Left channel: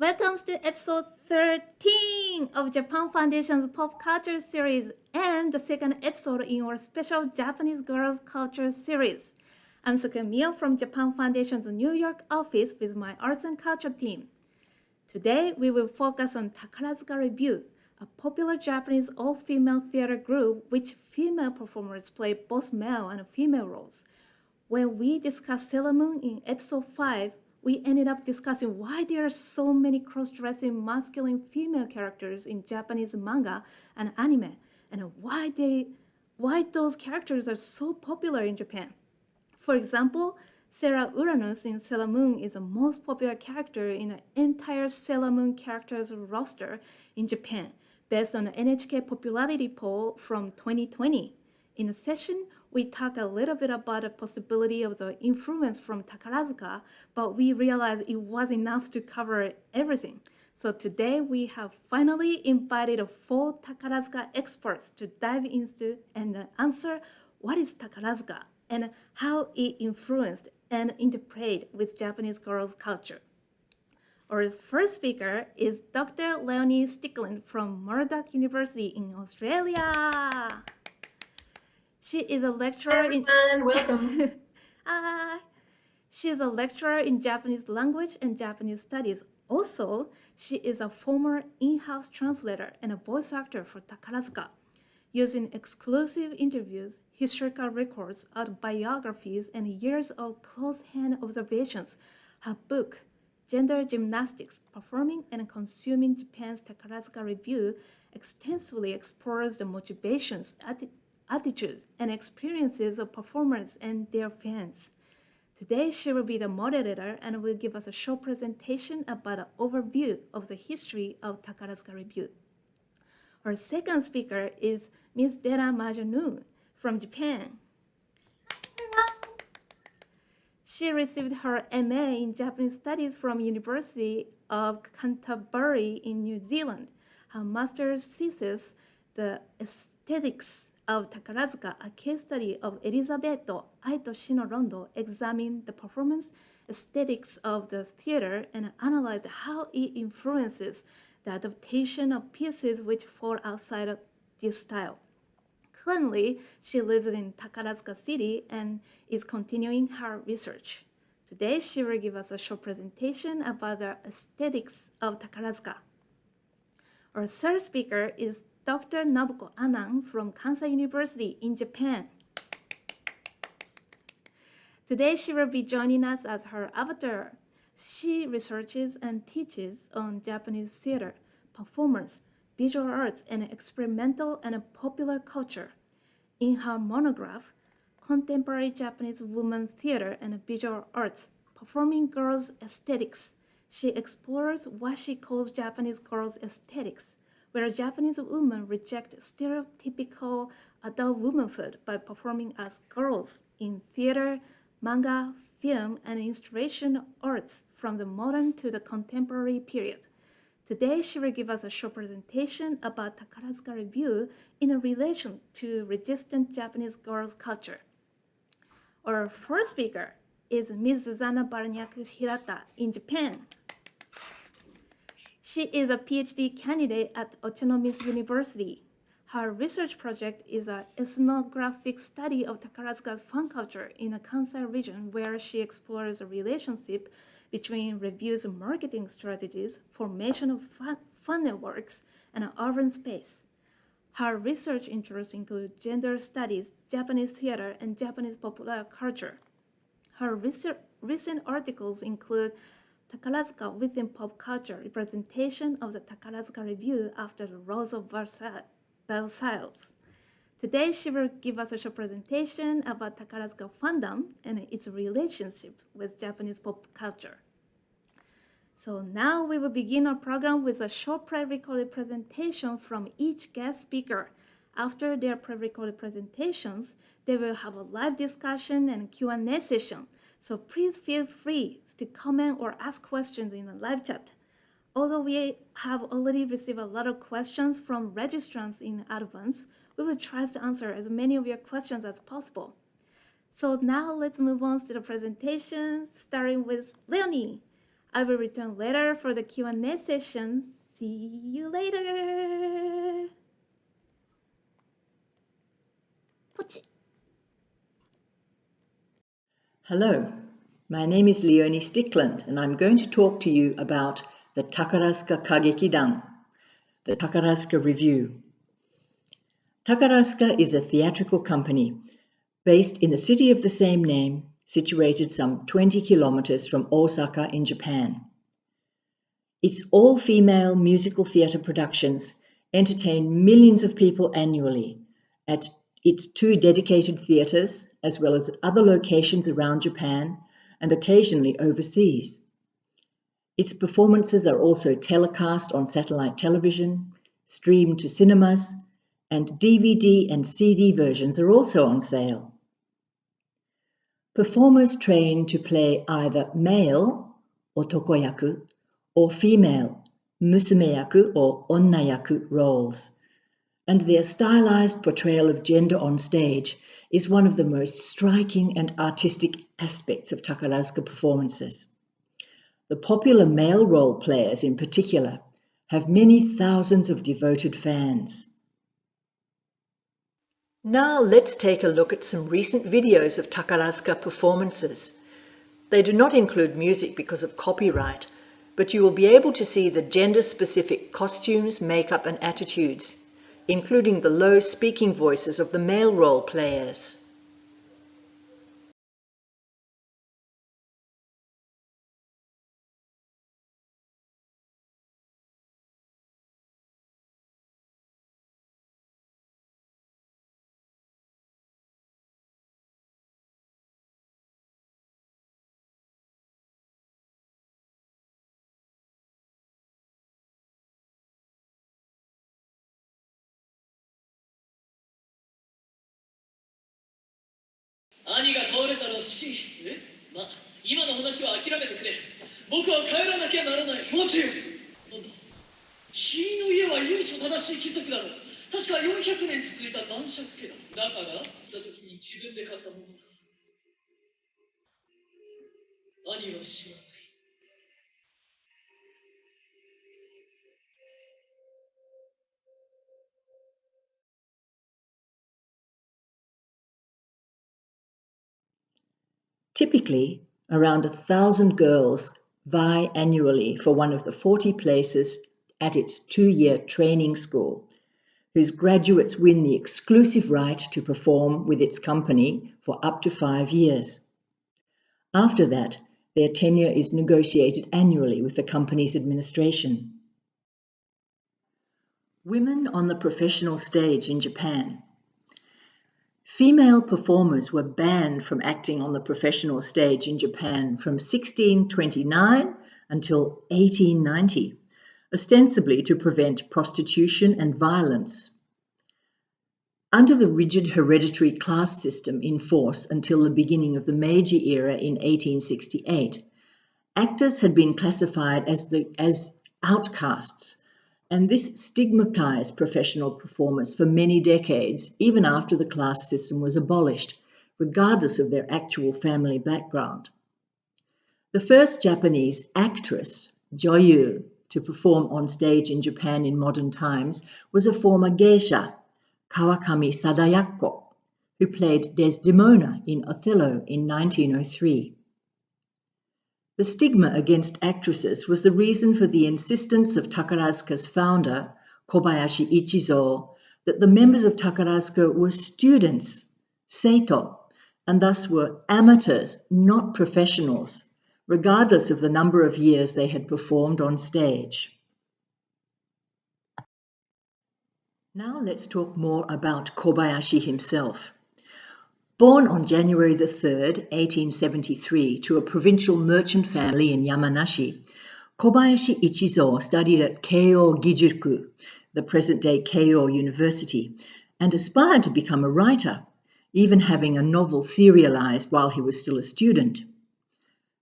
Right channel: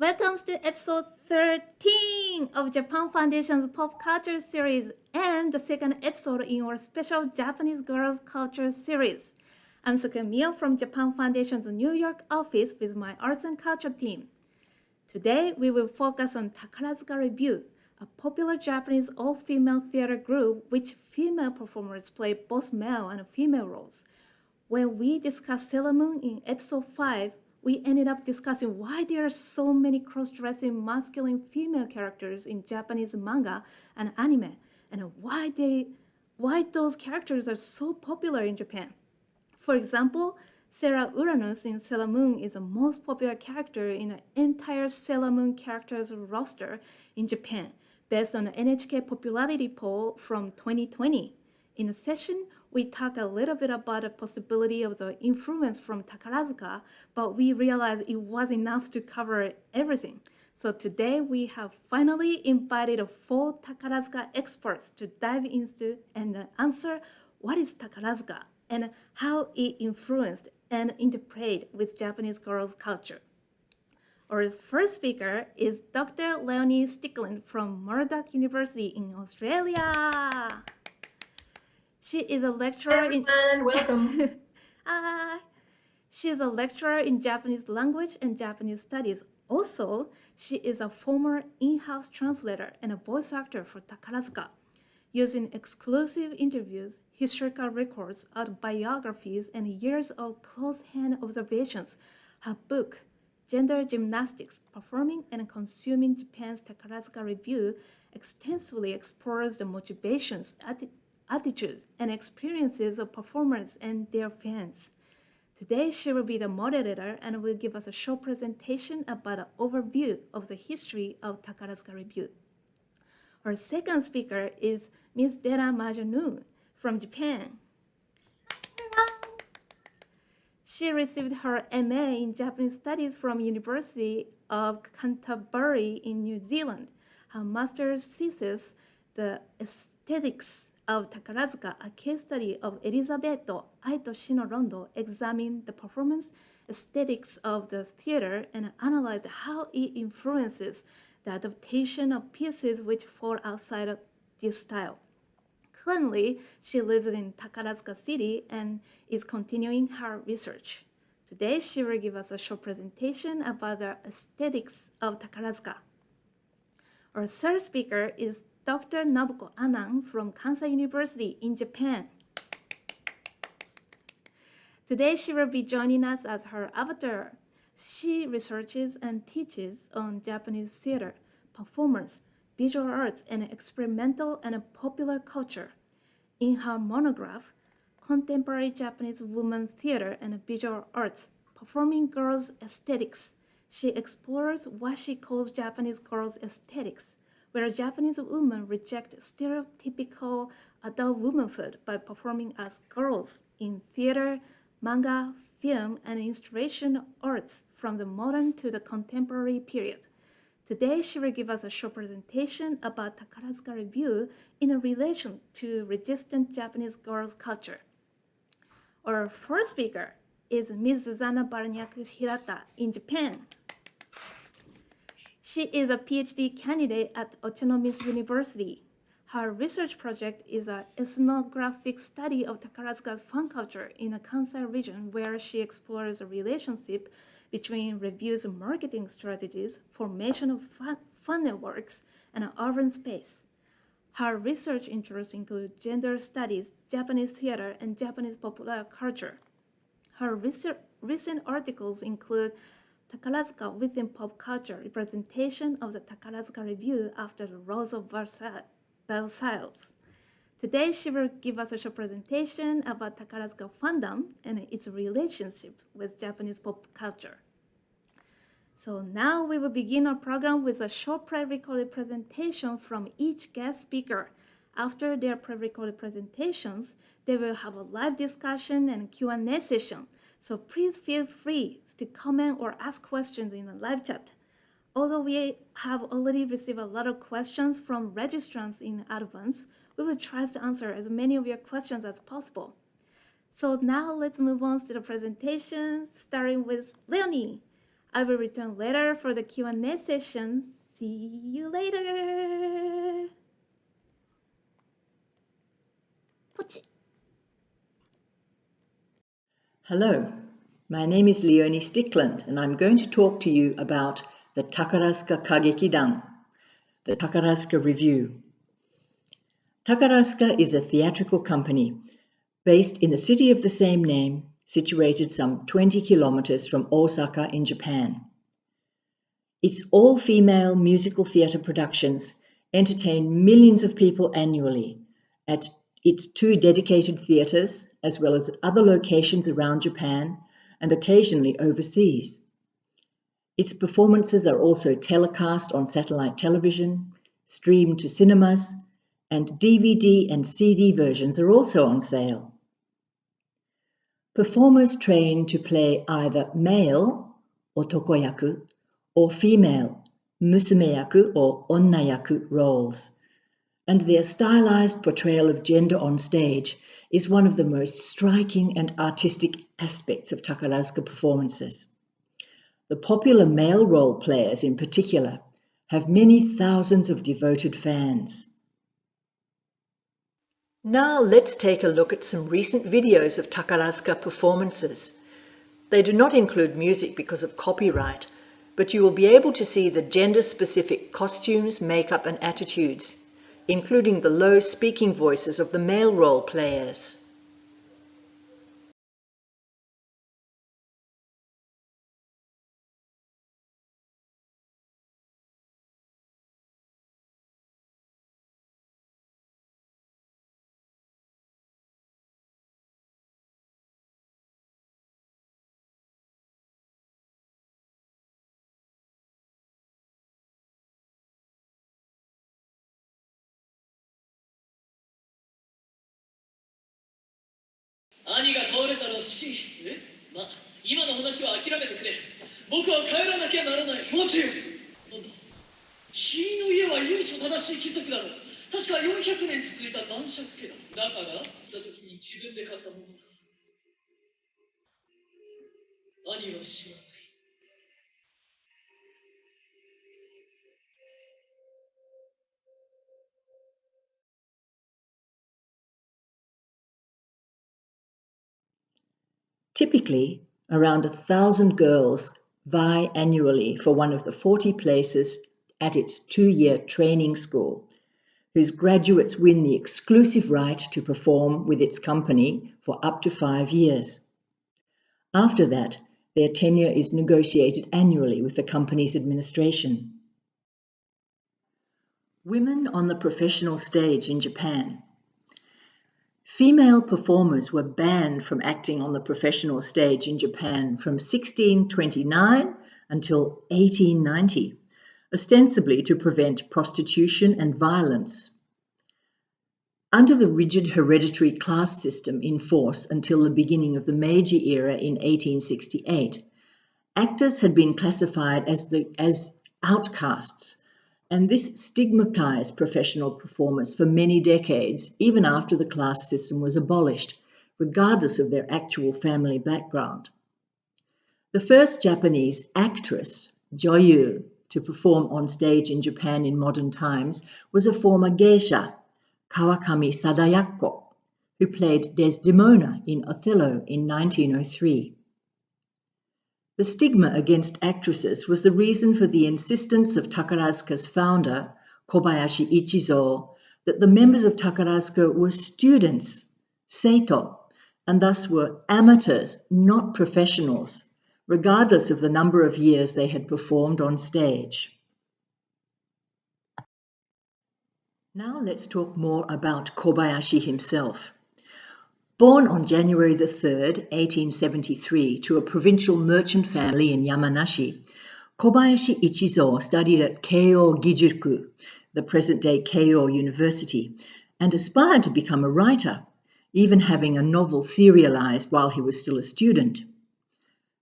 Welcome to episode 13 of Japan Foundation's Pop Culture series and the second episode in our special Japanese Girls Culture series. I'm Sukemiya from Japan Foundation's New York office with my arts and culture team. Today, we will focus on Takarazuka Revue, a popular Japanese all-female theater group which female performers play both male and female roles. When we discussed Sailor Moon in episode 5, we ended up discussing why there are so many cross-dressing masculine female characters in Japanese manga and anime, and why those characters are so popular in Japan. For example, Sarah Uranus in Sailor Moon is the most popular character in the entire Sailor Moon characters roster in Japan, based on the NHK popularity poll from 2020. In the session, we talk a little bit about the possibility of the influence from Takarazuka, but we realized it was enough to cover everything. So today we have finally invited 4 Takarazuka experts to dive into and answer what is Takarazuka and how it influenced and interplayed with Japanese girls' culture. Our first speaker is Dr. Leonie Stickland from Murdoch University in Australia. She is a lecturer in welcome. She is a lecturer in Japanese language and Japanese studies. Also, she is a former in-house translator and a voice actor for Takarazuka. Using exclusive interviews, historical records, autobiographies, and years of close-hand observations, her book, Gender Gymnastics, Performing and Consuming Japan's Takarazuka Revue, extensively explores the motivations, attitude, and experiences of performers and their fans. Today, she will be the moderator and will give us a short presentation about an overview of the history of Takarazuka Revue. Our second speaker is Ms. Dera Majonu from Japan. She received her MA in Japanese Studies from University of Canterbury in New Zealand. Her master's thesis, The Aesthetics of Takarazuka, a case study of Elisabetto Aito Shino-Rondo, examined the performance aesthetics of the theater and analyzed how it influences the adaptation of pieces which fall outside of this style. Currently, she lives in Takarazuka City and is continuing her research. Today, she will give us a short presentation about the aesthetics of Takarazuka. Our third speaker is Dr. Nobuko Anan from Kansai University in Japan. Today, she will be joining us as her avatar. She researches and teaches on Japanese theater, performance, visual arts, and experimental and popular culture. In her monograph, Contemporary Japanese Women's Theater and Visual Arts, Performing Girls' Aesthetics, she explores what she calls Japanese girls' aesthetics, where Japanese women reject stereotypical adult womanhood by performing as girls in theater, manga, film, and installation arts from the modern to the contemporary period. Today, she will give us a short presentation about Takarazuka Revue in relation to resistant Japanese girls' culture. Our first speaker is Ms. Susanna Barniak-Hirata in Japan. She is a PhD candidate at Autonomous University. Her research project is an ethnographic study of Takarazuka's fan culture in the Kansai region, where she explores a relationship between Revue's marketing strategies, formation of fan networks, and urban space. Her research interests include gender studies, Japanese theater, and Japanese popular culture. Her recent articles include Takarazuka within pop culture, representation of the Takarazuka Revue after the Rose of Versailles. Today, she will give us a short presentation about Takarazuka Fandom and its relationship with Japanese pop culture. So now we will begin our program with a short pre-recorded presentation from each guest speaker. After their pre-recorded presentations, they will have a live discussion and Q&A session. So please feel free to comment or ask questions in the live chat. Although we have already received a lot of questions from registrants in advance, we will try to answer as many of your questions as possible. So now let's move on to the presentation, starting with Leonie. I will return later for the Q&A session. See you later. 포치. Hello, my name is Leonie Stickland and I'm going to talk to you about the Takarazuka Kagekidan, the Takarazuka Revue. Takarazuka is a theatrical company based in the city of the same name, situated some 20 kilometers from Osaka in Japan. Its all-female musical theatre productions entertain millions of people annually at its 2 dedicated theatres, as well as at other locations around Japan and occasionally overseas. Its performances are also telecast on satellite television, streamed to cinemas, and DVD and CD versions are also on sale. Performers train to play either male, otokoyaku, or female, musumeyaku or onnayaku roles, and their stylized portrayal of gender on stage is one of the most striking and artistic aspects of Takarazuka performances. The popular male role players in particular have many thousands of devoted fans. Now let's take a look at some recent videos of Takarazuka performances. They do not include music because of copyright, but you will be able to see the gender-specific costumes, makeup and attitudes, including the low speaking voices of the male role players. Typically, around 1,000 girls vie annually for one of the 40 places at its 2-year training school, whose graduates win the exclusive right to perform with its company for up to 5 years. After that, their tenure is negotiated annually with the company's administration. Women on the professional stage in Japan. Female performers were banned from acting on the professional stage in Japan from 1629 until 1890, ostensibly to prevent prostitution and violence. Under the rigid hereditary class system in force until the beginning of the Meiji era in 1868, actors had been classified as outcasts, and this stigmatized professional performers for many decades, even after the class system was abolished, regardless of their actual family background. The first Japanese actress, Joyu, to perform on stage in Japan in modern times was a former geisha, Kawakami Sadayako, who played Desdemona in Othello in 1903. The stigma against actresses was the reason for the insistence of Takarazuka's founder, Kobayashi Ichizo, that the members of Takarazuka were students, seito, and thus were amateurs, not professionals, regardless of the number of years they had performed on stage. Now let's talk more about Kobayashi himself. Born on January 3rd, 1873, to a provincial merchant family in Yamanashi, Kobayashi Ichizo studied at Keio Gijuku, the present-day Keio University, and aspired to become a writer, even having a novel serialized while he was still a student.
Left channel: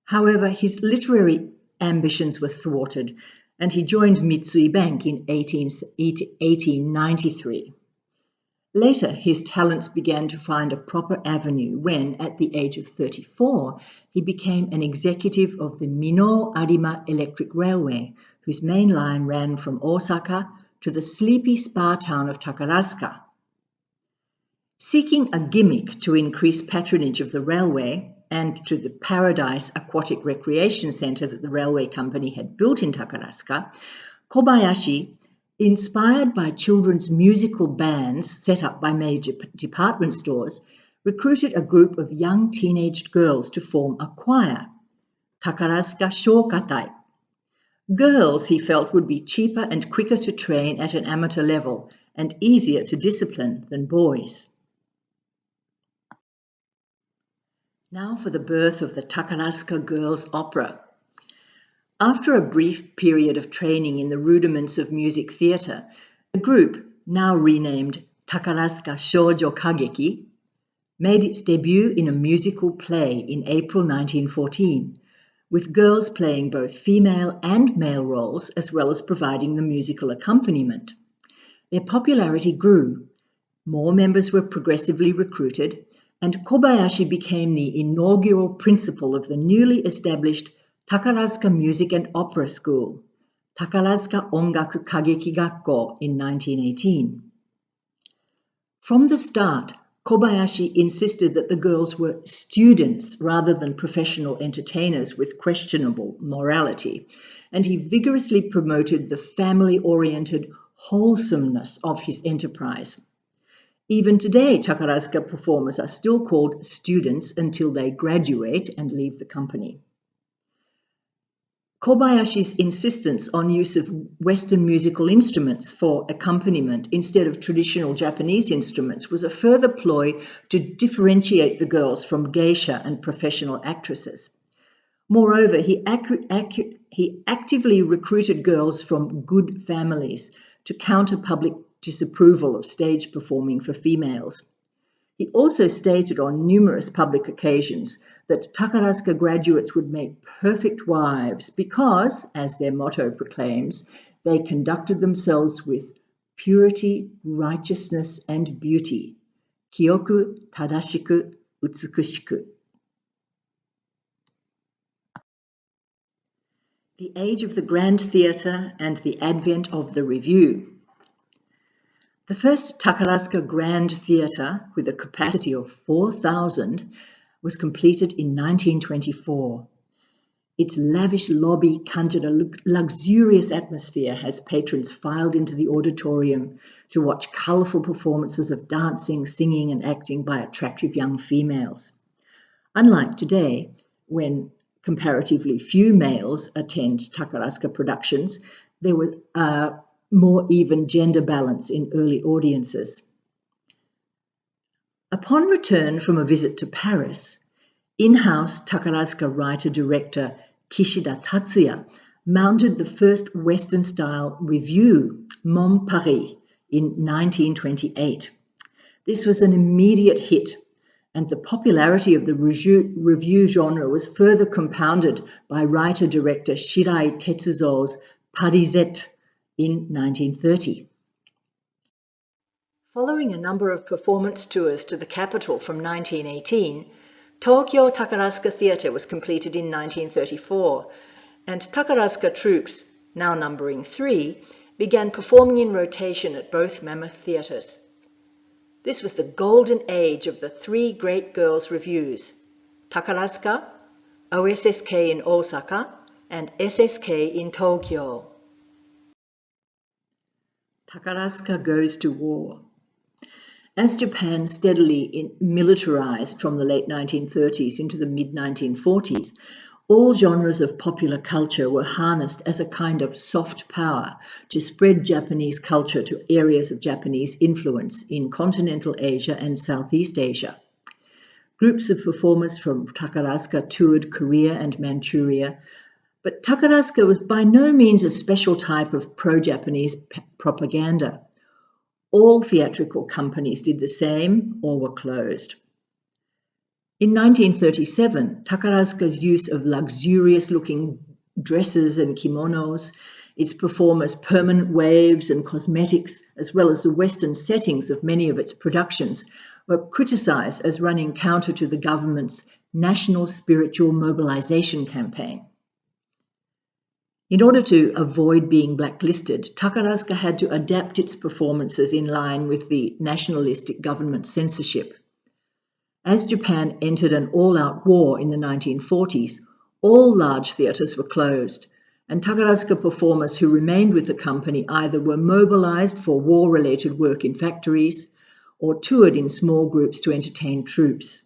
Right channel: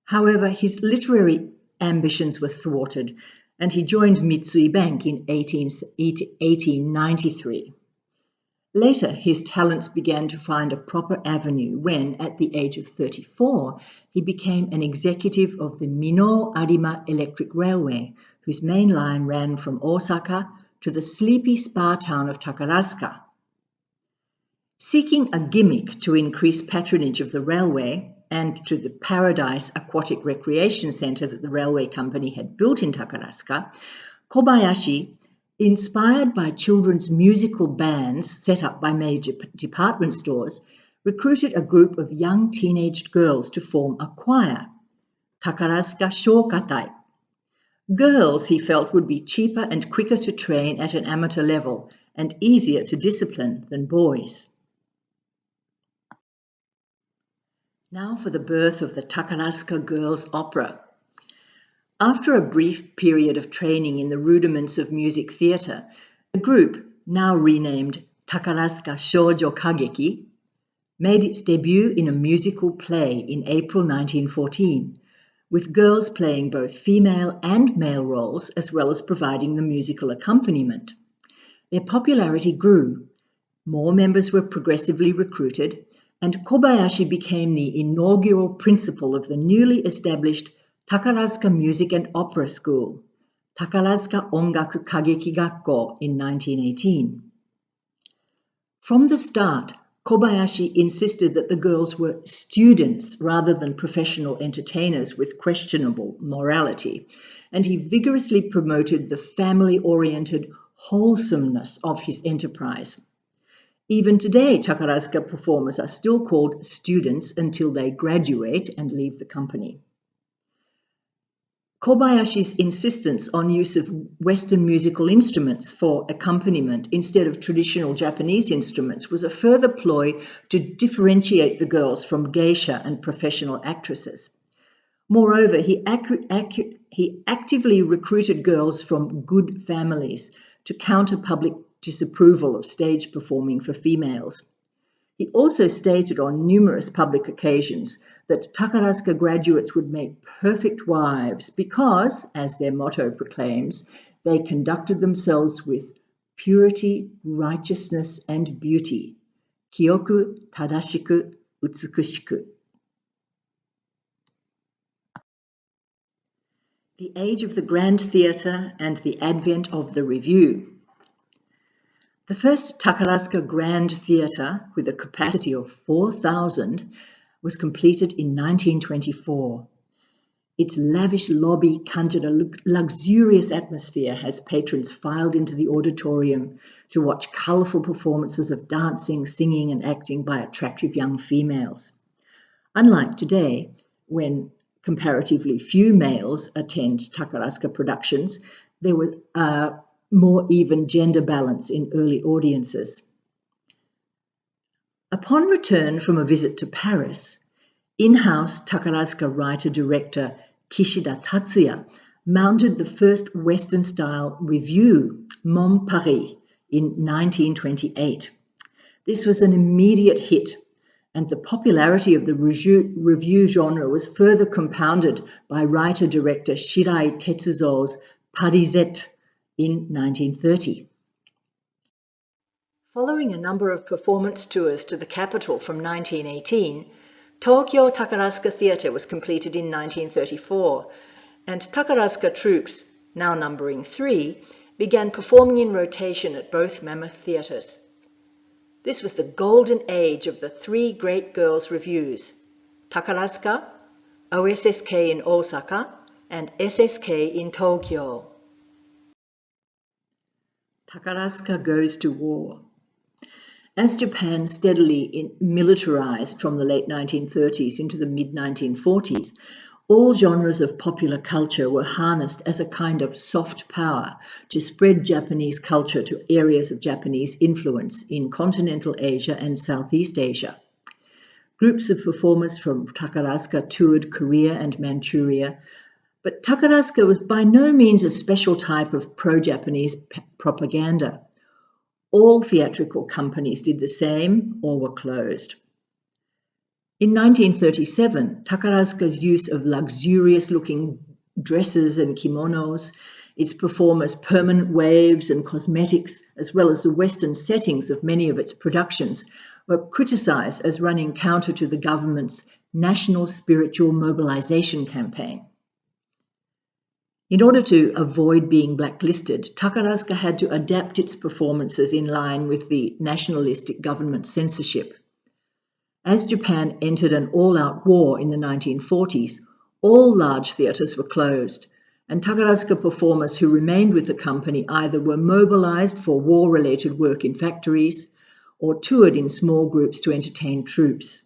However, his literary ambitions were thwarted, and he joined Mitsui Bank in 1893. Later, his talents began to find a proper avenue when, at the age of 34, he became an executive of the Mino-Arima Electric Railway, whose main line ran from Osaka to the sleepy spa town of Takarazuka. Seeking a gimmick to increase patronage of the railway and to the Paradise Aquatic Recreation Centre that the railway company had built in Takarazuka, Kobayashi, inspired by children's musical bands set up by major department stores, recruited a group of young teenaged girls to form a choir, Takarazuka Shokatai. Girls, he felt, would be cheaper and quicker to train at an amateur level and easier to discipline than boys. Now for the birth of the Takarazuka Girls' Opera. After a brief period of training in the rudiments of music theatre, the group, now renamed Takarazuka Shojo Kageki, made its debut in a musical play in April 1914, with girls playing both female and male roles as well as providing the musical accompaniment. Their popularity grew, more members were progressively recruited, and Kobayashi became the inaugural principal of the newly established Takarazuka Music and Opera School, Takarazuka Ongaku Kageki Gakko, in 1918. From the start, Kobayashi insisted that the girls were students rather than professional entertainers with questionable morality, and he vigorously promoted the family-oriented wholesomeness of his enterprise. Even today, Takarazuka performers are still called students until they graduate and leave the company. Kobayashi's insistence on use of Western musical instruments for accompaniment instead of traditional Japanese instruments was a further ploy to differentiate the girls from geisha and professional actresses. Moreover, he actively recruited girls from good families to counter public disapproval of stage performing for females. He also stated on numerous public occasions that Takarazuka graduates would make perfect wives because, as their motto proclaims, they conducted themselves with purity, righteousness, and beauty. Kyoku, tadashiku, utsukushiku. The age of the Grand Theatre and the advent of the Revue. The first Takarazuka Grand Theatre, with a capacity of 4,000, was completed in 1924. Its lavish lobby conjured a luxurious atmosphere as patrons filed into the auditorium to watch colourful performances of dancing, singing and acting by attractive young females. Unlike today, when comparatively few males attend Takarazuka productions, there was more even gender balance in early audiences. Upon return from a visit to Paris, in-house Takarazuka writer-director Kishida Tatsuya mounted the first Western-style revue, Mon Paris, in 1928. This was an immediate hit, and the popularity of the revue genre was further compounded by writer-director Shirai Tetsuzo's Parisette in 1930. Following a number of performance tours to the capital from 1918, Tokyo Takarazuka Theatre was completed in 1934, and Takarazuka troupes, now numbering 3, began performing in rotation at both mammoth theatres. This was the golden age of the 3 great girls' revues, Takarazuka, OSSK in Osaka, and SSK in Tokyo. Takarazuka goes to war. As Japan steadily militarized from the late 1930s into the mid-1940s, all genres of popular culture were harnessed as a kind of soft power to spread Japanese culture to areas of Japanese influence in continental Asia and Southeast Asia. Groups of performers from Takarazuka toured Korea and Manchuria, but Takarazuka was by no means a special type of pro-Japanese propaganda. All theatrical companies did the same or were closed. In 1937, Takarazuka's use of luxurious-looking dresses and kimonos, its performers' permanent waves and cosmetics, as well as the Western settings of many of its productions, were criticised as running counter to the government's National Spiritual Mobilization campaign. In order to avoid being blacklisted, Takarazuka had to adapt its performances in line with the nationalistic government censorship. As Japan entered an all-out war in the 1940s, all large theatres were closed, and Takarazuka performers who remained with the company either were mobilized for war-related work in factories or toured in small groups to entertain troops.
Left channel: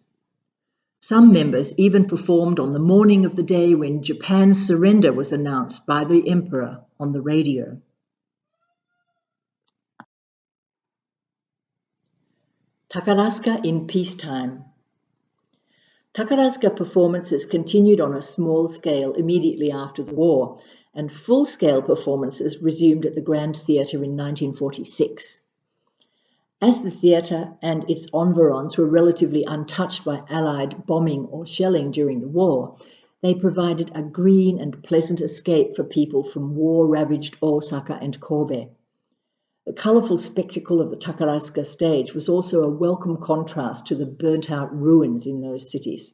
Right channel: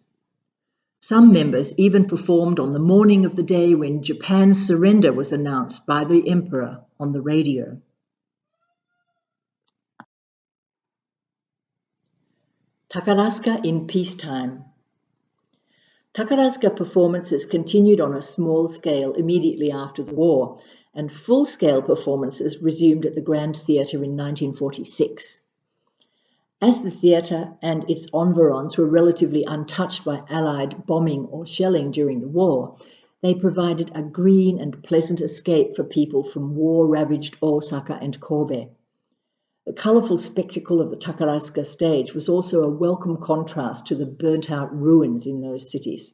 Some members even performed on the morning of the day when Japan's surrender was announced by the emperor on the radio. Takarazuka in peacetime. Takarazuka performances continued on a small scale immediately after the war, and full-scale performances resumed at the Grand Theatre in 1946. As the theatre and its environs were relatively untouched by Allied bombing or shelling during the war, they provided a green and pleasant escape for people from war-ravaged Osaka and Kobe. The colourful spectacle of the Takarazuka stage was also a welcome contrast to the burnt-out ruins in those cities.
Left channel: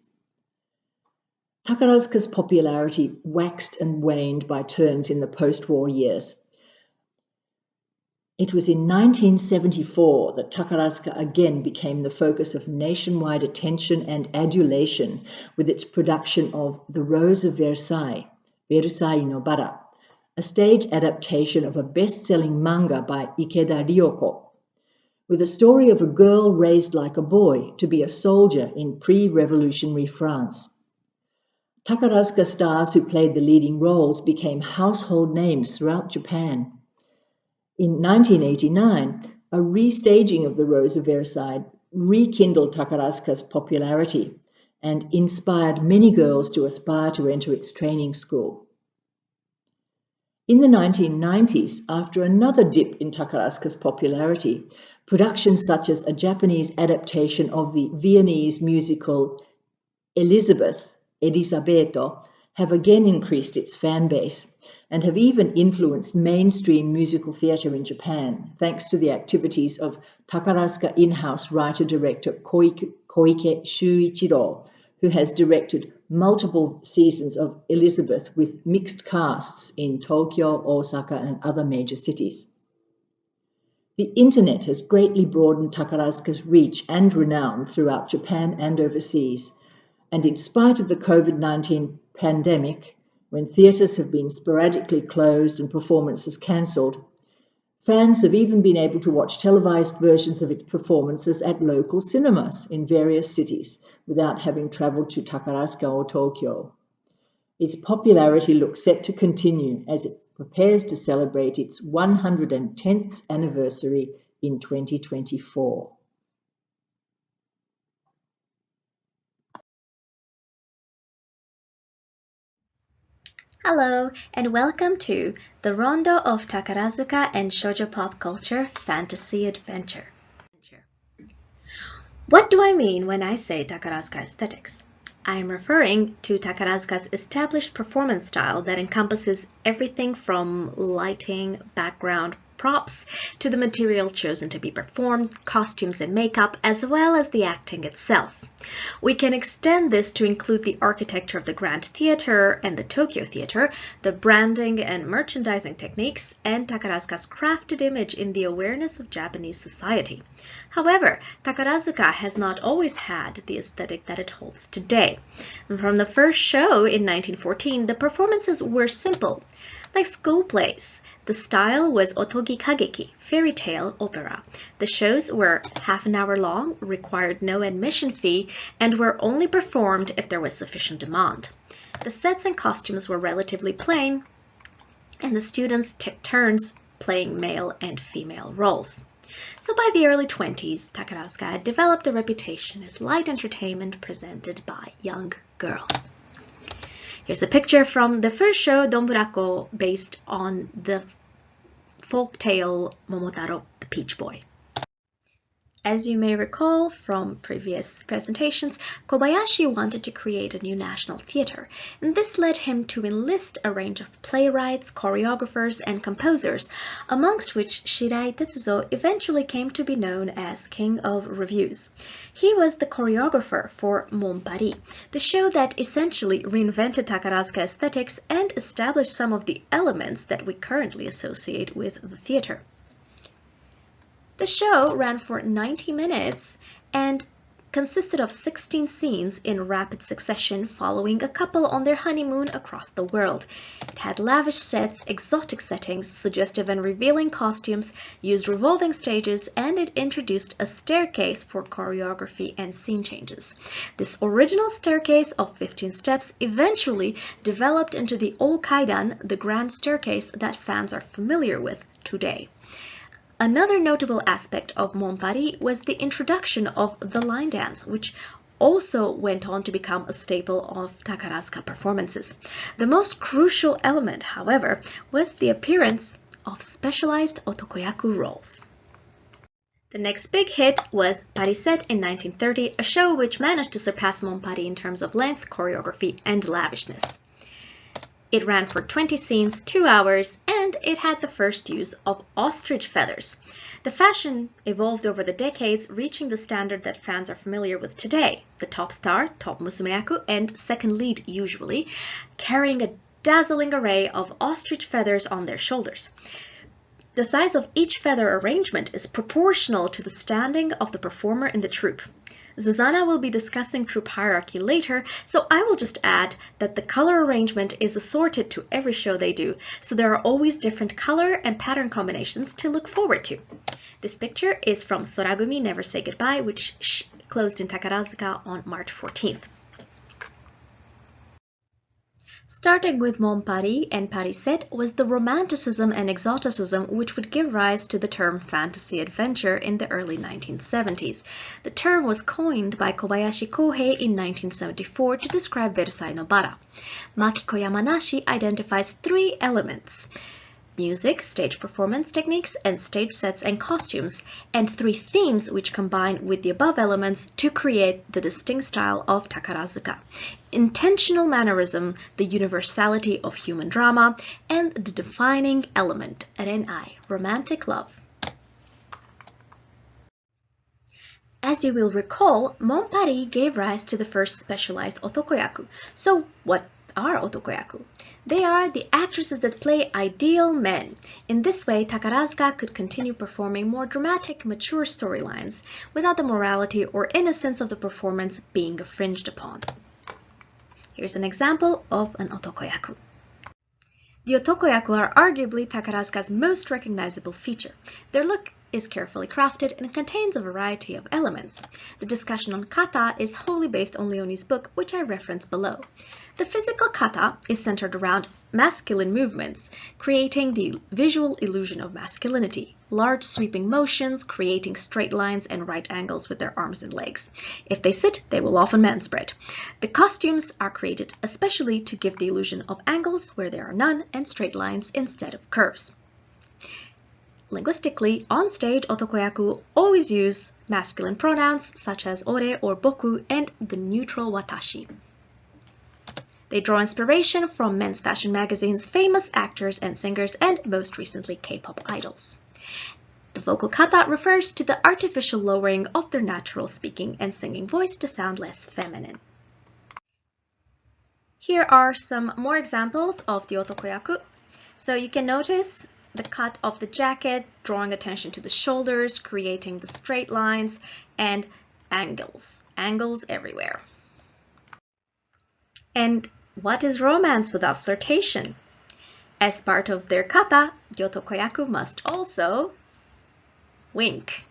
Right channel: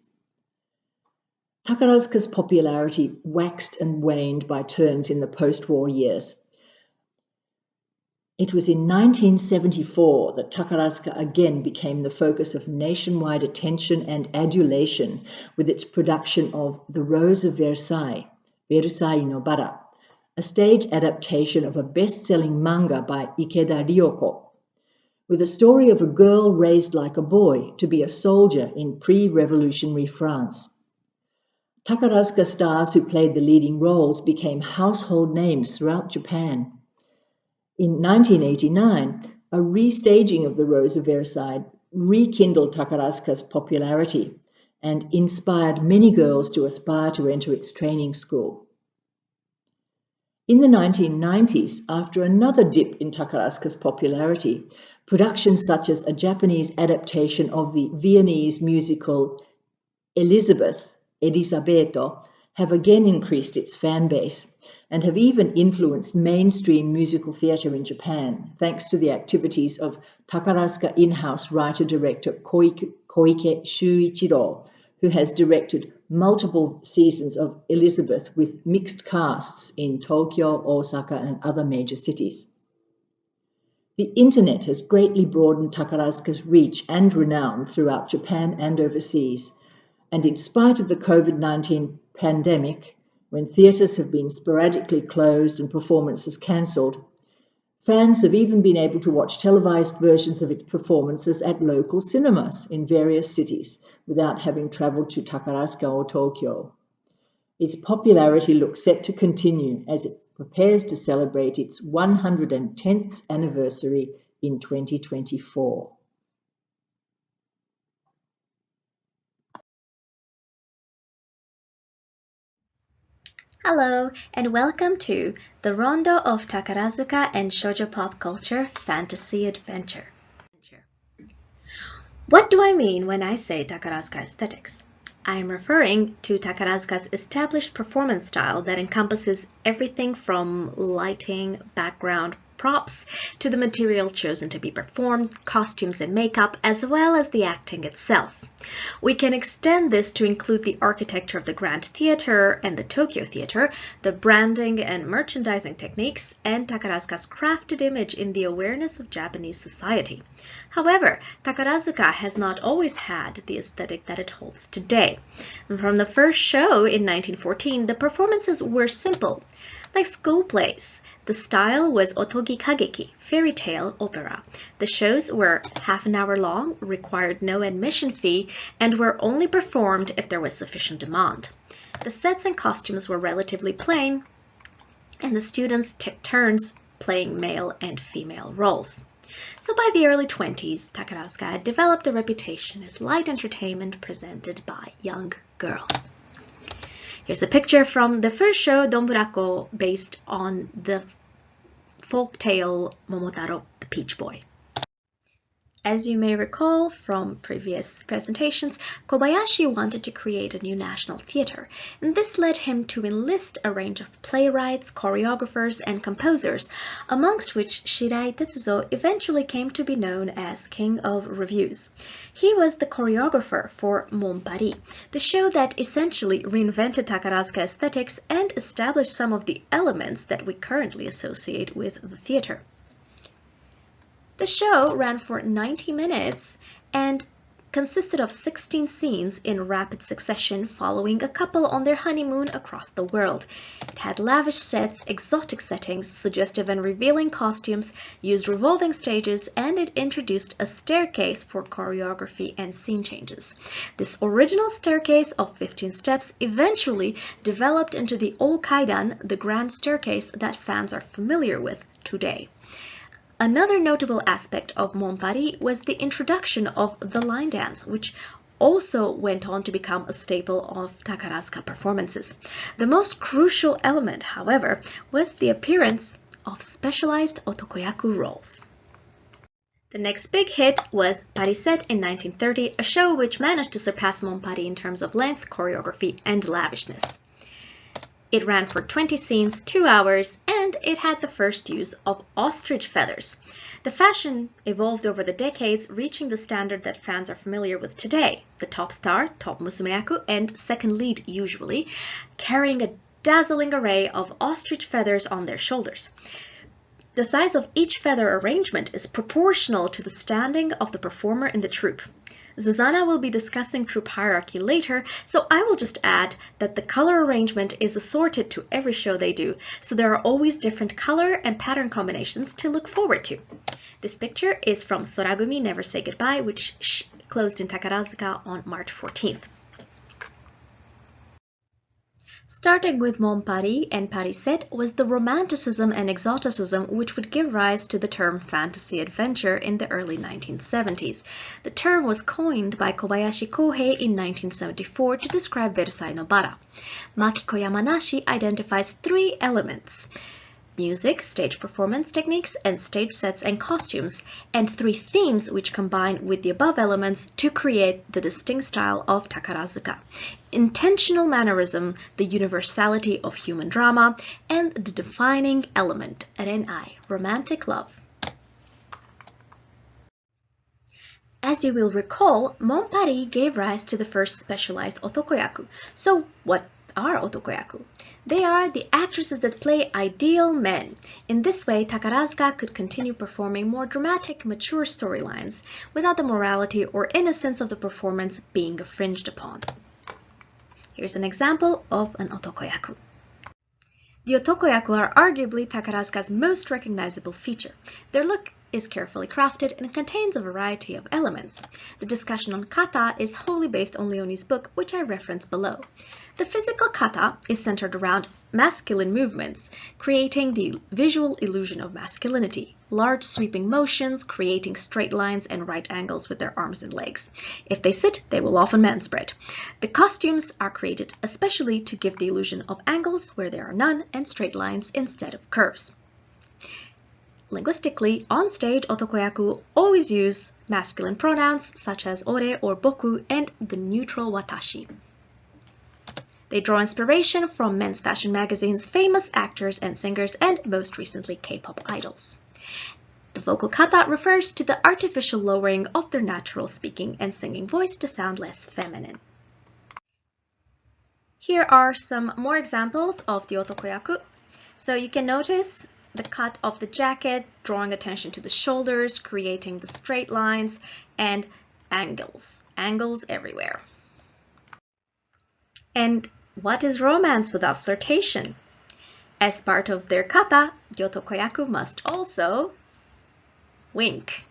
Takarazuka's popularity waxed and waned by turns in the post-war years. It was in 1974 that Takarazuka again became the focus of nationwide attention and adulation with its production of The Rose of Versailles, Versailles no Bara, a stage adaptation of a best-selling manga by Ikeda Ryoko, with a story of a girl raised like a boy to be a soldier in pre-revolutionary France. Takarazuka stars who played the leading roles became household names throughout Japan. In 1989, a restaging of The Rose of Versailles rekindled Takarazuka's popularity and inspired many girls to aspire to enter its training school. In the 1990s, after another dip in Takarazuka's popularity, productions such as a Japanese adaptation of the Viennese musical Elisabetto have again increased its fan base and have even influenced mainstream musical theatre in Japan, thanks to the activities of Takarazuka in-house writer-director Koike Shuichiro, who has directed multiple seasons of Elizabeth with mixed casts in Tokyo, Osaka, and other major cities. The internet has greatly broadened Takarazuka's reach and renown throughout Japan and overseas, and in spite of the COVID-19 pandemic, when theatres have been sporadically closed and performances cancelled, fans have even been able to watch televised versions of its performances at local cinemas in various cities without having travelled to Takarazuka or Tokyo. Its popularity looks set to continue as it prepares to celebrate its 110th anniversary in 2024. Hello, and welcome to the Rondo of Takarazuka and Shojo Pop Culture Fantasy Adventure. What do I mean when I say Takarazuka aesthetics? I am referring to Takarazuka's established performance style that encompasses everything from lighting, background, props, to the material chosen to be performed, costumes and makeup, as well as the acting itself. We can extend this to include the architecture of the Grand Theatre and the Tokyo Theatre, the branding and merchandising techniques, and Takarazuka's crafted image in the awareness of Japanese society. However, Takarazuka has not always had the aesthetic that it holds today. From the first show in 1914, the performances were simple, like school plays. The style was otogi kageki, fairy tale opera. The shows were half an hour long, required no admission fee, and were only performed if there was sufficient demand. The sets and costumes were relatively plain, and the students took turns playing male and female roles. So by the early 20s, Takarazuka had developed a reputation as light entertainment presented by young girls. Here's a picture from the first show, Donburako, based on the folk tale Momotaro, the Peach Boy. As you may recall from previous presentations, Kobayashi wanted to create a new national theater, and this led him to enlist a range of playwrights, choreographers, and composers, amongst which Shirai Tetsuzo eventually came to be known as King of Revues. He was the choreographer for Mon Paris, the show that essentially reinvented Takarazuka aesthetics and established some of the elements that we currently associate with the theater. The show ran for 90 minutes and consisted of 16 scenes in rapid succession following a couple on their honeymoon across the world. It had lavish sets, exotic settings, suggestive and revealing costumes, used revolving stages, and it introduced a staircase for choreography and scene changes. This original staircase of 15 steps eventually developed into the Okaidan, the grand staircase that fans are familiar with today. Another notable aspect of Mon Paris was the introduction of the line dance, which also went on to become a staple of Takarazuka performances. The most crucial element, however, was the appearance of specialized otokoyaku roles. The next big hit was Parisette in 1930, a show which managed to surpass Mon Paris in terms of length, choreography, and lavishness. It ran for 20 scenes, 2 hours, and it had the first use of ostrich feathers. The fashion evolved over the decades, reaching the standard that fans are familiar with today. The top star, top musumeyaku, and second lead usually, carrying a dazzling array of ostrich feathers on their shoulders. The size of each feather arrangement is proportional to the standing of the performer in the troupe. Zuzana will be discussing troupe hierarchy later, so I will just add that the color arrangement is assorted to every show they do, so there are always different color and pattern combinations to look forward to. This picture is from Soragumi Never Say Goodbye, which closed in Takarazuka on March 14th. Starting with Mon Paris and Parisette was the romanticism and exoticism which would give rise to the term fantasy adventure in the early 1970s. The term was coined by Kobayashi Kohei in 1974 to describe Versailles no Bara. Makiko Yamanashi identifies 3 elements: music, stage performance techniques, and stage sets and costumes, and 3 themes which combine with the above elements to create the distinct style of Takarazuka: intentional mannerism, the universality of human drama, and the defining element, renai, romantic love. As you will recall, Mon Paris gave rise to the first specialized otokoyaku. So what are otokoyaku? They are the actresses that play ideal men. In this way, Takarazuka could continue performing more dramatic, mature storylines without the morality or innocence of the performance being infringed upon. Here's an example of an otokoyaku. The otokoyaku are arguably Takarazuka's most recognizable feature. Their look is carefully crafted and contains a variety of elements. The discussion on kata is wholly based on Leonie's book, which I reference below. The physical kata is centered around masculine movements, creating the visual illusion of masculinity, large sweeping motions, creating straight lines and right angles with their arms and legs. If they sit, they will often manspread. The costumes are created especially to give the illusion of angles where there are none and straight lines instead of curves. Linguistically, on stage, otokoyaku always use masculine pronouns such as ore or boku and the neutral watashi. They draw inspiration from men's fashion magazines, famous actors and singers, and most recently K-pop idols. The vocal kata refers to the artificial lowering of their natural speaking and singing voice to sound less feminine. Here are some more examples of the otokoyaku. So you can notice the cut of the jacket, drawing attention to the shoulders, creating the straight lines, and angles everywhere. And what is romance without flirtation? As part of their kata, the otokoyaku must also wink.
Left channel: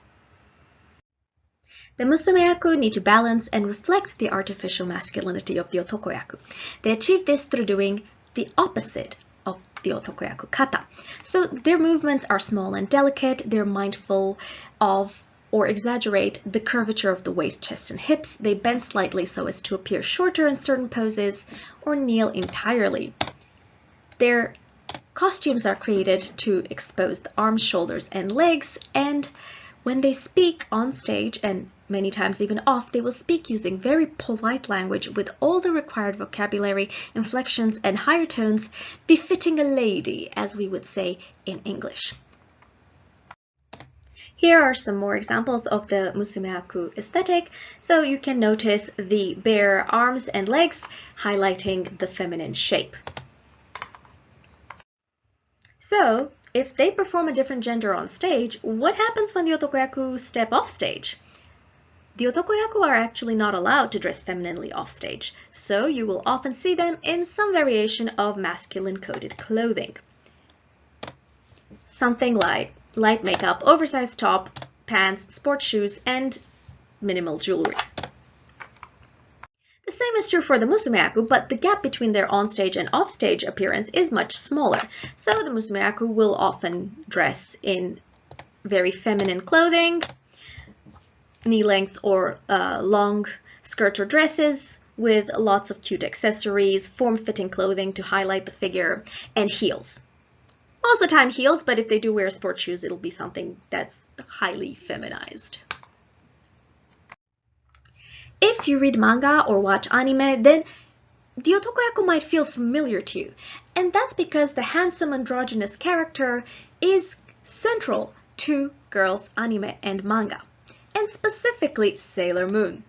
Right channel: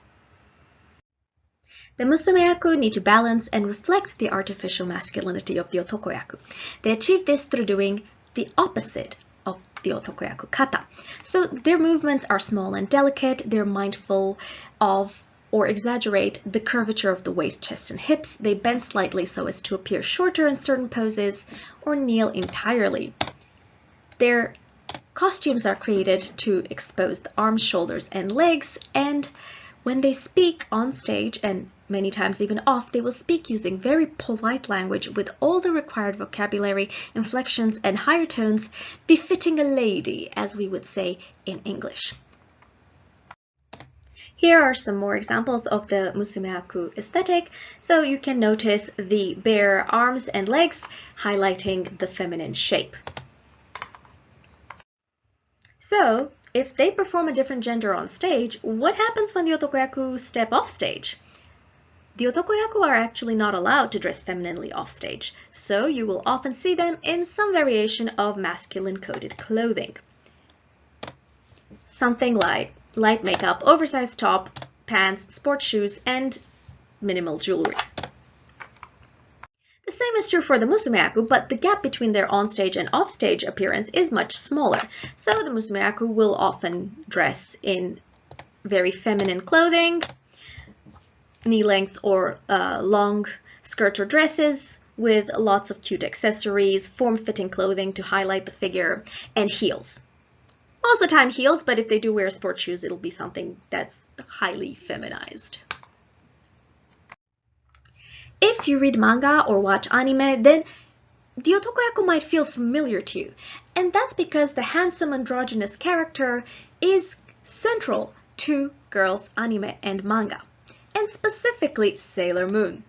The musumeyaku need to balance and reflect the artificial masculinity of the otokoyaku. They achieve this through doing the opposite of the otokoyaku kata. So their movements are small and delicate, they're mindful of or exaggerate the curvature of the waist, chest, and hips. They bend slightly so as to appear shorter in certain poses or kneel entirely. Their costumes are created to expose the arms, shoulders, and legs, and When they speak on stage, and many times even off, they will speak using very polite language with all the required vocabulary, inflections, and higher tones befitting a lady, as we would say in English. Here are some more examples of the musumeaku aesthetic, so you can notice the bare arms and legs highlighting the feminine shape. So, if they perform a different gender on stage, what happens when the otokoyaku step off stage? The otokoyaku are actually not allowed to dress femininely off stage, so you will often see them in some variation of masculine-coded clothing. Something like light makeup, oversized top, pants, sports shoes, and minimal jewelry. The same is true for the musumeaku, but the gap between their on-stage and off-stage appearance is much smaller. So the musumeaku will often dress in very feminine clothing, knee-length or long skirt or dresses with lots of cute accessories, form-fitting clothing to highlight the figure, and heels. Most of the time heels, but if they do wear sports shoes, it'll be something that's highly feminized. If you read manga or watch anime, then the otokoyaku might feel familiar to you, and that's because the handsome androgynous character is central to girls' anime and manga, and specifically Sailor Moon.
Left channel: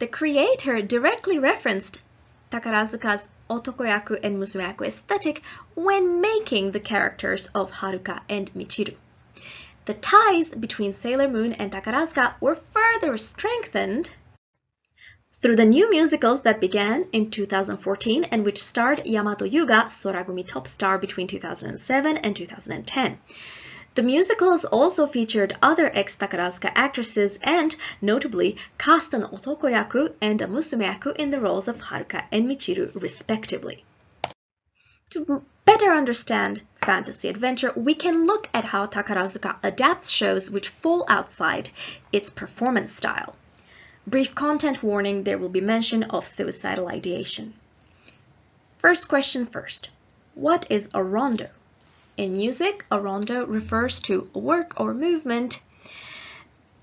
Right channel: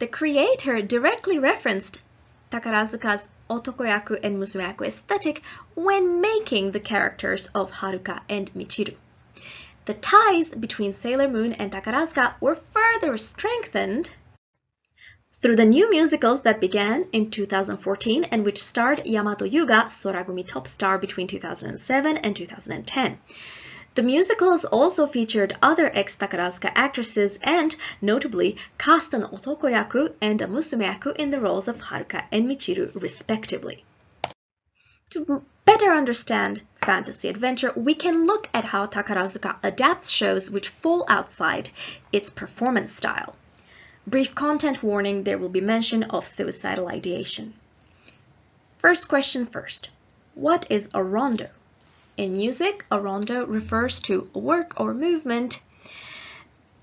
The creator directly referenced Takarazuka's otokoyaku and musumeaku aesthetic when making the characters of Haruka and Michiru. The ties between Sailor Moon and Takarazuka were further strengthened through the new musicals that began in 2014 and which starred Yamato Yuga, Soragumi top star between 2007 and 2010. The musicals also featured other ex-Takarazuka actresses and, notably, cast an otokoyaku and a musumeaku in the roles of Haruka and Michiru, respectively. To better understand fantasy adventure, we can look at how Takarazuka adapts shows which fall outside its performance style. Brief content warning, there will be mention of suicidal ideation. First question first. What is a rondo? In music, a rondo refers to a work or movement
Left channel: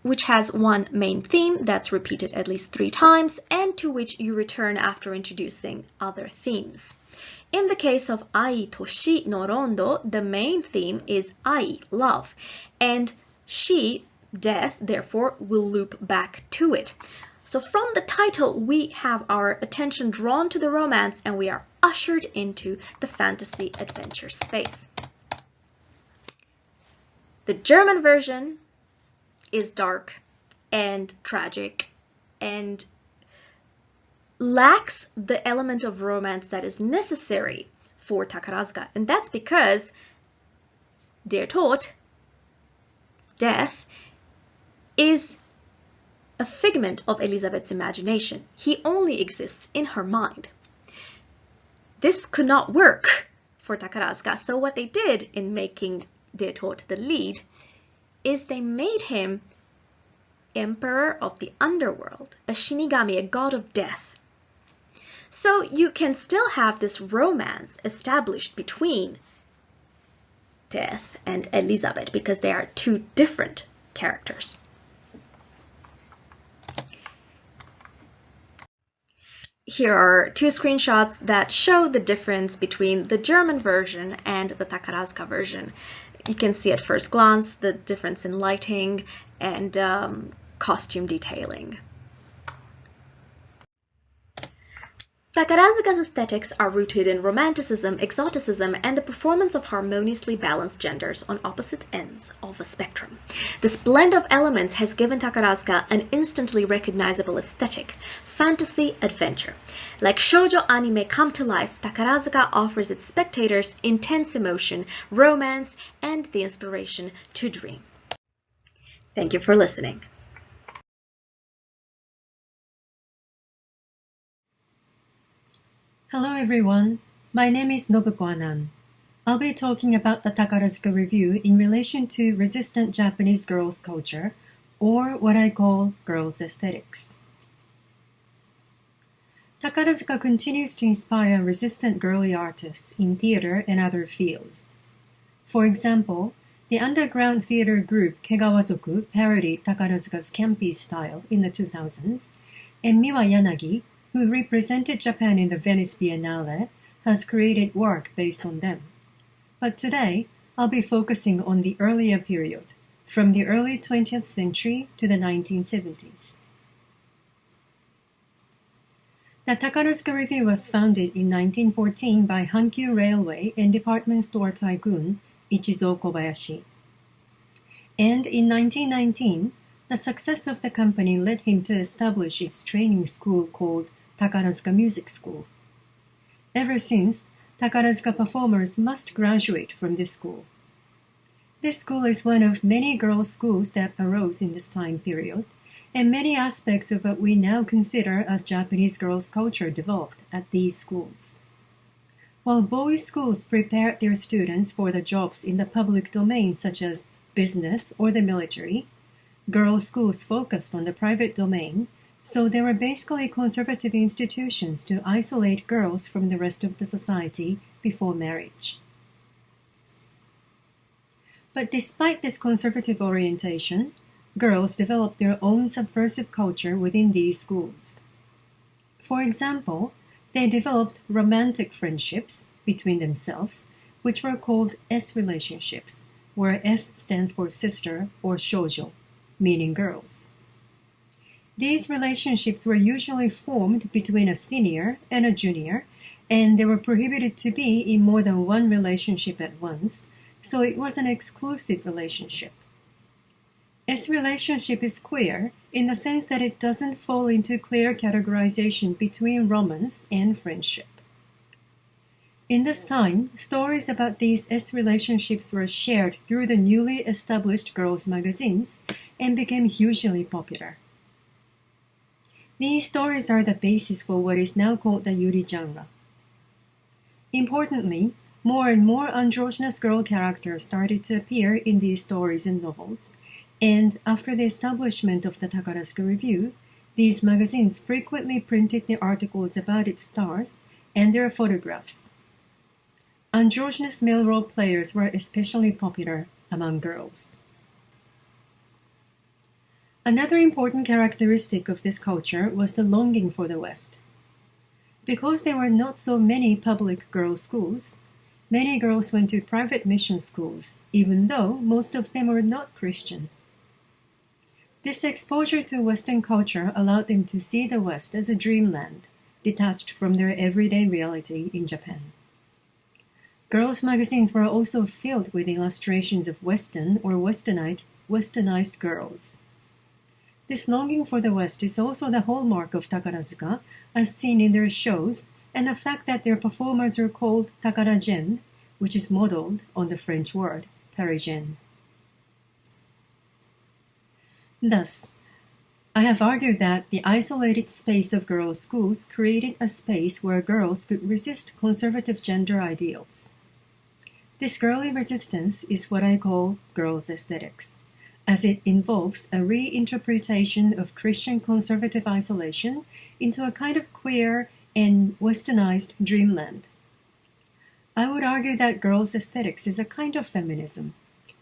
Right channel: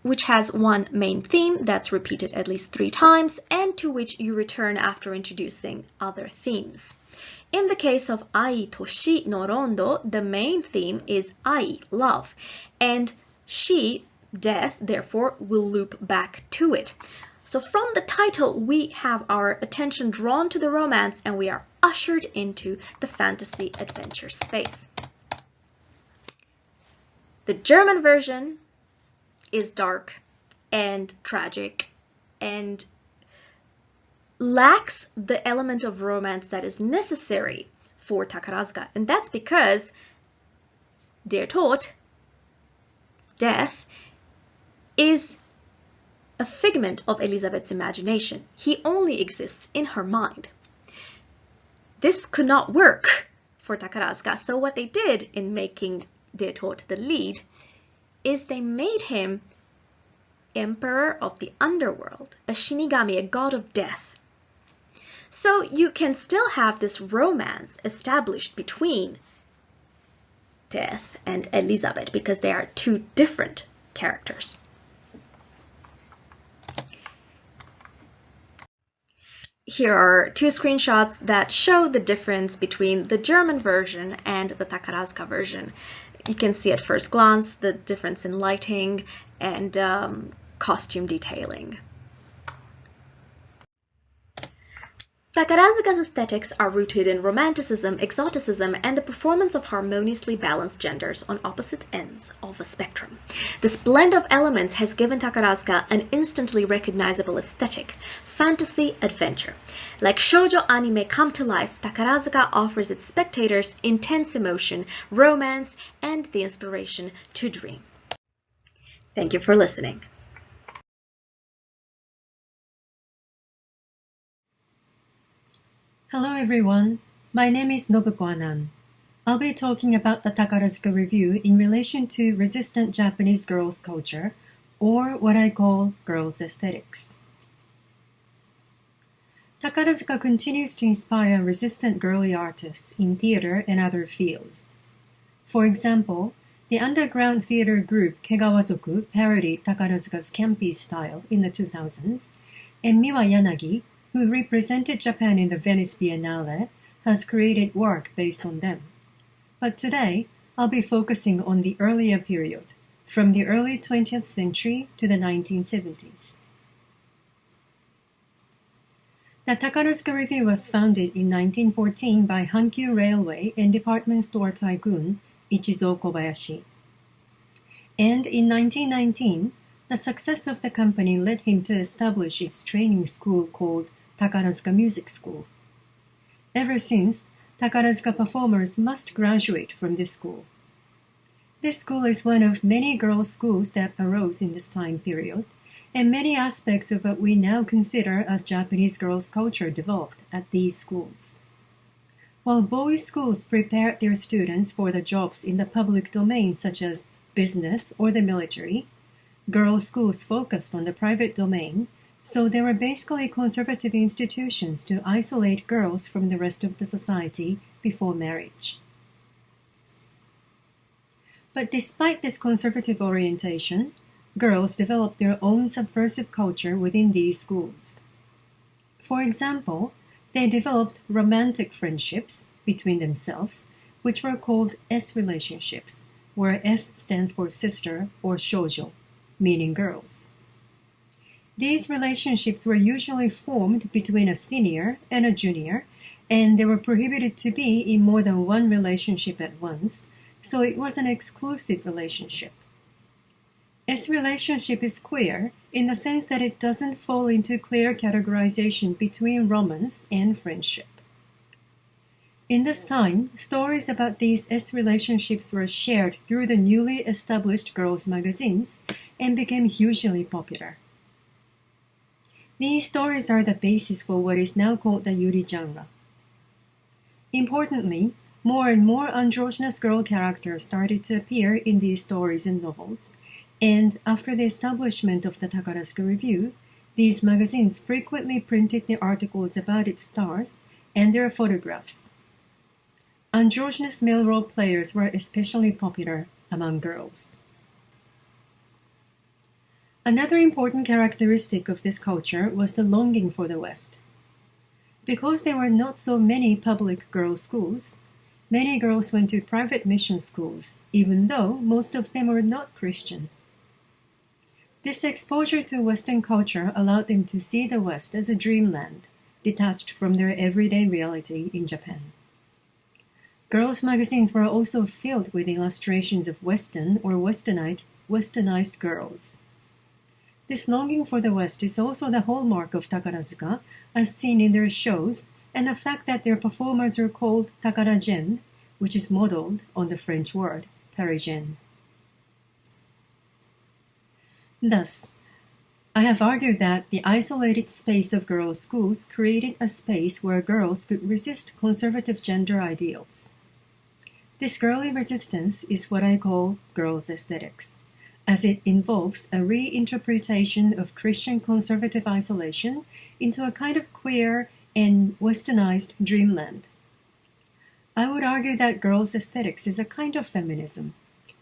which has one main theme that's repeated at least 3 times and to which you return after introducing other themes. In the case of Ai Toshi no Rondo, the main theme is Ai, love, and Shi, death, therefore will loop back to it. So from the title, we have our attention drawn to the romance and we are ushered into the fantasy adventure space. The German version is dark and tragic and lacks the element of romance that is necessary for Takarazuka. And that's because they're taught death is a figment of Elizabeth's imagination. He only exists in her mind. This could not work for Takarazuka, so what they did in making Detot the lead is they made him emperor of the underworld, a shinigami, a god of death. So you can still have this romance established between Death and Elizabeth because they are 2 different characters. Here are 2 screenshots that show the difference between the German version and the Takarazuka version. You can see at first glance the difference in lighting and costume detailing. Takarazuka's aesthetics are rooted in romanticism, exoticism, and the performance of harmoniously balanced genders on opposite ends of a spectrum. This blend of elements has given Takarazuka an instantly recognizable aesthetic, fantasy adventure. Like shoujo anime come to life, Takarazuka offers its spectators intense emotion, romance, and the inspiration to dream. Thank you for listening. Hello everyone, my name is Nobuko Anan. I'll be talking about the Takarazuka Revue in relation to resistant Japanese girls' culture, or what I call girls' aesthetics. Takarazuka continues to inspire resistant girly artists in theater and other fields. For example, the underground theater group Kegawazoku parodied Takarazuka's campy style in the 2000s, and Miwa Yanagi, who represented Japan in the Venice Biennale, has created work based on them. But today, I'll be focusing on the earlier period, from the early 20th century to the 1970s. The Takarazuka Revue was founded in 1914 by Hankyu Railway and department store tycoon Ichizo Kobayashi. And in 1919, the success of the company led him to establish its training school called Takarazuka Music School. Ever since, Takarazuka performers must graduate from this school. This school is one of many girls' schools that arose in this time period, and many aspects of what we now consider as Japanese girls' culture developed at these schools. While boys' schools prepared their students for the jobs in the public domain such as business or the military, girls' schools focused on the private domain, so they were basically conservative institutions to isolate girls from the rest of the society before marriage. But despite this conservative orientation, girls developed their own subversive culture within these schools. For example, they developed romantic friendships between themselves, which were called S relationships, where S stands for sister or Shojo, meaning girls. These relationships were usually formed between a senior and a junior, and they were prohibited to be in more than one relationship at once, so it was an exclusive relationship. S relationship is queer in the sense that it doesn't fall into clear categorization between romance and friendship. In this time, stories about these S relationships were shared through the newly established girls' magazines and became hugely popular. These stories are the basis for what is now called the Yuri genre. Importantly, more and more androgynous girl characters started to appear in these stories and novels, and after the establishment of the Takarazuka Revue, these magazines frequently printed the articles about its stars and their photographs. Androgynous male role players were especially popular among girls. Another important characteristic of this culture was the longing for the West. Because there were not so many public girls' schools, many girls went to private mission schools, even though most of them were not Christian. This exposure to Western culture allowed them to see the West as a dreamland, detached from their everyday reality in Japan. Girls' magazines were also filled with illustrations of Western or westernized girls. This longing for the West is also the hallmark of Takarazuka, as seen in their shows, and the fact that their performers are called Takaragen, which is modeled on the French word Parisienne. Thus, I have argued that the isolated space of girls' schools created a space where girls could resist conservative gender ideals. This girly resistance is what I call girls' aesthetics, as it involves a reinterpretation of Christian conservative isolation into a kind of queer and westernized dreamland. I would argue that girls' aesthetics is a kind of feminism,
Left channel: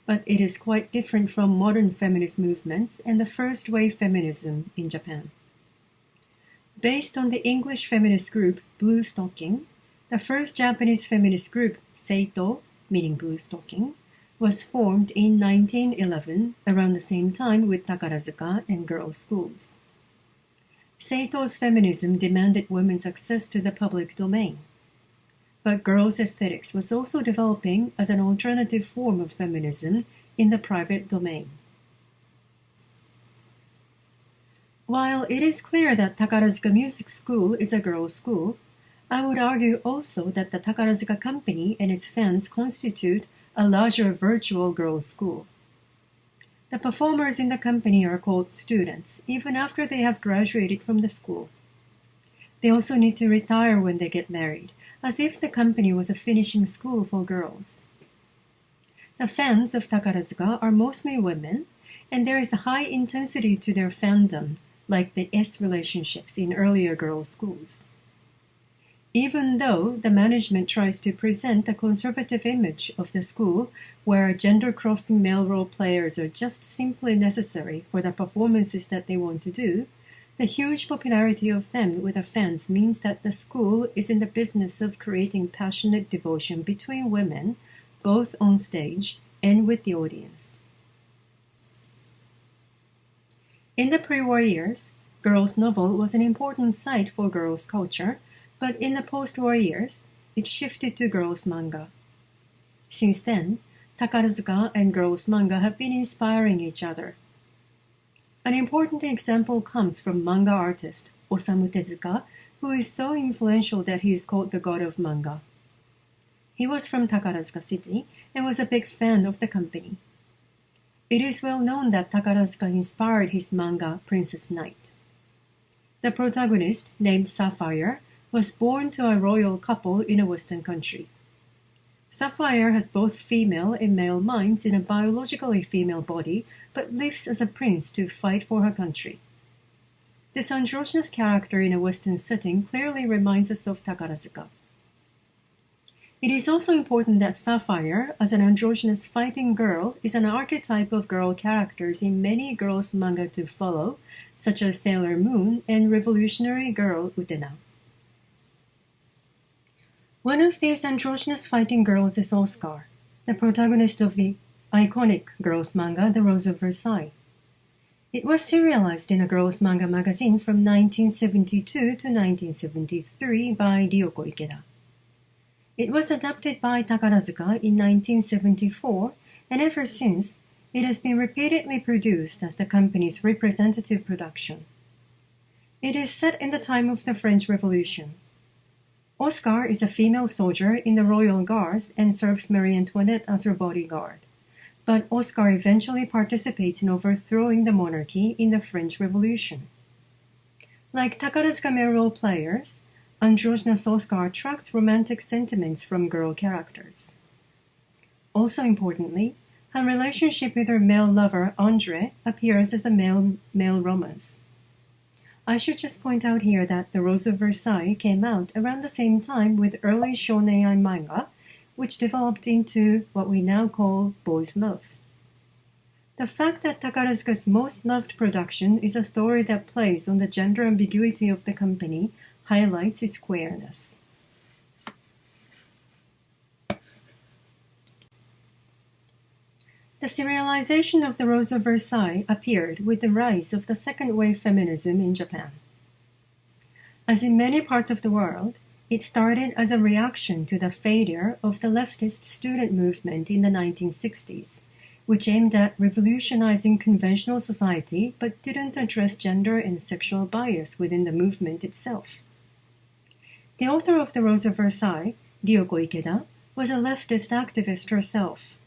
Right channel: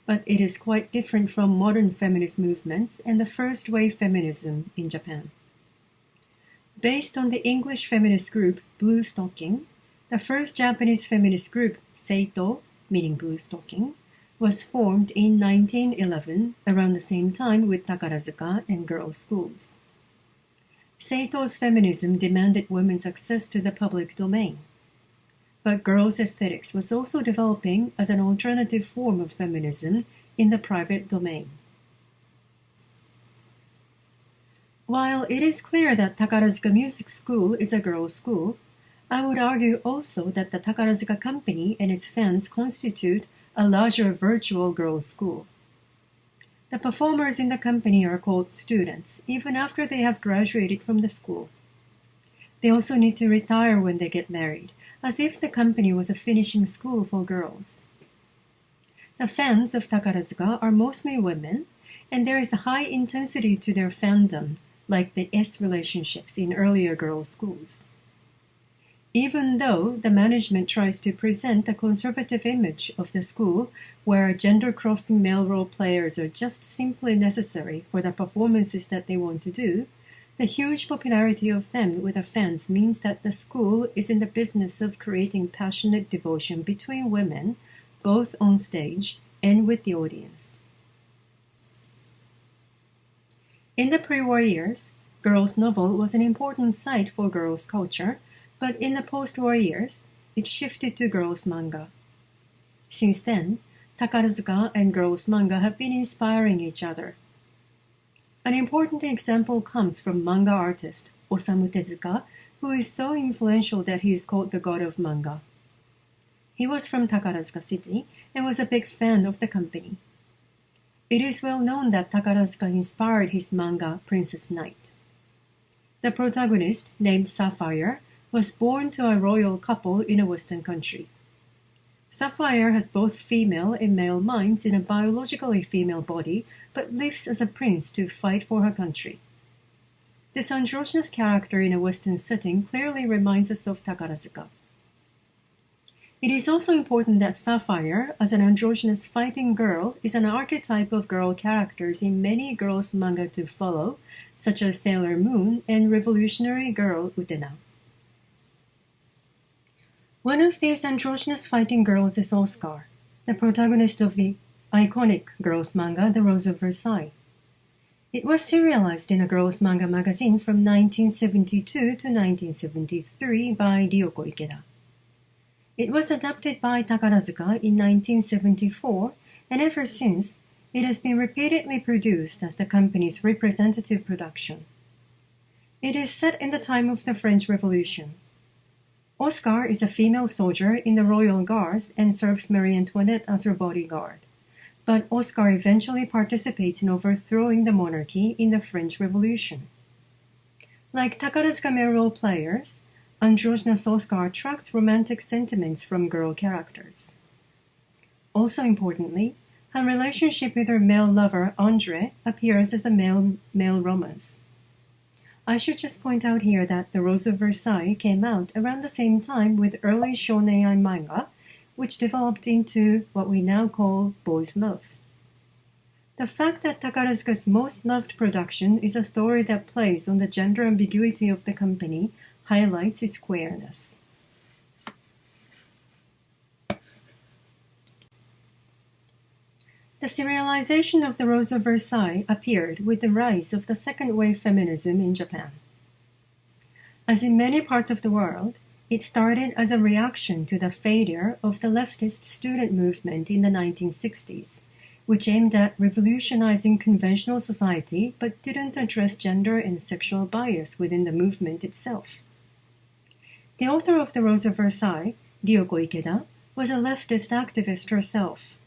but it is quite different from modern feminist movements and the first-wave feminism in Japan. Based on the English feminist group Blue Stocking, the first Japanese feminist group, Seito, meaning blue stocking, was formed in 1911, around the same time with Takarazuka and girls' schools. Seito's feminism demanded women's access to the public domain. But girls' aesthetics was also developing as an alternative form of feminism in the private domain. While it is clear that Takarazuka Music School is a girls' school, I would argue also that the Takarazuka Company and its fans constitute a larger virtual girls' school. The performers in the company are called students, even after they have graduated from the school. They also need to retire when they get married, as if the company was a finishing school for girls. The fans of Takarazuka are mostly women, and there is a high intensity to their fandom, like the S relationships in earlier girls' schools. even though the management tries to present a conservative image of the school where gender-crossing male role players are just simply necessary for the performances that they want to do, the huge popularity of them with the fans means that the school is in the business of creating passionate devotion between women, both on stage and with the audience. In the pre-war years, girls' novel was an important site for girls' culture, but in the post-war years, it shifted to girls' manga. Since then, Takarazuka and girls' manga have been inspiring each other. An important example comes from manga artist Osamu Tezuka, who is so influential that he is called the god of manga. He was from Takarazuka City and was a big fan of the company. It is well known that Takarazuka inspired his manga Princess Knight. The protagonist, named Sapphire, was born to a royal couple in a Western country. Sapphire has both female and male minds in a biologically female body, but lives as a prince to fight for her country. This androgynous character in a Western setting clearly reminds us of Takarazuka. It is also important that Sapphire, as an androgynous fighting girl, is an archetype of girl characters in many girls' manga to follow, such as Sailor Moon and Revolutionary Girl Utena. One of these androgynous fighting girls is Oscar, the protagonist of the iconic girls' manga The Rose of Versailles. It was serialized in a girls' manga magazine from 1972 to 1973 by Ryoko Ikeda. It was adapted by Takarazuka in 1974, and ever since, it has been repeatedly produced as the company's representative production. It is set in the time of the French Revolution. Oscar is a female soldier in the Royal Guards and serves Marie Antoinette as her bodyguard. But Oscar eventually participates in overthrowing the monarchy in the French Revolution. Like Takarazuka male role players, androgynous Oscar attracts romantic sentiments from girl characters. Also importantly, her relationship with her male lover, Andre, appears as a male romance. I should just point out here that The Rose of Versailles came out around the same time with early shonen manga, which developed into what we now call boys' love. The fact that Takarazuka's most loved production is a story that plays on the gender ambiguity of the company highlights its queerness. The serialization of The Rose of Versailles appeared with the rise of the second-wave feminism in Japan. As in many parts of the world, it started as a reaction to the failure of the leftist student movement in the 1960s, which aimed at revolutionizing conventional society but didn't address gender and sexual bias within the movement itself. The author of The Rose of Versailles, Ryoko Ikeda, was a leftist activist herself.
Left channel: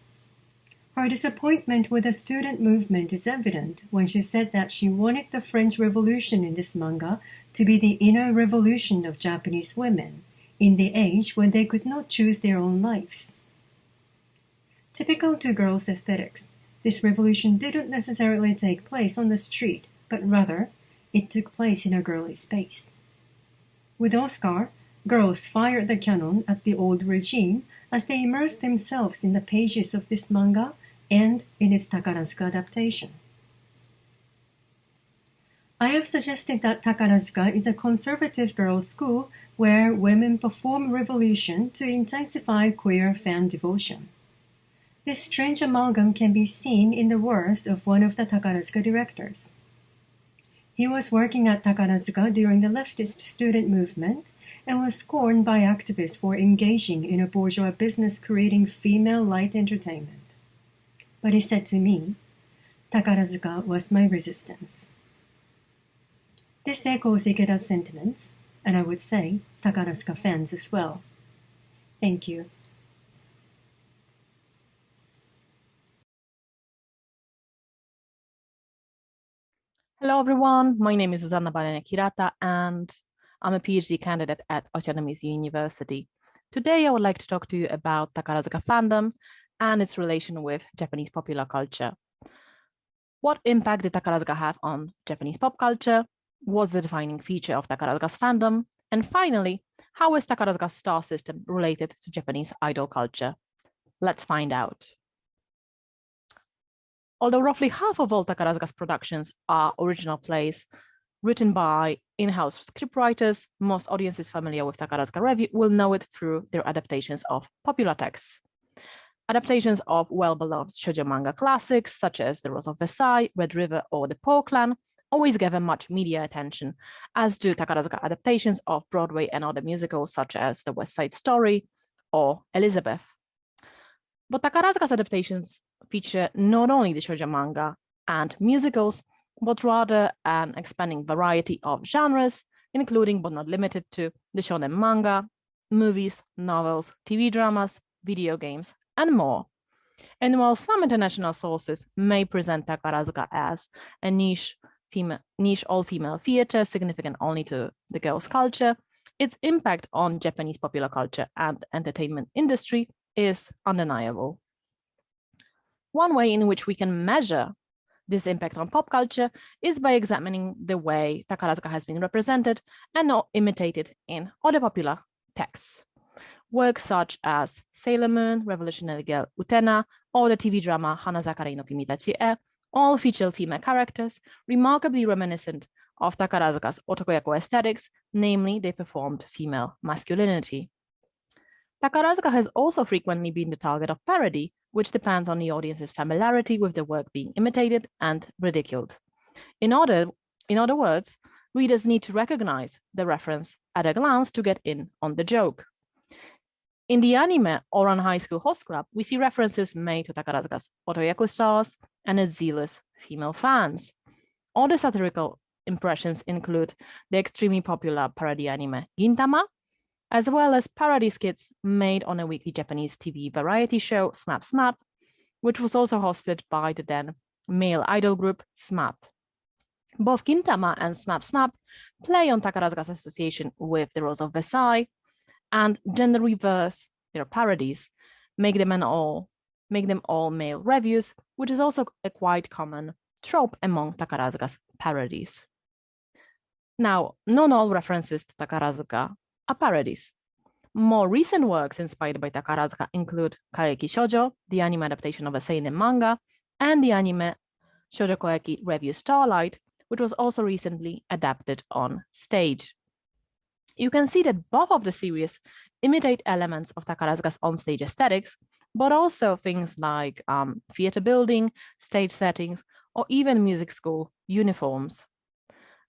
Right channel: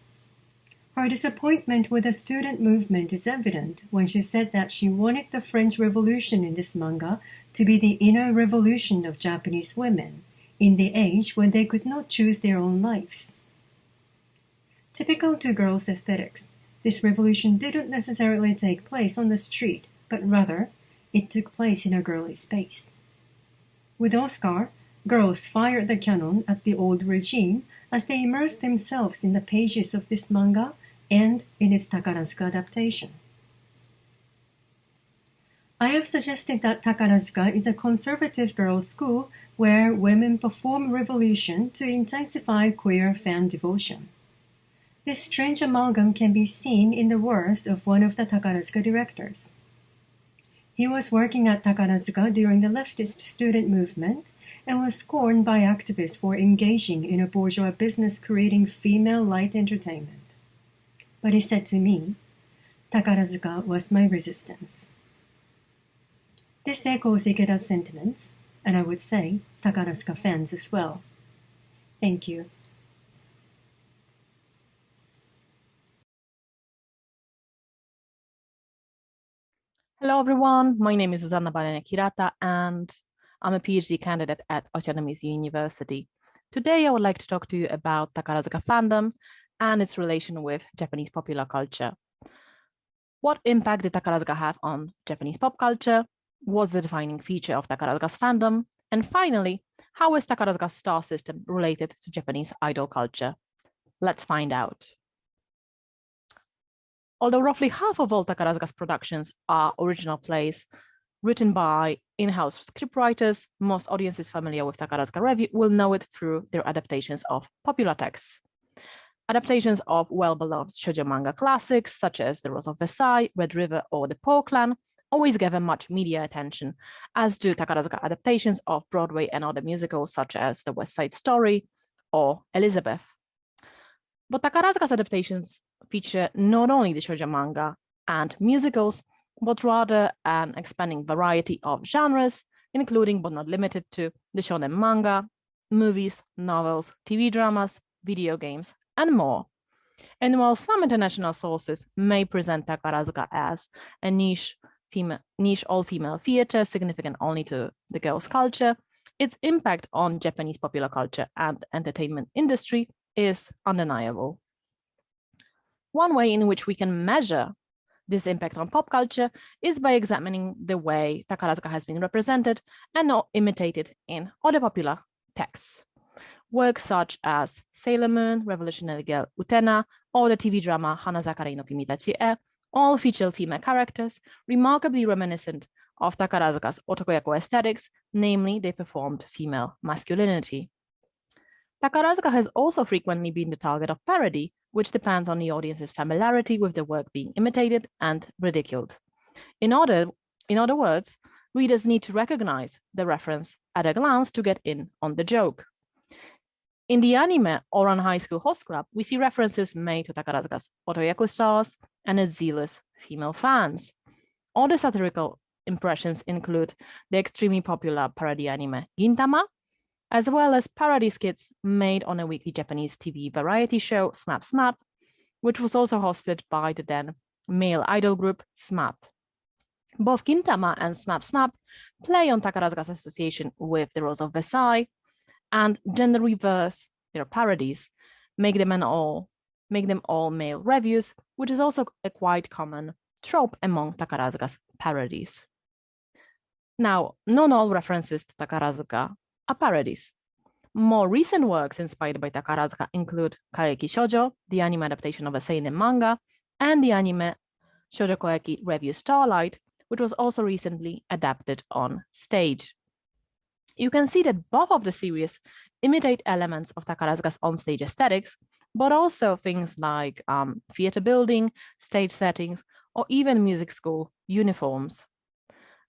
Her disappointment with the student movement is evident when she said that she wanted the French Revolution in this manga to be the inner revolution of Japanese women, in the age when they could not choose their own lives. Typical to girls' aesthetics, this revolution didn't necessarily take place on the street, but rather, it took place in a girly space. With Oscar, girls fired the cannon at the old regime as they immersed themselves in the pages of this manga and in its Takarazuka adaptation. I have suggested that Takarazuka is a conservative girls' school where women perform revolution to intensify queer fan devotion. This strange amalgam can be seen in the words of one of the Takarazuka directors. He was working at Takarazuka during the leftist student movement and was scorned by activists for engaging in a bourgeois business creating female light entertainment. But he said to me, Takarazuka was my resistance. This echoes Ikeda's sentiments, and I would say Takarazuka fans as well. Thank you. Hello, everyone. My name is Susanna Balene-Kirata, and I'm a PhD candidate at Autonomous University. Today, I would like to talk to you about Takarazuka fandom and its relation with Japanese popular culture. What impact did Takarazuka have on Japanese pop culture? What's the defining feature of Takarazuka's fandom? And finally, How is Takarazuka's star system related to Japanese idol culture? Let's find out. Although roughly half of all Takarazuka's productions are original plays written by in-house scriptwriters, most audiences familiar with Takarazuka Revue will know it through their adaptations of popular texts. Adaptations of well-beloved shoujo manga classics such as The Rose of Versailles, Red River, or The Paw Clan always gather much media attention, as do Takarazuka adaptations of Broadway and other musicals such as The West Side Story or Elizabeth. But Takarazuka's adaptations feature not only the shoujo manga and musicals, but rather an expanding variety of genres, including but not limited to the shonen manga, movies, novels, TV dramas, video games, and more. And while some international sources may present Takarazuka as a niche all-female theater significant only to the girls' culture, its impact on Japanese popular culture and entertainment industry is undeniable. One way in which we can measure this impact on pop culture is by examining the way Takarazuka has been represented and not imitated in other popular texts. Works such as Sailor Moon, Revolutionary Girl Utena, or the TV drama Hanazakari no Kimitachi e all feature female characters, remarkably reminiscent of Takarazuka's otokoyaku aesthetics, namely they performed female masculinity. Takarazuka has also frequently been the target of parody, which depends on the audience's familiarity with the work being imitated and ridiculed. In other words, readers need to recognize the reference at a glance to get in on the joke. In the anime Oran High School Host Club, we see references made to Takarazuka's otoyaku stars and its zealous female fans. Other satirical impressions include the extremely popular parody anime Gintama, as well as parody skits made on a weekly Japanese TV variety show, SMAP SMAP, which was also hosted by the then male idol group SMAP. Both Gintama and SMAP SMAP play on Takarazuka's association with The Rose of Versailles, and gender reverse their parodies, make them all male revues, which is also a quite common trope among Takarazuka's parodies. Now, not all references to Takarazuka are parodies. More recent works inspired by Takarazuka include Kaeki Shojo, the anime adaptation of a seinen manga, and the anime Shoujo Koeki Revue Starlight, which was also recently adapted on stage. You can see that both of the series imitate elements of Takarazuka's onstage aesthetics, but also things like theater building, stage settings, or even music school uniforms.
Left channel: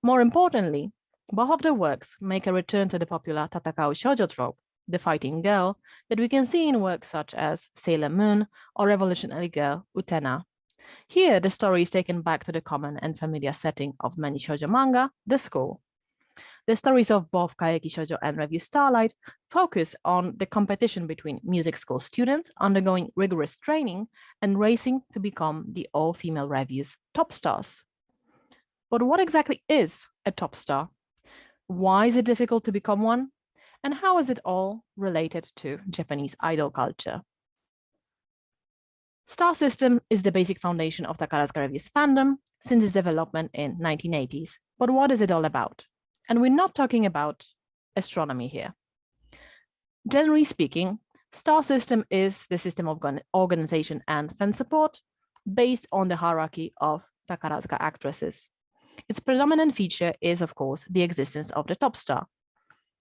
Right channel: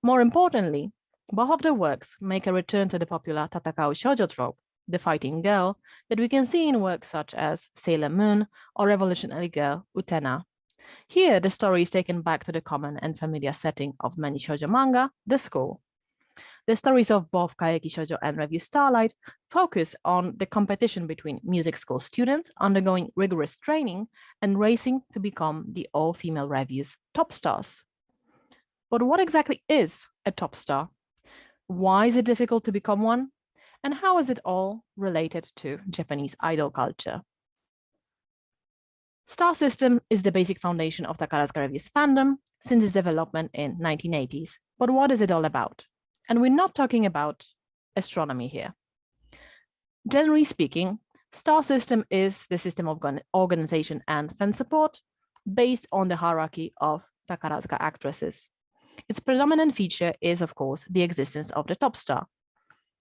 More importantly, both of the works make a return to the popular Tatakau Shoujo trope, the fighting girl, that we can see in works such as Sailor Moon or Revolutionary Girl Utena. Here, the story is taken back to the common and familiar setting of many shoujo manga, the school. The stories of both Kaeki Shoujo and Revue Starlight focus on the competition between music school students undergoing rigorous training and racing to become the all-female Revue's top stars. But what exactly is a top star? Why is it difficult to become one? And how is it all related to Japanese idol culture? Star system is the basic foundation of Takarazuka Revue's fandom since its development in 1980s. But what is it all about? And we're not talking about astronomy here. Generally speaking, star system is the system of organization and fan support based on the hierarchy of Takarazuka actresses. Its predominant feature is, of course, the existence of the top star.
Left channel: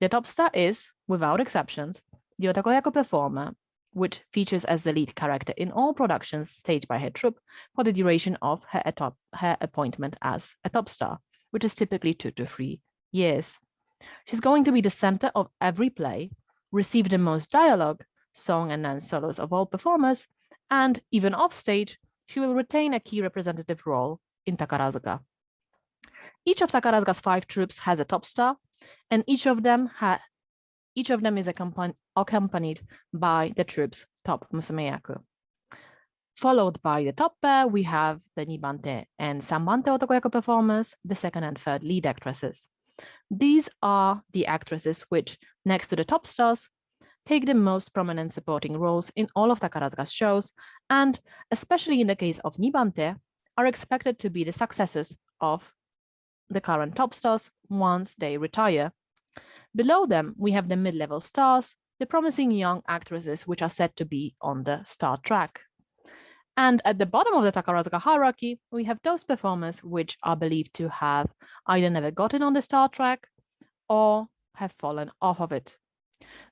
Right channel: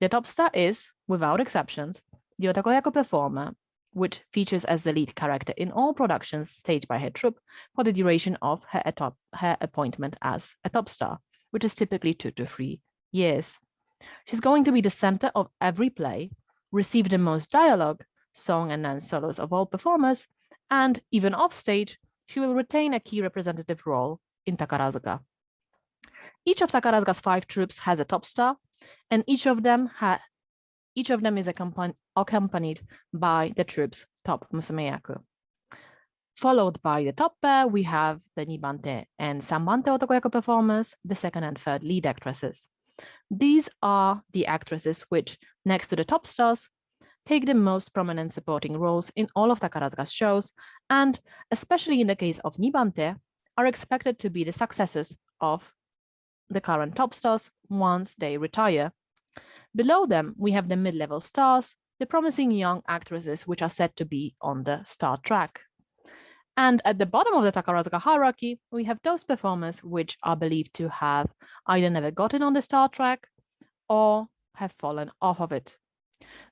The top star is, without exceptions, the otokoyaku performer, which features as the lead character in all productions staged by her troupe for the duration of her appointment as a top star, which is typically 2 to 3 years. She's going to be the center of every play, receive the most dialogue, song and dance solos of all performers, and even offstage, she will retain a key representative role in Takarazuka. Each of Takarazuka's 5 troupes has a top star, and each of them is accompanied by the troupe's top musumeyaku. Followed by the top pair, we have the Nibante and Sanbante otokoyaku performers, the second and third lead actresses. These are the actresses which, next to the top stars, take the most prominent supporting roles in all of Takarazuka's shows, and especially in the case of Nibante, are expected to be the successors of the current top stars once they retire. Below them, we have the mid-level stars, the promising young actresses which are said to be on the star track. And at the bottom of the Takarazuka hierarchy, we have those performers which are believed to have either never gotten on the star track or have fallen off of it.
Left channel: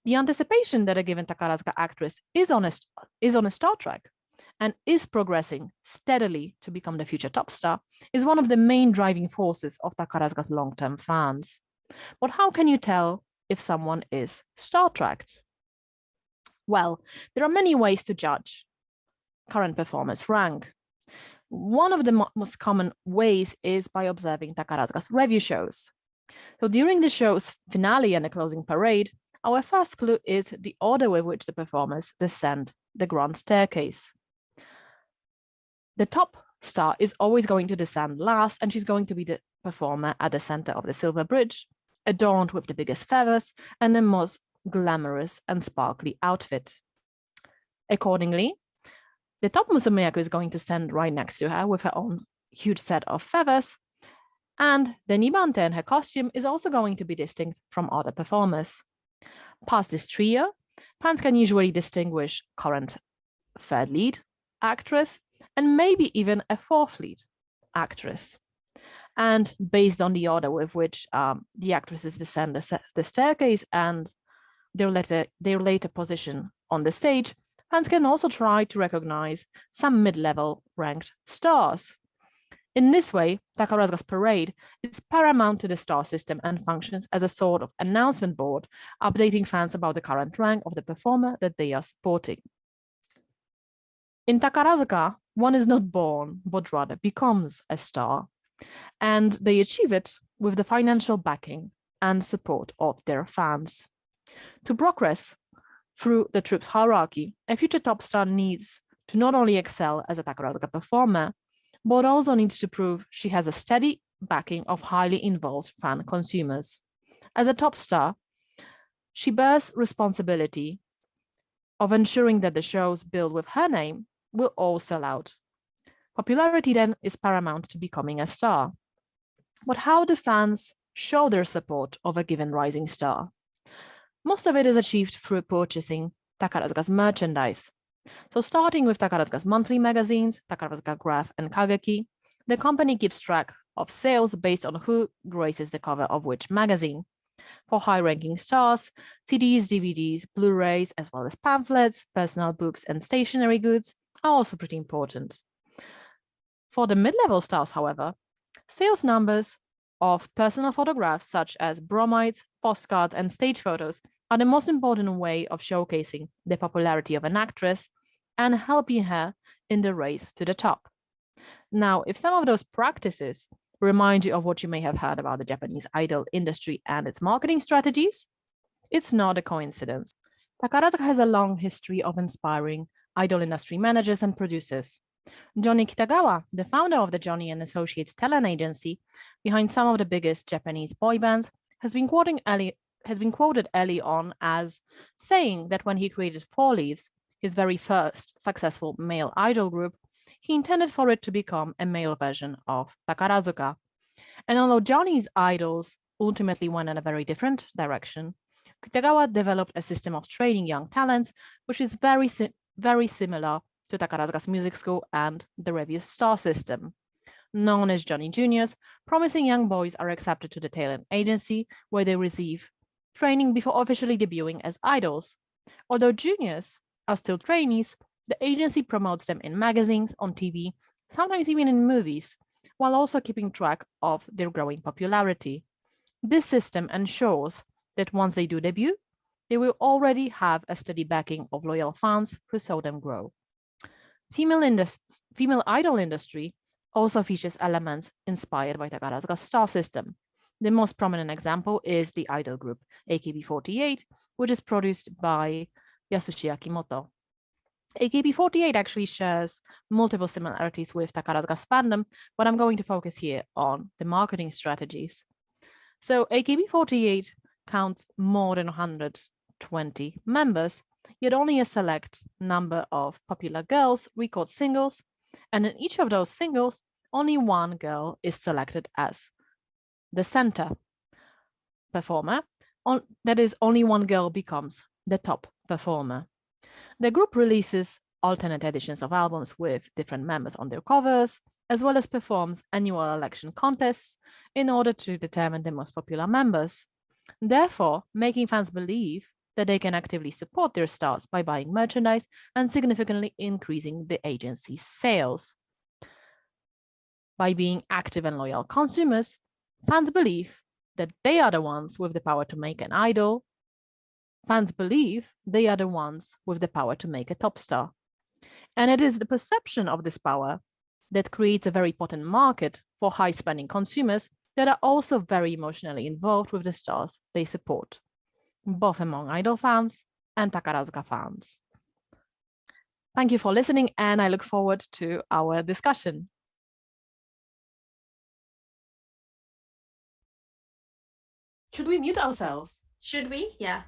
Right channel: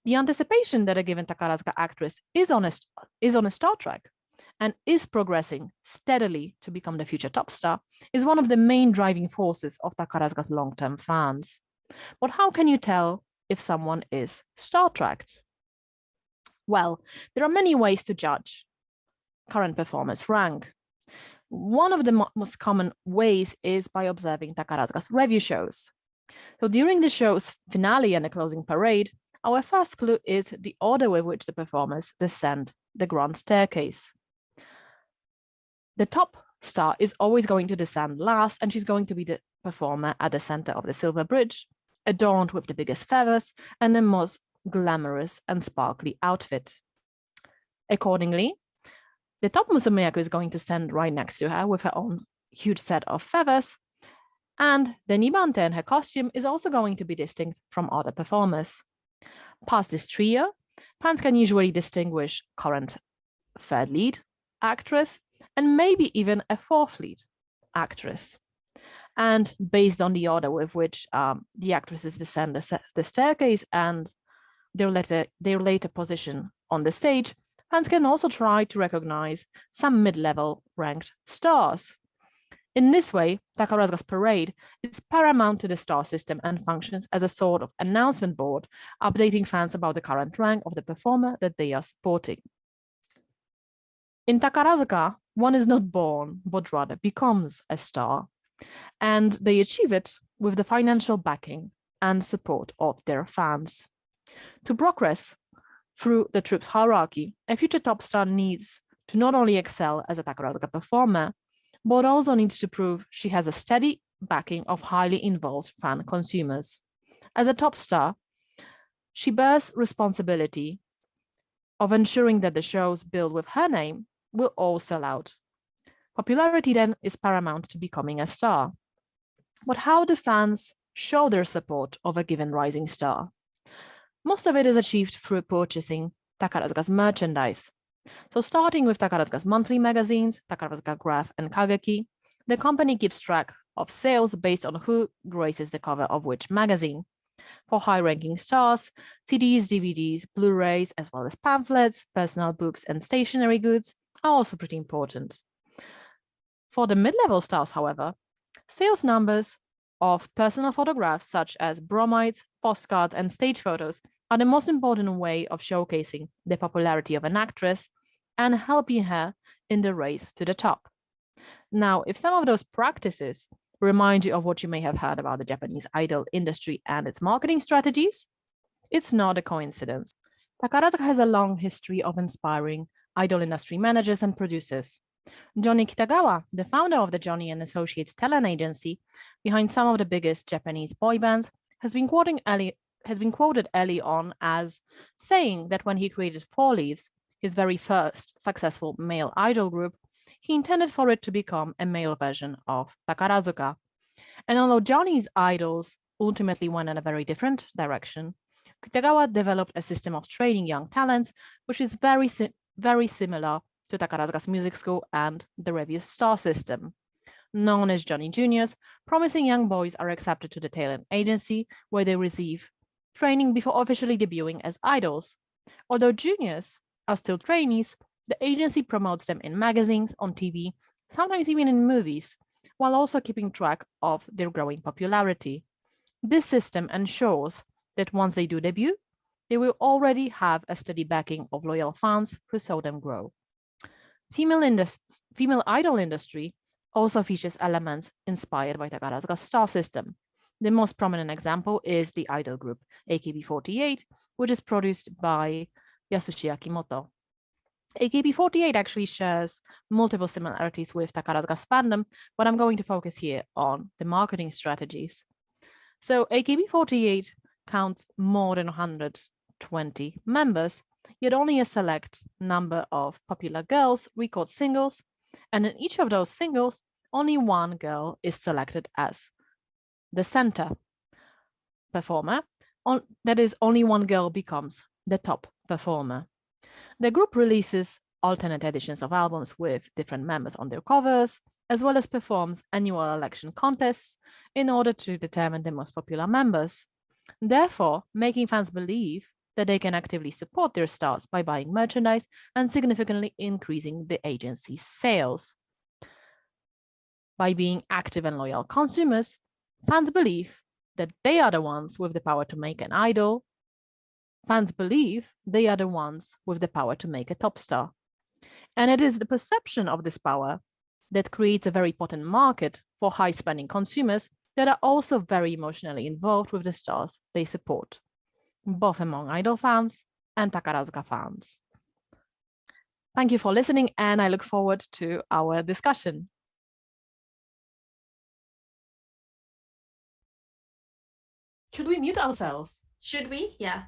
The anticipation that a given Takarazuka actress is on a star track and is progressing steadily to become the future top star is one of the main driving forces of Takarazuka's long-term fans. But how can you tell if someone is star-tracked? Well, there are many ways to judge current performers' rank. One of the most common ways is by observing Takarazuka's revue shows. So during the show's finale and the closing parade, our first clue is the order with which the performers descend the grand staircase. The top star is always going to descend last, and she's going to be the performer at the center of the silver bridge, adorned with the biggest feathers and the most glamorous and sparkly outfit. Accordingly, the top musumeyaku is going to stand right next to her with her own huge set of feathers, and the nibante and her costume is also going to be distinct from other performers. Past this trio, fans can usually distinguish current third lead actress and maybe even a fourth lead actress. And based on the order with which the actresses descend the staircase and their later position on the stage, fans can also try to recognize some mid-level ranked stars. In this way, Takarazuka's parade is paramount to the star system and functions as a sort of announcement board, updating fans about the current rank of the performer that they are supporting. In Takarazuka, one is not born, but rather becomes a star, and they achieve it with the financial backing and support of their fans. To progress through the troup's hierarchy, a future top star needs to not only excel as a Takarazuka performer, but also needs to prove she has a steady backing of highly involved fan consumers. As a top star, she bears responsibility of ensuring that the shows billed with her name will all sell out. Popularity then is paramount to becoming a star. But how do fans show their support of a given rising star? Most of it is achieved through purchasing Takarazuka's merchandise. So starting with Takarazuka's monthly magazines, Takarazuka Graph and Kageki, the company keeps track of sales based on who graces the cover of which magazine. For high-ranking stars, CDs, DVDs, Blu-rays, as well as pamphlets, personal books, and stationery goods are also pretty important. For the mid-level stars, however, sales numbers of personal photographs such as bromides, postcards, and stage photos are the most important way of showcasing the popularity of an actress and helping her in the race to the top. Now, if some of those practices remind you of what you may have heard about the Japanese idol industry and its marketing strategies, it's not a coincidence. Takarazuka has a long history of inspiring idol industry managers and producers. Johnny Kitagawa, the founder of the Johnny and Associates talent agency behind some of the biggest Japanese boy bands, has been quoted early on as saying that when he created Four Leaves, his very first successful male idol group, he intended for it to become a male version of Takarazuka. And although Johnny's idols ultimately went in a very different direction, Kitagawa developed a system of training young talents, which is very similar to Takarazuka's music school and the Revue star system. Known as Johnny Juniors, promising young boys are accepted to the talent agency, where they receive training before officially debuting as idols. Although juniors are still trainees, the agency promotes them in magazines, on TV, sometimes even in movies, while also keeping track of their growing popularity. This system ensures that once they do debut, they will already have a steady backing of loyal fans who saw them grow. Female idol industry also features elements inspired by Takarazuka's star system. The most prominent example is the idol group AKB48, which is produced by Yasushi Akimoto. AKB48 actually shares multiple similarities with Takarazuka's Fandom, but I'm going to focus here on the marketing strategies. So AKB48 counts more than 120 members, yet only a select number of popular girls record singles, and in each of those singles, only one girl is selected as the center performer, that is, only one girl becomes the top performer. The group releases alternate editions of albums with different members on their covers, as well as performs annual election contests in order to determine the most popular members, therefore making fans believe that they can actively support their stars by buying merchandise and significantly increasing the agency's sales. By being active and loyal consumers, fans believe that they are the ones with the power to make an idol. Fans believe they are the ones with the power to make a top star. And it is the perception of this power that creates a very potent market for high-spending consumers that are also very emotionally involved with the stars they support, both among idol fans and Takarazuka fans. Thank you for listening, and I look forward to our discussion. Should we mute ourselves? Should we? Yeah.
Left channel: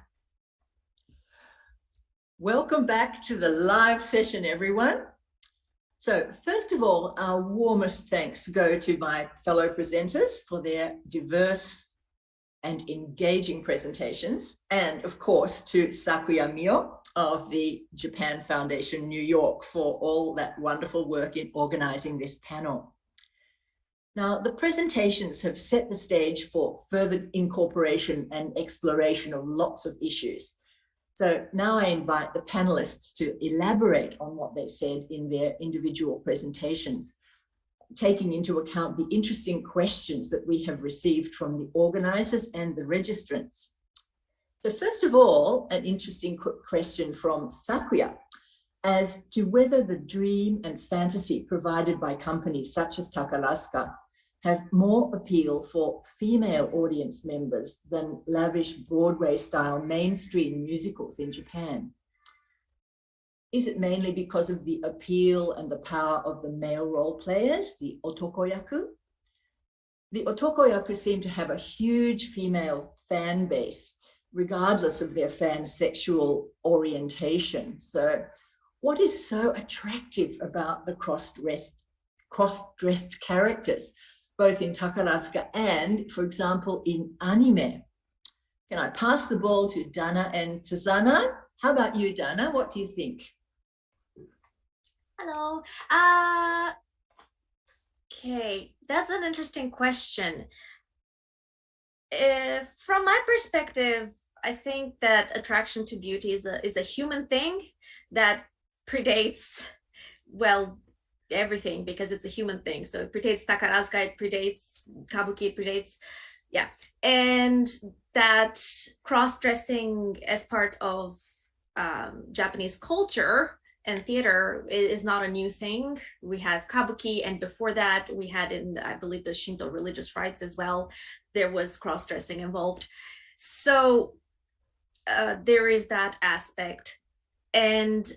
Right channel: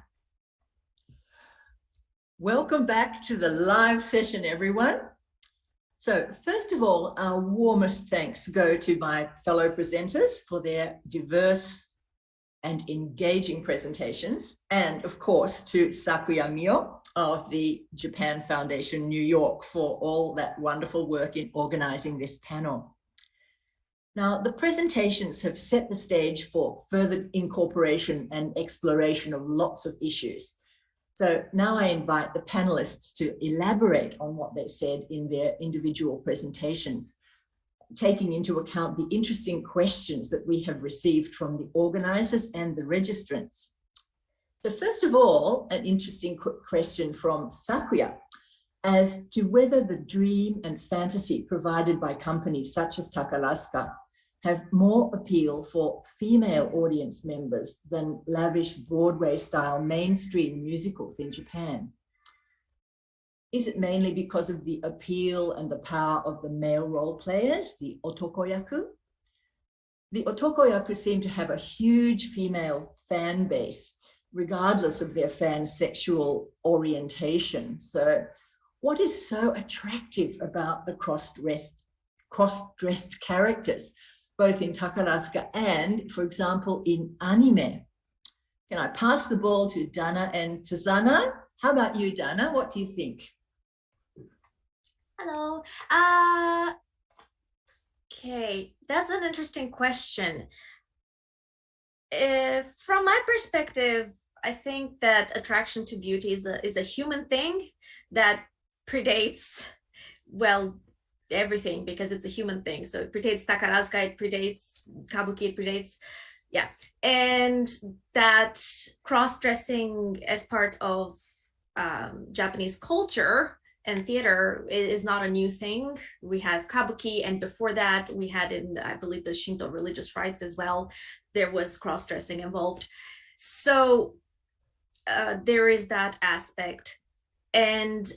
Welcome back to the live session, everyone. So first of all, our warmest thanks go to my fellow presenters for their diverse and engaging presentations, and of course to Sakuya Mio of the Japan Foundation New York for all that wonderful work in organizing this panel. Now, the presentations have set the stage for further incorporation and exploration of lots of issues. So now I invite the panelists to elaborate on what they said in their individual presentations, taking into account the interesting questions that we have received from the organizers and the registrants. So first of all, an interesting question from Sakuya as to whether the dream and fantasy provided by companies such as Takarazuka have more appeal for female audience members than lavish Broadway-style mainstream musicals in Japan. Is it mainly because of the appeal and the power of the male role players, the otokoyaku? The otokoyaku seem to have a huge female fan base, regardless of their fans' sexual orientation. So what is so attractive about the cross-dressed characters, both in Takarazuka and, for example, in anime? Can I pass the ball to Dana and Tazana? How about you, Dana? What do you think? Hello. Okay, that's an interesting question. From my perspective, I think that attraction to beauty is a human thing that predates, well, everything, because it's a human thing. So it predates Takarazuka, it predates Kabuki, it predates, yeah. And that cross-dressing as part of Japanese culture and theater is not a new thing. We have Kabuki, and before that we had in, I believe, the Shinto religious rites as well, there was cross-dressing involved. So there is that aspect. And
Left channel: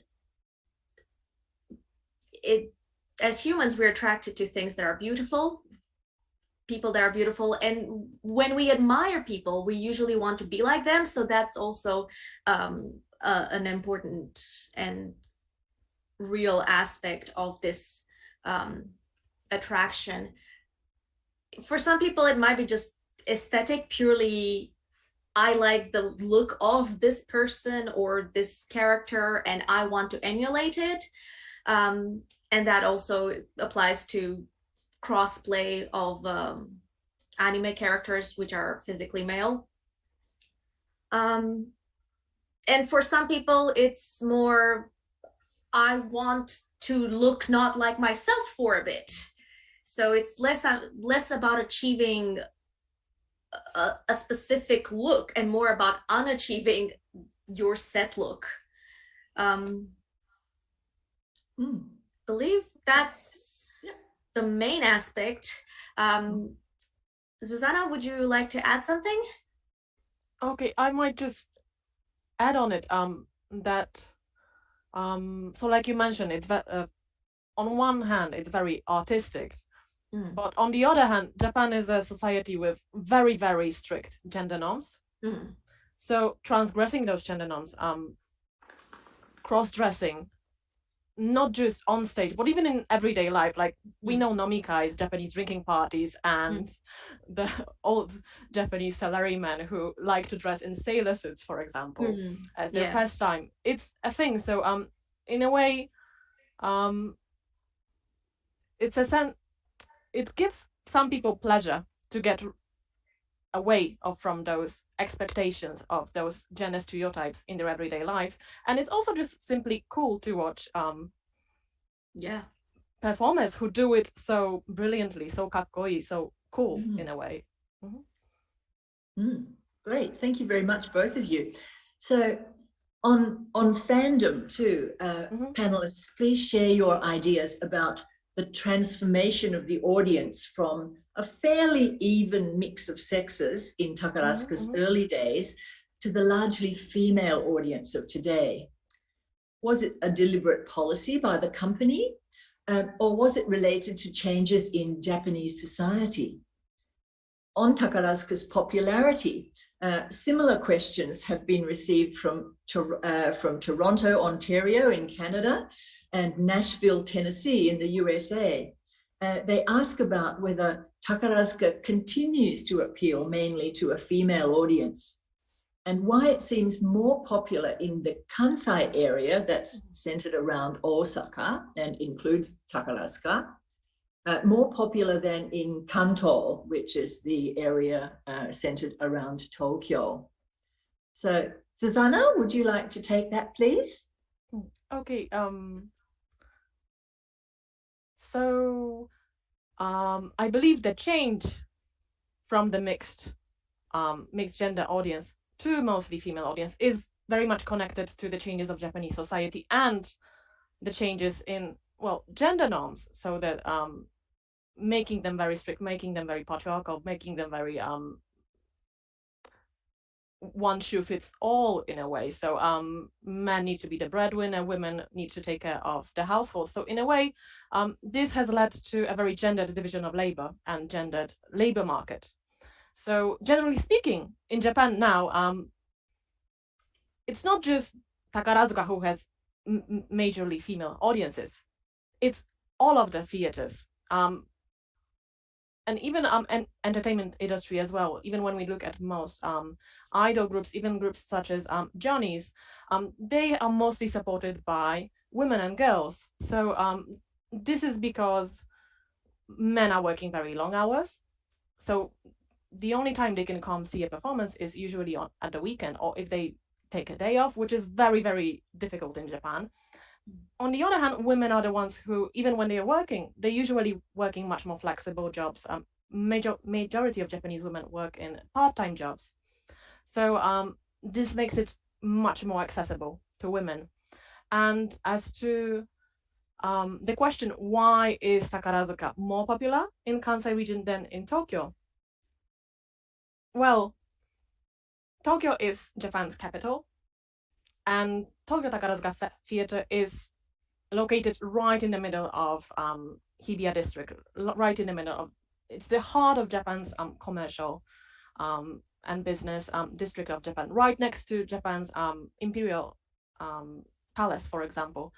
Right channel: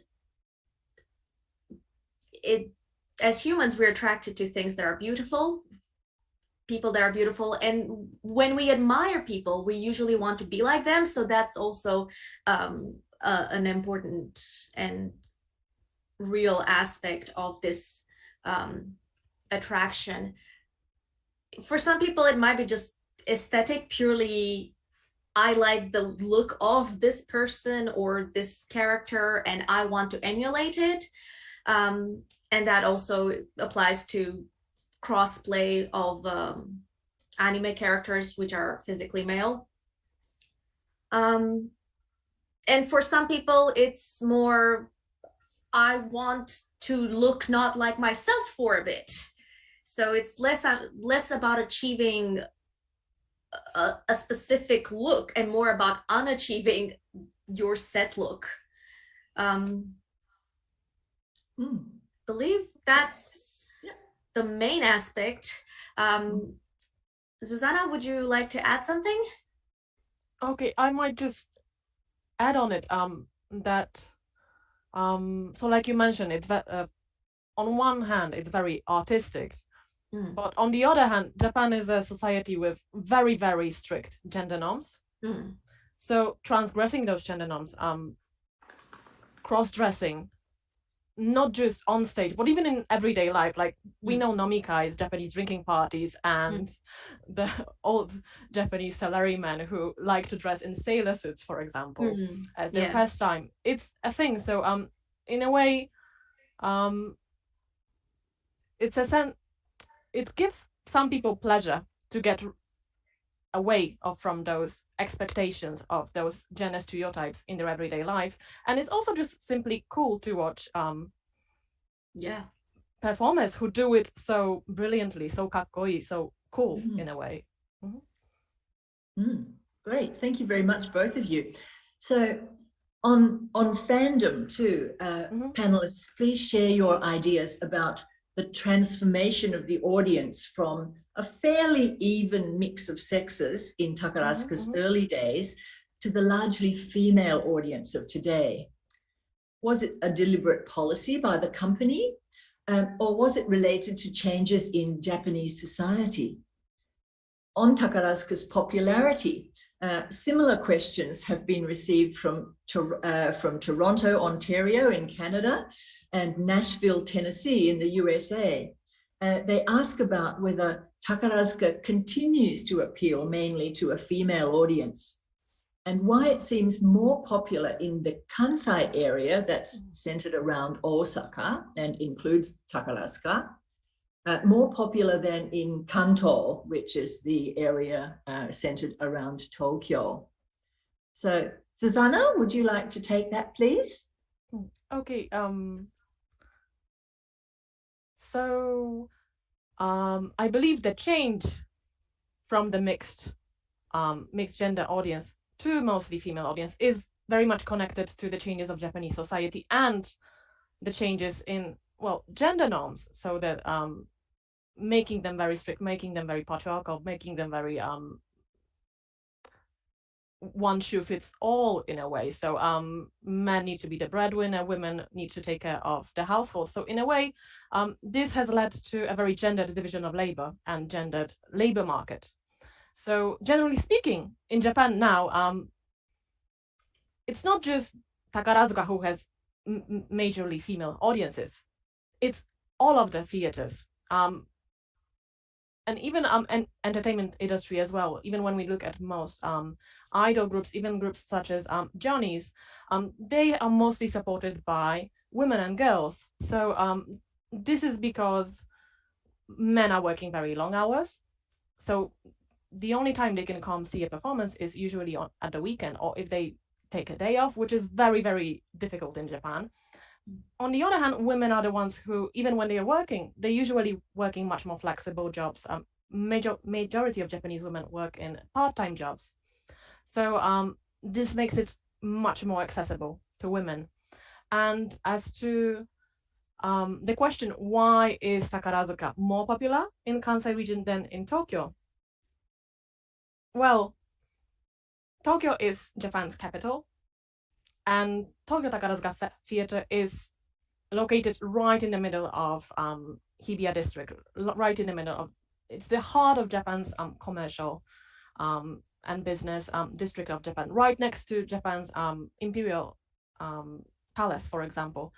as humans, we're attracted to things that are beautiful, people that are beautiful. And when we admire people, we usually want to be like them. So that's also an important and real aspect of this attraction. For some people, it might be just aesthetic, purely, I like the look of this person or this character and I want to emulate it. And that also applies to crossplay of anime characters which are physically male. And for some people, it's more, I want to look not like myself for a bit. So it's less about achieving a specific look and more about unachieving your set look. Believe that's the main aspect. Susanna, would you like to add something? Okay, I might just add on it so like you mentioned, it's on one hand it's very artistic, but on the other hand, Japan is a society with very, very strict gender norms. So transgressing those gender norms, cross-dressing not just on stage, but even in everyday life. Like we know nomikais, Japanese drinking parties, and the old Japanese salarymen who like to dress in sailor suits, for example, as their pastime. It's a thing. So in a way, it's a sense. It gives some people pleasure to get away from those expectations of those gender stereotypes in their everyday life, and it's also just simply cool to watch performers who do it so brilliantly, so kakkoi, so cool in a way. Great, thank you very much, both of you. So on Fandom too, panelists, please share your ideas about the transformation of the audience from a fairly even mix of sexes in Takarazuka's early days to the largely female audience of today. Was it a deliberate policy by the company, or was it related to changes in Japanese society? On Takarazuka's popularity, similar questions have been received from Toronto, Ontario in Canada, and Nashville, Tennessee in the USA. They ask about whether Takarazuka continues to appeal mainly to a female audience, and why it seems more popular in the Kansai area that's centered around Osaka and includes Takarazuka, more popular than in Kanto, which is the area centered around Tokyo. So, Susanna, would you like to take that, please? Okay. So I believe the change from the mixed gender audience to mostly female audience is very much connected to the changes of Japanese society and the changes in, well, gender norms, so that making them very strict, making them very patriarchal, making them very one shoe fits all in a way. So men need to be the breadwinner, women need to take care of the household. So in a way, this has led to a very gendered division of labor and gendered labor market. So generally speaking, in Japan now, it's not just Takarazuka who has majorly female audiences. It's all of the theaters. And even entertainment industry as well. Even when we look at most idol groups, even groups such as Johnny's, they are mostly supported by women and girls. So this is because men are working very long hours. So the only time they can come see a performance is usually at the weekend, or if they take a day off, which is very, very difficult in Japan. On the other hand, women are the ones who, even when they are working, they're usually working much more flexible jobs. Majority of Japanese women work in part-time jobs. So this makes it much more accessible to women. And as to the question, why is Takarazuka more popular in Kansai region than in Tokyo? Well, Tokyo is Japan's capital, and Tokyo Takarazuka Theatre is located right in the middle of Hibiya district, right in the middle of, it's the heart of Japan's commercial and business district of Japan, right next to Japan's imperial palace, for example.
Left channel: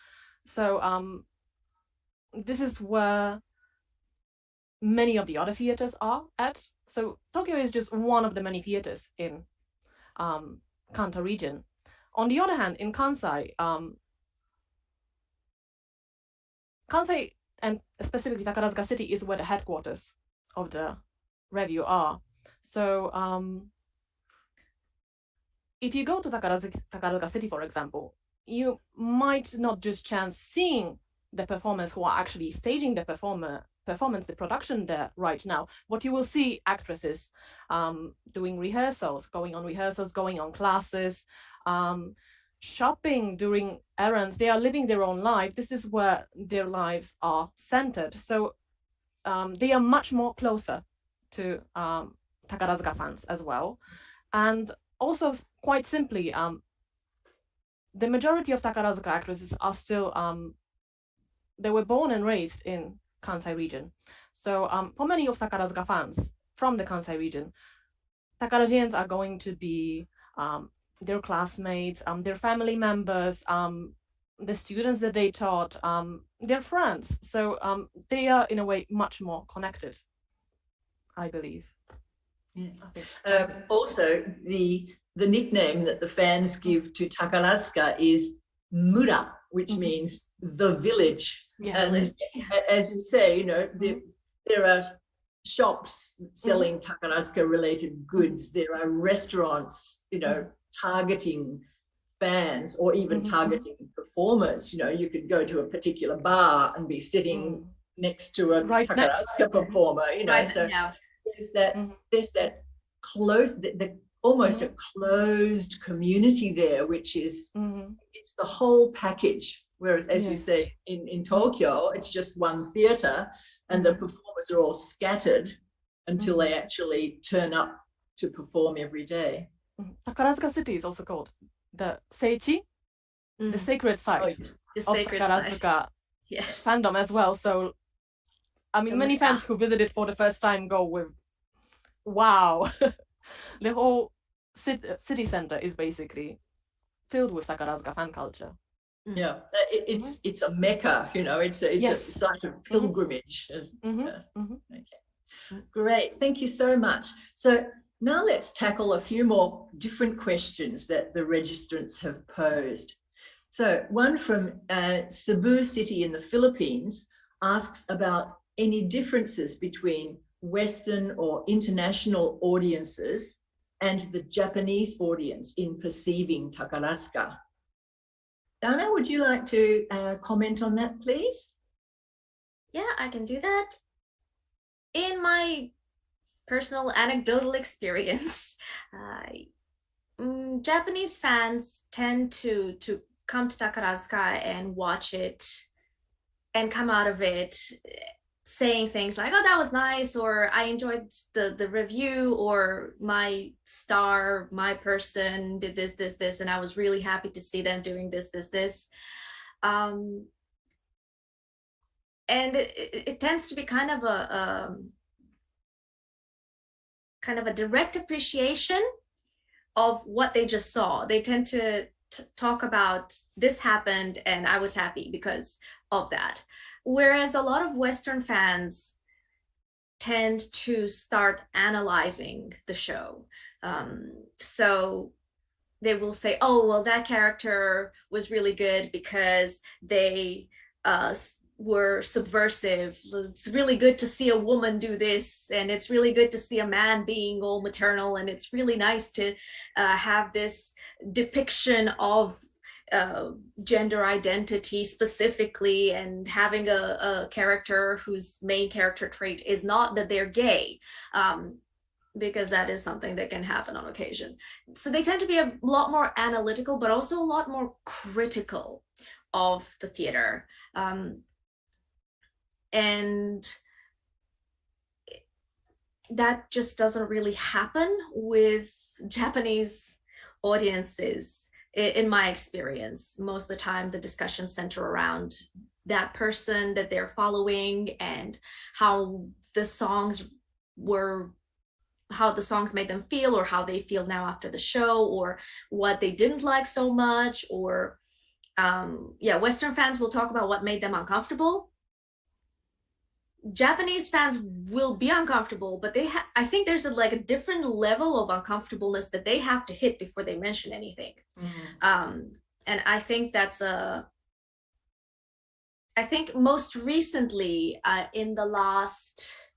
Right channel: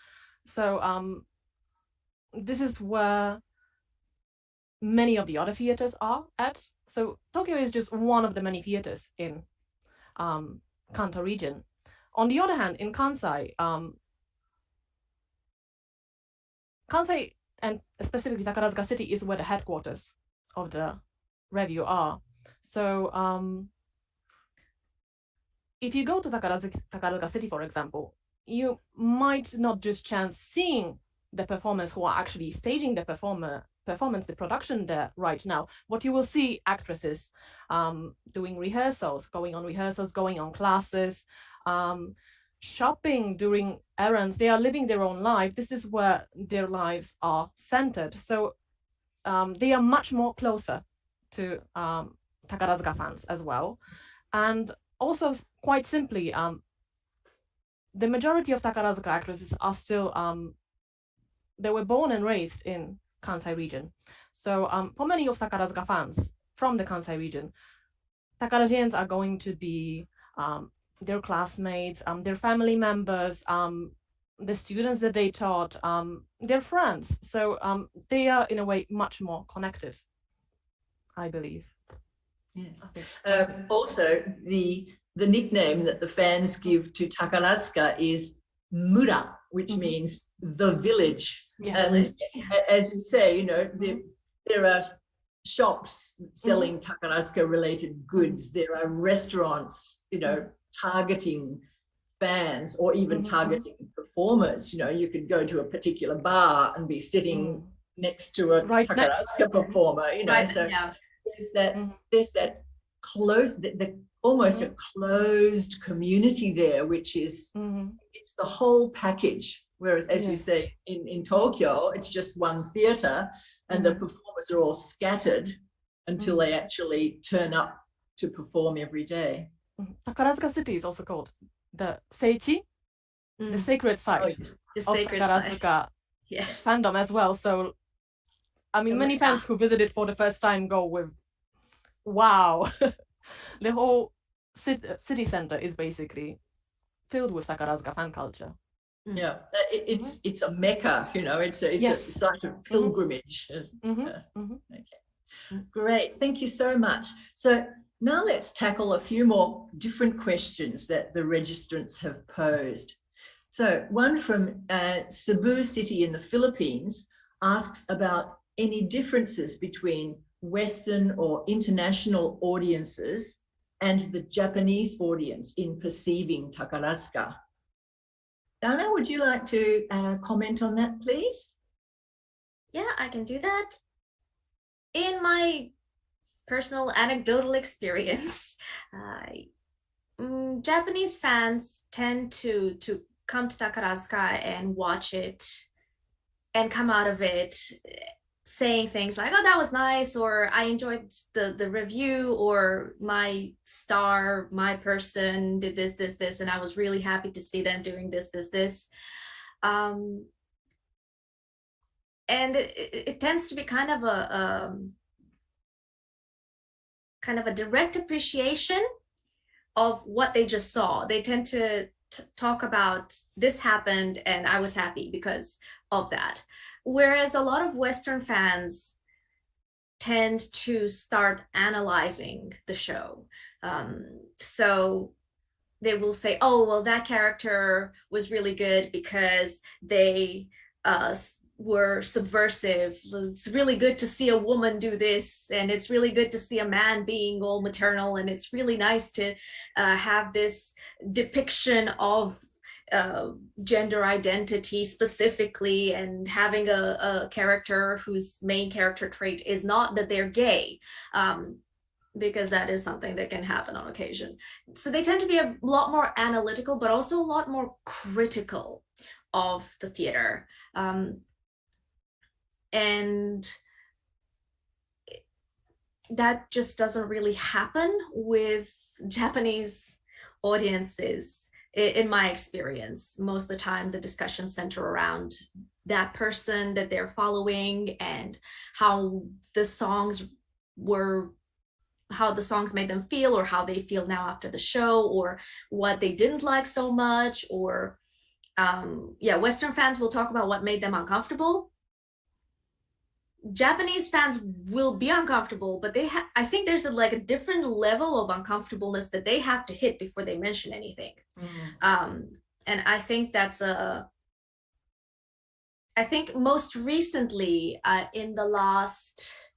So this is where many of the other theaters are at. So Tokyo is just one of the many theaters in Kanto region. On the other hand, in Kansai, Kansai and specifically Takarazuka City is where the headquarters of the revue are. So if you go to Takarazuka City, for example, you might not just chance seeing the performers who are actually staging the performance, the production there right now. What you will see, actresses doing rehearsals, going on classes, shopping, doing errands. They are living their own life. This is where their lives are centered. So they are much more closer to Takarazuka fans as well. And also, quite simply, the majority of Takarazuka actresses are still, they were born and raised in Kansai region. So for many of Takarazuka fans from the Kansai region, Takarajians are going to be their classmates, their family members, the students that they taught, their friends. So they are in a way much more connected, I believe. Yeah. Also, the nickname that the fans give to Takarazuka is Mura, which means the village. Yes. And as you say, you know, there are shops selling Takarazuka related goods. There are restaurants, you know, targeting fans or even targeting performers. You know, you could go to a particular bar and be sitting next to a Takarazuka performer, you know. So there's that close, almost a closed community there, which is it's the whole package. Whereas, as you say, in Tokyo, it's just one theatre, and the performers are all scattered until they actually turn up to perform every day. Takarazuka City is also called the Seichi, the sacred site The of sacred Takarazuka fandom as well. So, I mean, many fans who visit it for the first time go with, wow, the whole city center is basically filled with Takarazuka fan culture. Yeah, it's a mecca, you know, it's a site of pilgrimage. Okay, great, thank you so much. So now let's tackle a few more different questions that the registrants have posed. So one from Cebu City in the Philippines asks about any differences between Western or international audiences and the Japanese audience in perceiving Takarazuka. Dana, would you like to comment on that, please? Yeah, I can do that. In my personal anecdotal experience, Japanese fans tend to come to Takarazuka and watch it and come out of it saying things like, oh, that was nice, or I enjoyed the review, or my star, my person did this, and I was really happy to see them doing this. And it tends to be kind of a direct appreciation of what they just saw. They tend to talk about this happened and I was happy because of that. Whereas a lot of Western fans tend to start analyzing the show. So they will say, oh, well, that character was really good because they were subversive. It's really good to see a woman do this, and it's really good to see a man being all maternal, and it's really nice to have this depiction of gender identity specifically, and having a character whose main character trait is not that they're gay, because that is something that can happen on occasion. So they tend to be a lot more analytical, but also a lot more critical of the theater. And that just doesn't really happen with Japanese audiences. In my experience, most of the time the discussions center around that person that they're following and how the songs made them feel, or how they feel now after the show, or what they didn't like so much, or Western fans will talk about what made them uncomfortable. Japanese fans will be uncomfortable, but I think there's a different level of uncomfortableness that they have to hit before they mention anything. And I think I think most recently in the last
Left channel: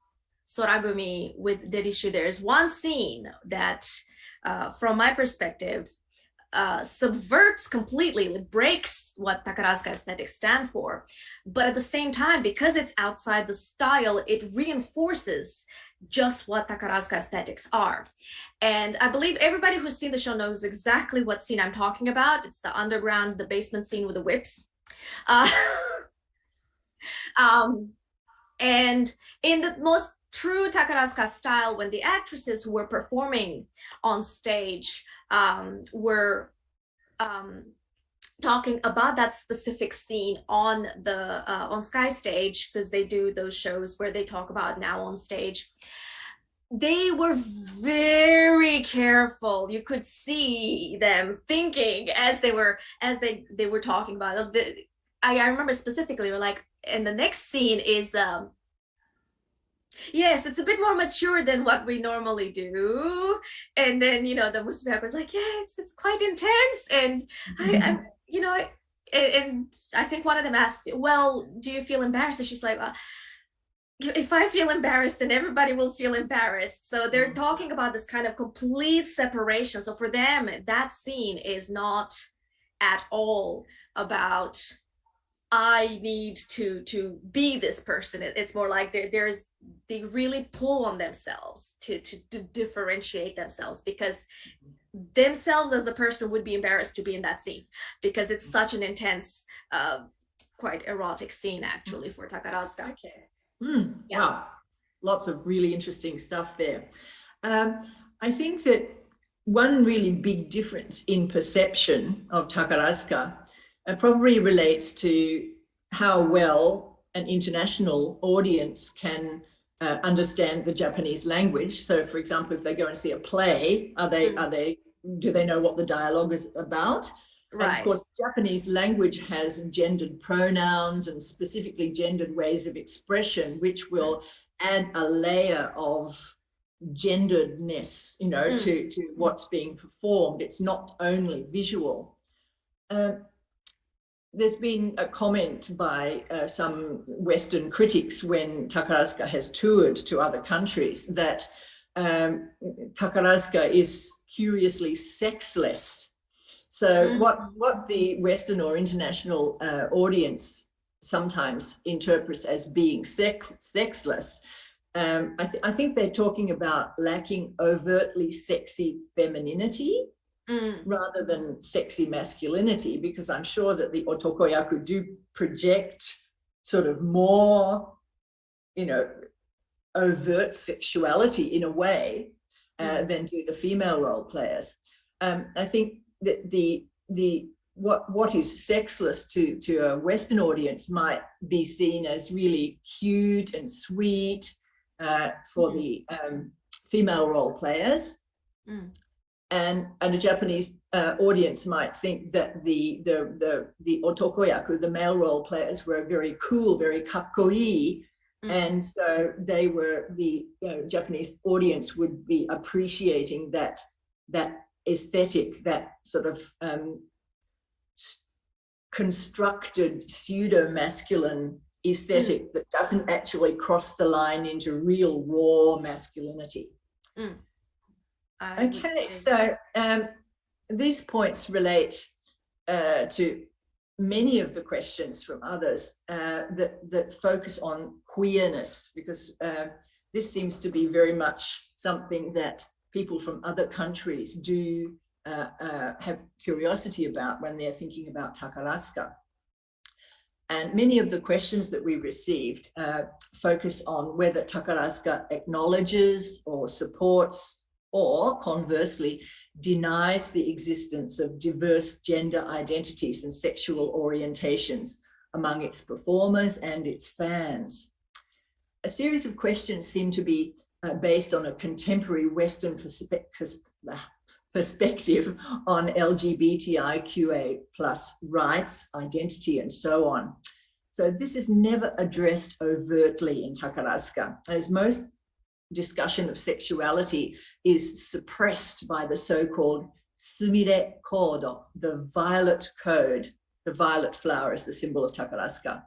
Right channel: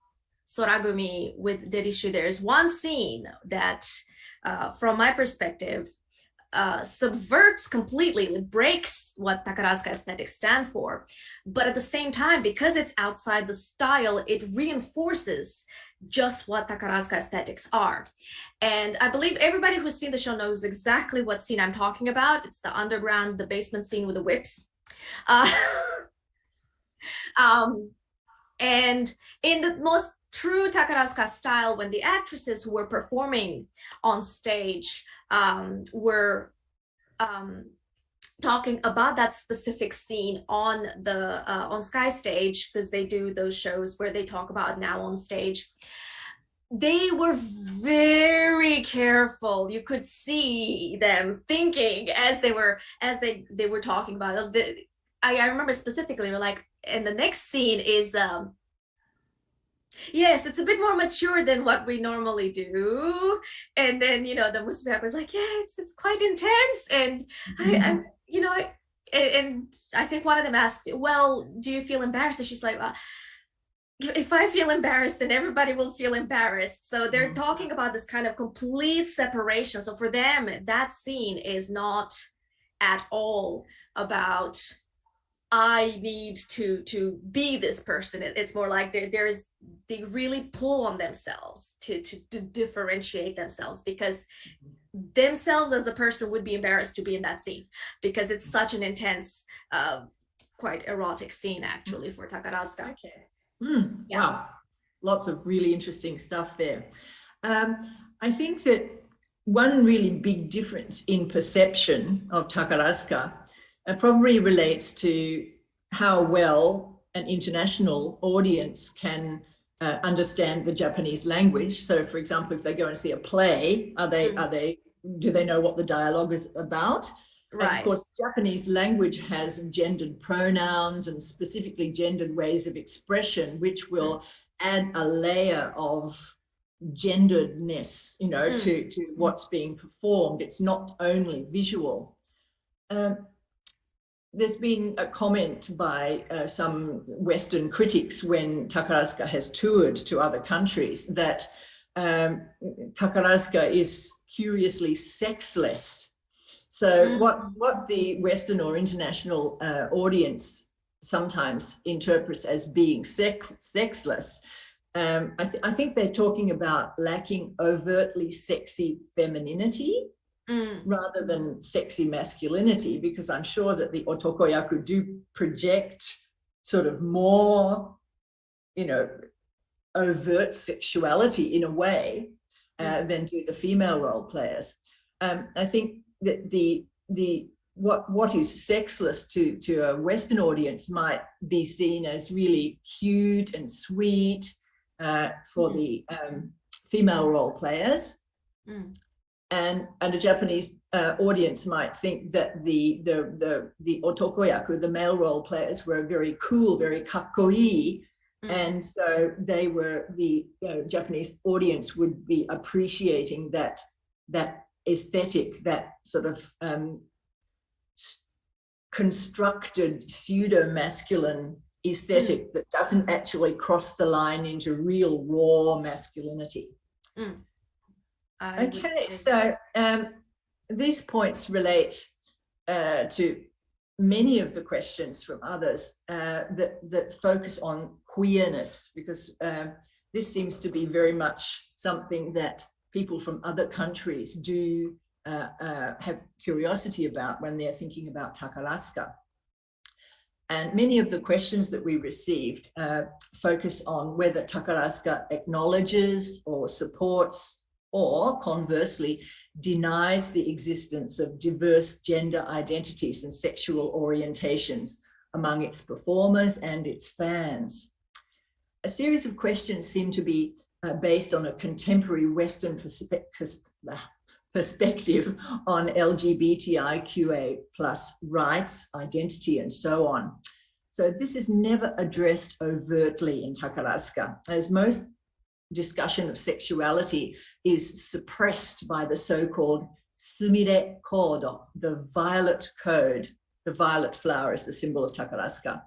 Soragumi with Derishu, there's one scene that from my perspective subverts completely, it breaks what Takarazuka aesthetics stand for, but at the same time, because it's outside the style, it reinforces just what Takarazuka aesthetics are. And I believe everybody who's seen the show knows exactly what scene I'm talking about. It's the underground, the basement scene with the whips. And in the most true Takarazuka style, when the actresses who were performing on stage were talking about that specific scene on the on Sky Stage, because they do those shows where they talk about now on stage, they were very careful. You could see them thinking as they were talking about it. I remember specifically, we're like, and the next scene is yes, it's a bit more mature than what we normally do. And then, you know, the Musbek was like, yeah, it's quite intense. And I you know, and I think one of them asked, well, do you feel embarrassed? And she's like, well, if I feel embarrassed, then everybody will feel embarrassed. So they're talking about this kind of complete separation. So for them, that scene is not at all about I need to be this person. It's more like they really pull on themselves to differentiate themselves, because themselves as a person would be embarrassed to be in that scene, because it's such an intense, quite erotic scene actually for Takarazuka. Okay. Yeah. Wow, lots of really interesting stuff there. I think that one really big difference in perception of Takarazuka probably relates to how well an international audience can understand the Japanese language. So, for example, if they go and see a play, do they know what the dialogue is about? Right. And of course, Japanese language has gendered pronouns and specifically gendered ways of expression, which will add a layer of genderedness, you know, to what's being performed. It's not only visual. There's been a comment by some Western critics when Takarazuka has toured to other countries that Takarazuka is curiously sexless. So what the Western or international audience sometimes interprets as being sexless, I think they're talking about lacking overtly sexy femininity rather than sexy masculinity, because I'm sure that the otokoyaku do project sort of more, you know, overt sexuality in a way than do the female role players. I think that what is sexless to a Western audience might be seen as really cute and sweet for the female role players, and a Japanese audience might think that the otokoyaku, the male role players, were very cool, very kakkoi. And so they were, the Japanese audience would be appreciating that aesthetic, that sort of constructed pseudo-masculine aesthetic that doesn't actually cross the line into real raw masculinity. Okay, so these points relate to many of the questions from others that focus on queerness, because this seems to be very much something that people from other countries do have curiosity about when they're thinking about Takarazuka. And many of the questions that we received focus on whether Takarazuka acknowledges or supports, or conversely denies the existence of diverse gender identities and sexual orientations among its performers and its fans. A series of questions seem to be based on a contemporary Western perspective on LGBTIQA+ rights, identity, and so on. So this is never addressed overtly in Takarazuka, as most discussion of sexuality is suppressed by the so-called sumire kodo, the violet code. The violet flower is the symbol of Takarazuka.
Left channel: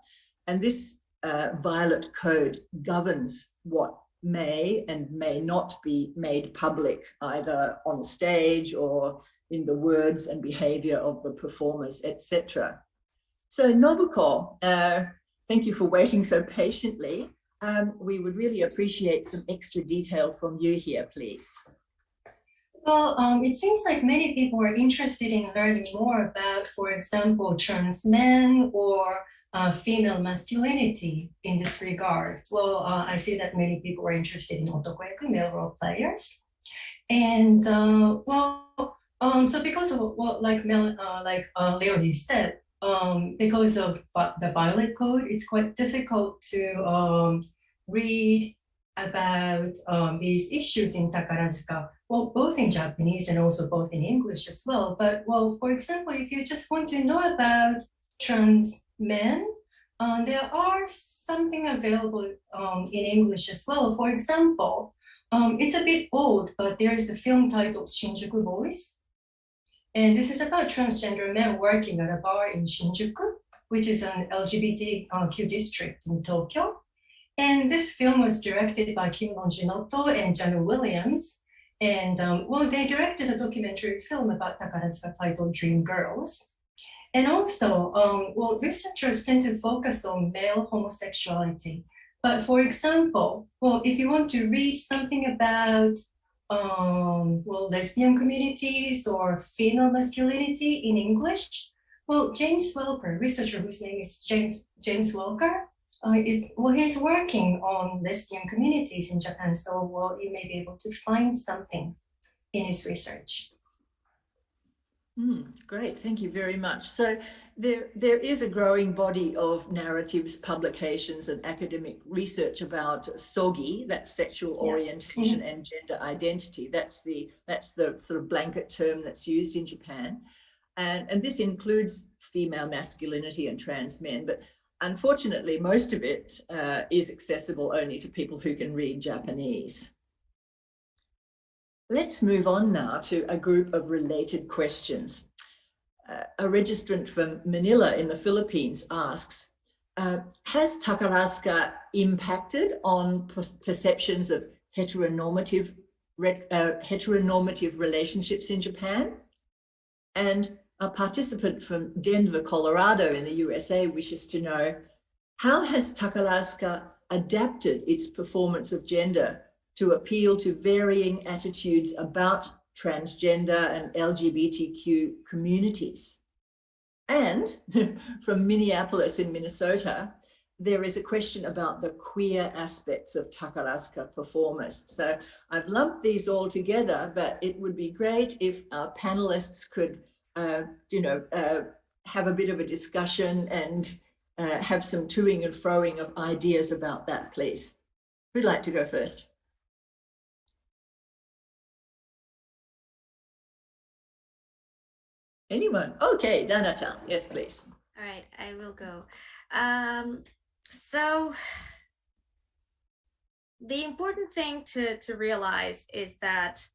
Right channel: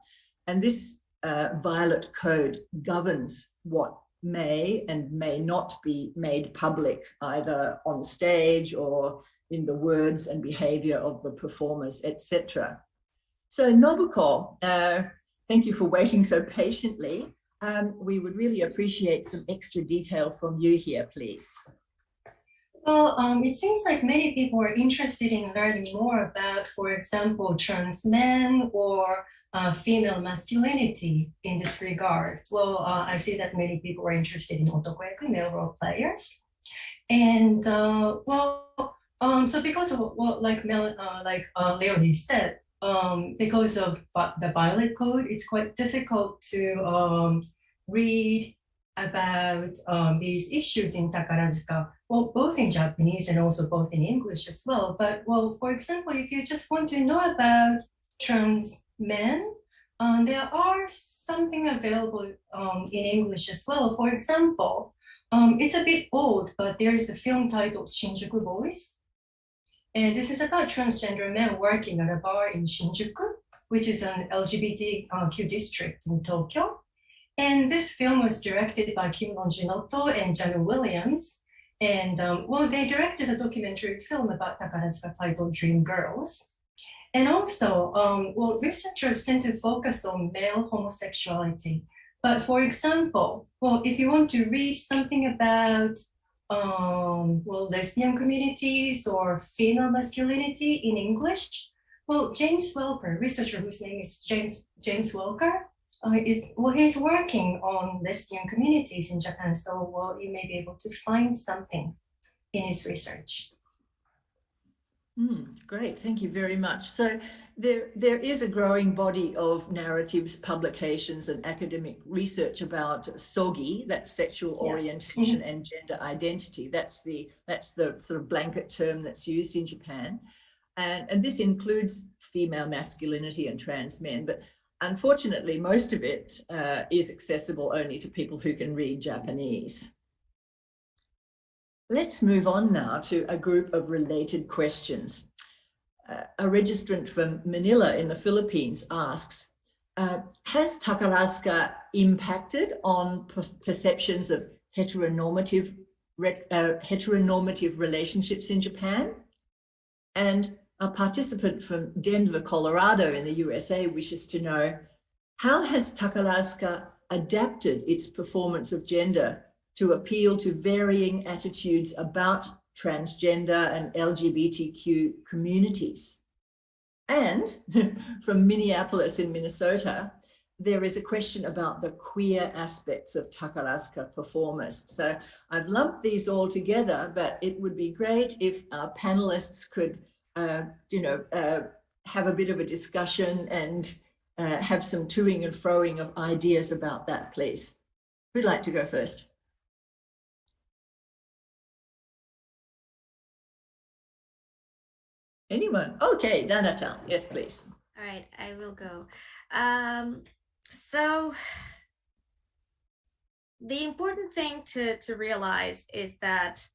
And this violet code governs what may and may not be made public, either on stage or in the words and behavior of the performers, etc. So Nobuko, thank you for waiting so patiently. We would really appreciate some extra detail from you here, please. Well, it seems like many people are interested in learning more about, for example, trans men or female masculinity in this regard. Well, I see that many people are interested in otokoyaku, male role players. And so because of what Leonie said, because of the violet code, it's quite difficult to read about these issues in Takarazuka, well, both in Japanese and also both in English as well. But well, for example, if you just want to know about trans men, there are something available in English as well. For example, it's a bit old, but there is a film titled Shinjuku Boys. And this is about transgender men working at a bar in Shinjuku, which is an LGBTQ district in Tokyo. And this film was directed by Kim Longinotto and Janu Williams. And well, they directed a documentary film about Takarazuka titled Dream Girls. And also, well, researchers tend to focus on male homosexuality. But for example, well, if you want to read something about well, lesbian communities or female masculinity in English, well, James Welker, researcher whose name is James Welker, he's working on lesbian communities in Japan. So, well, you may be able to find something in his research. Great, thank you very much. So there is a growing body of narratives, publications, and academic research about SOGI, that's sexual orientation and gender identity. That's the sort of blanket term that's used in Japan, and this includes female masculinity and trans men. But unfortunately, most of it is accessible only to people who can read Japanese. Let's move on now to a group of related questions. A registrant from Manila in the Philippines asks, has Takarazuka impacted on perceptions of heteronormative relationships in Japan? And a participant from Denver, Colorado in the USA wishes to know, how has Takarazuka adapted its performance of gender to appeal to varying attitudes about transgender and LGBTQ communities? And from Minneapolis in Minnesota, there is a question about the queer aspects of Takarazuka performers. So I've lumped these all together, but it would be great if our panelists could, have a bit of a discussion and have some toing and froing of ideas about that, please. Who'd like to go first? Anyone? Okay, Danata. Yes, please. All right, I will go. So the important thing to realize is that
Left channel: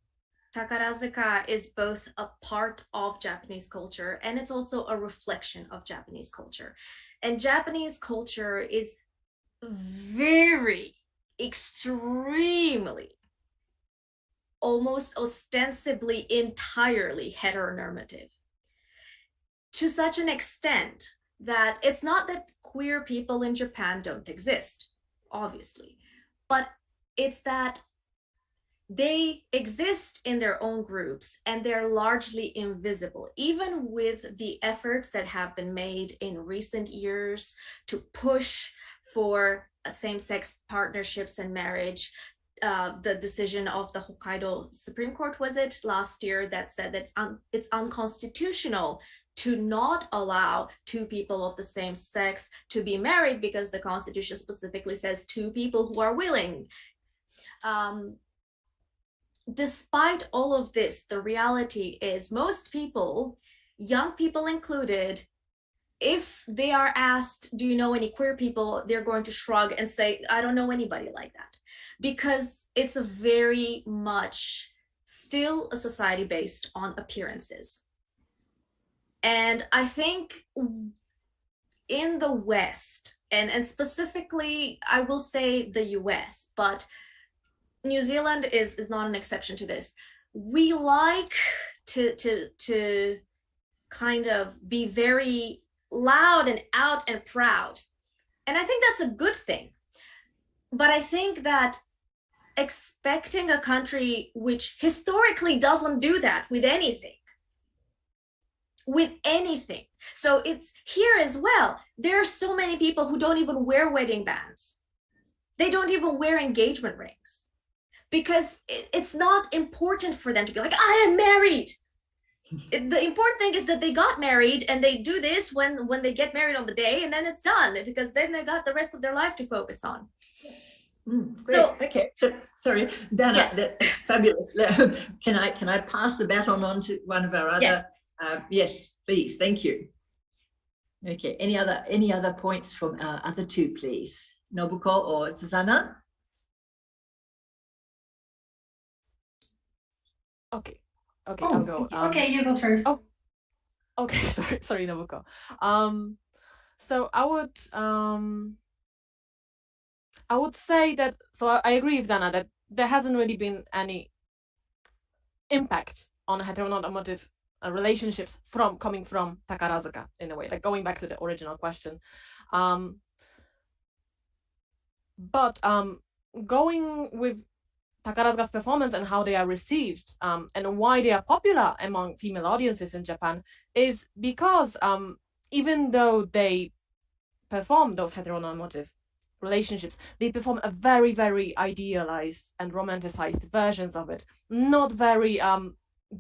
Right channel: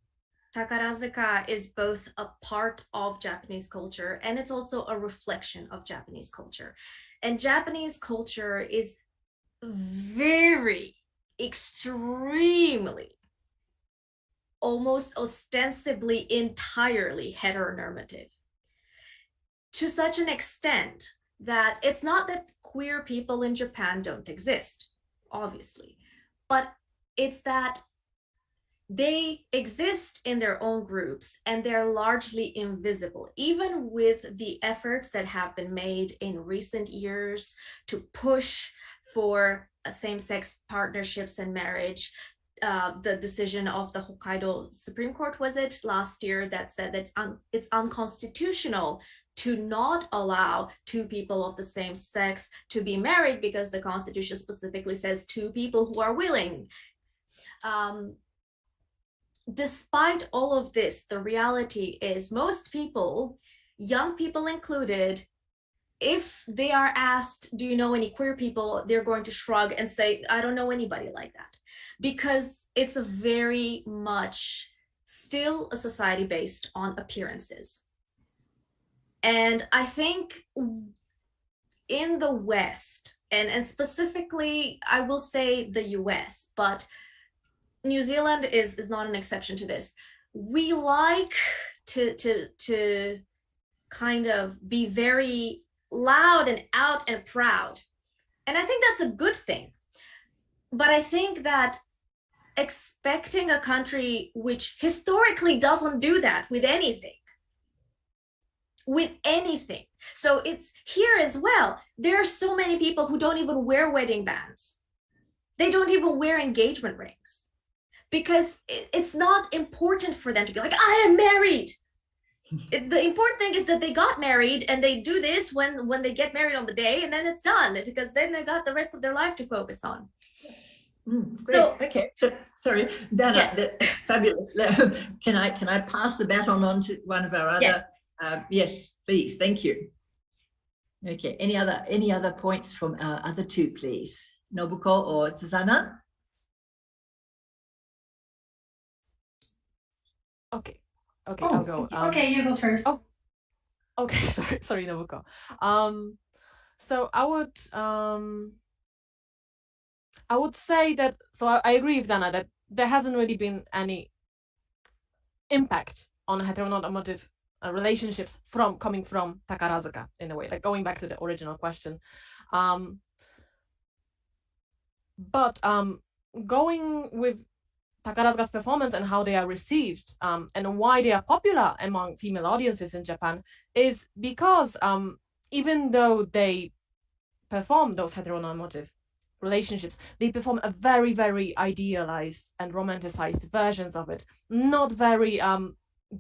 Takarazuka is both a part of Japanese culture and it's also a reflection of Japanese culture. And Japanese culture is very, extremely, almost ostensibly entirely heteronormative. To such an extent that it's not that queer people in Japan don't exist, obviously, but it's that they exist in their own groups and they're largely invisible, even with the efforts that have been made in recent years to push for same-sex partnerships and marriage. The decision of the Hokkaido Supreme Court, was it last year, that said that it's unconstitutional to not allow two people of the same sex to be married because the Constitution specifically says two people who are willing. Despite all of this, the reality is most people, young people included, if they are asked, do you know any queer people, they're going to shrug and say, I don't know anybody like that, because it's a very much still a society based on appearances. And I think in the West, and specifically, I will say the US, but New Zealand is not an exception to this. We like to kind of be very loud and out and proud. And I think that's a good thing. But I think that expecting a country which historically doesn't do that with anything, so it's here as well. There are so many people who don't even wear wedding bands. They don't even wear engagement rings because it's not important for them to be like, I am married. The important thing is that they got married, and they do this when they get married on the day, and then it's done, because then they got the rest of their life to focus on. Great. So- Okay. So sorry, Dana. Yes. That's fabulous. Can I pass the baton on to one of our other? Yes. Yes, please. Thank you. Okay. Any other points from our other two, please? Nobuko or Susanna? Okay, Oh, I'll go. okay, you go first. Oh, okay, sorry, Nobuko. So I would say that. So I agree with Dana that there hasn't really been any impact on heteronormative relationships coming from Takarazuka in a way, like going back to the original question. But going with Takarazuka's performance and how they are received and why they are popular among female audiences in Japan is because even though they perform those heteronormative relationships, they perform a very, very idealized and romanticized versions of it, not very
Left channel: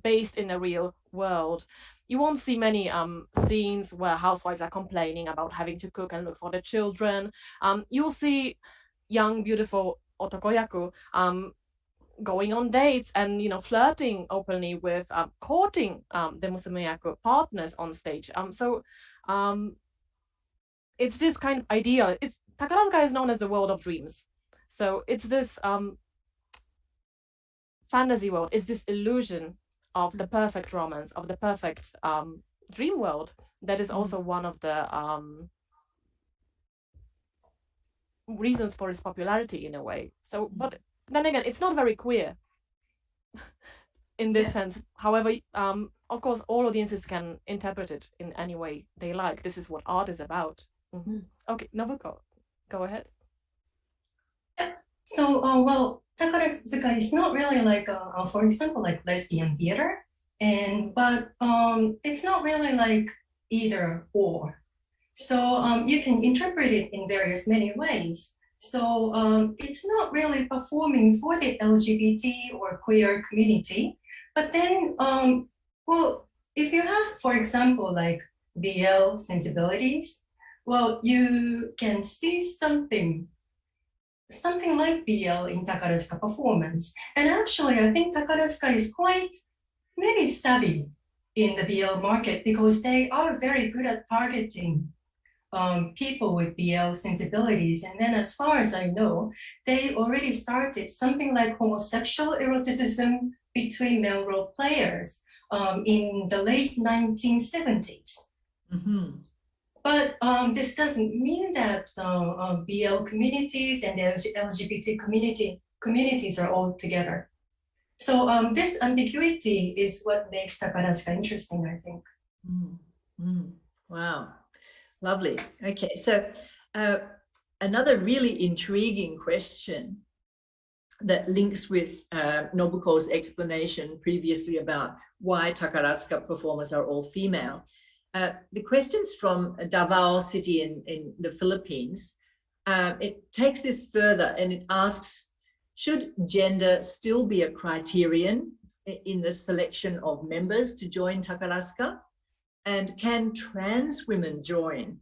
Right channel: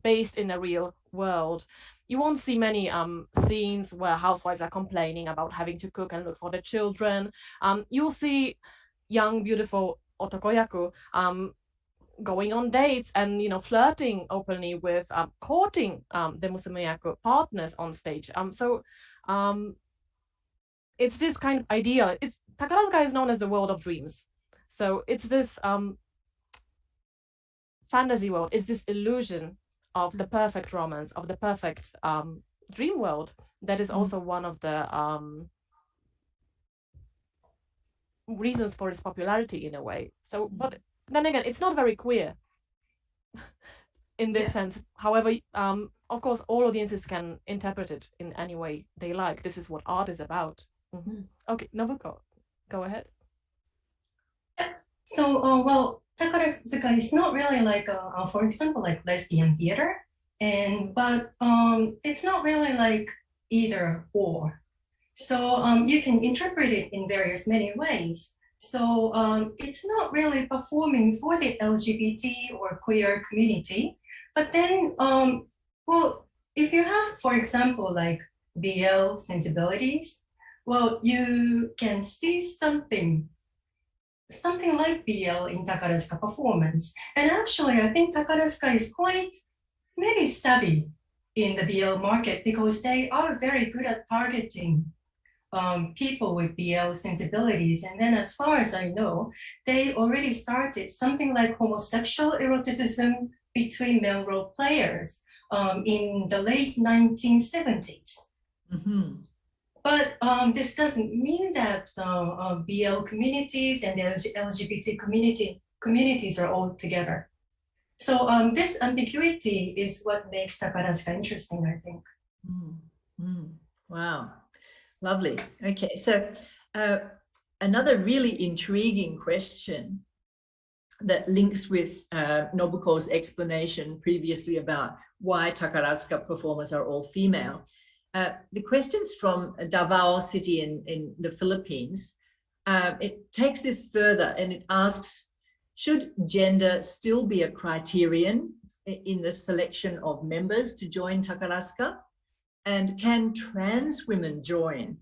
based in the real world. You won't see many scenes where housewives are complaining about having to cook and look for the children. You'll see young, beautiful otokoyaku going on dates and flirting openly with courting the musumeyaku partners on stage. It's this kind of ideal. Takarazuka is known as the world of dreams. So it's this fantasy world, is this illusion of the perfect romance, of the perfect dream world. That is also one of the reasons for its popularity in a way. So, but then again, it's not very queer in this sense. However, of course, all audiences can interpret it in any way they like. This is what art is about. Okay, Nobuko, go ahead. So, well, Takarazuka is not really like, for example, like lesbian theater, but it's not really like either or. So you can interpret it in many ways. So it's not really performing for the LGBT or queer community, but then, well, if you have, for example, like BL sensibilities, well, you can see something like BL in Takarazuka performance. And actually, I think Takarazuka is quite maybe savvy in the BL market because they are very good at targeting people with BL sensibilities. And then as far as I know, they already started something like homosexual eroticism between male role players in the late 1970s. But this doesn't mean that BL communities and the LGBT communities are all together. So this ambiguity is what makes Takarazuka interesting, I think. Wow, lovely. Okay, so another really intriguing question that links with Nobuko's explanation previously about why Takarazuka performers are all female. The question's from Davao City in the Philippines. It takes this further and it asks, should gender still be a criterion in the selection of members to join Takarazuka? And can trans women join?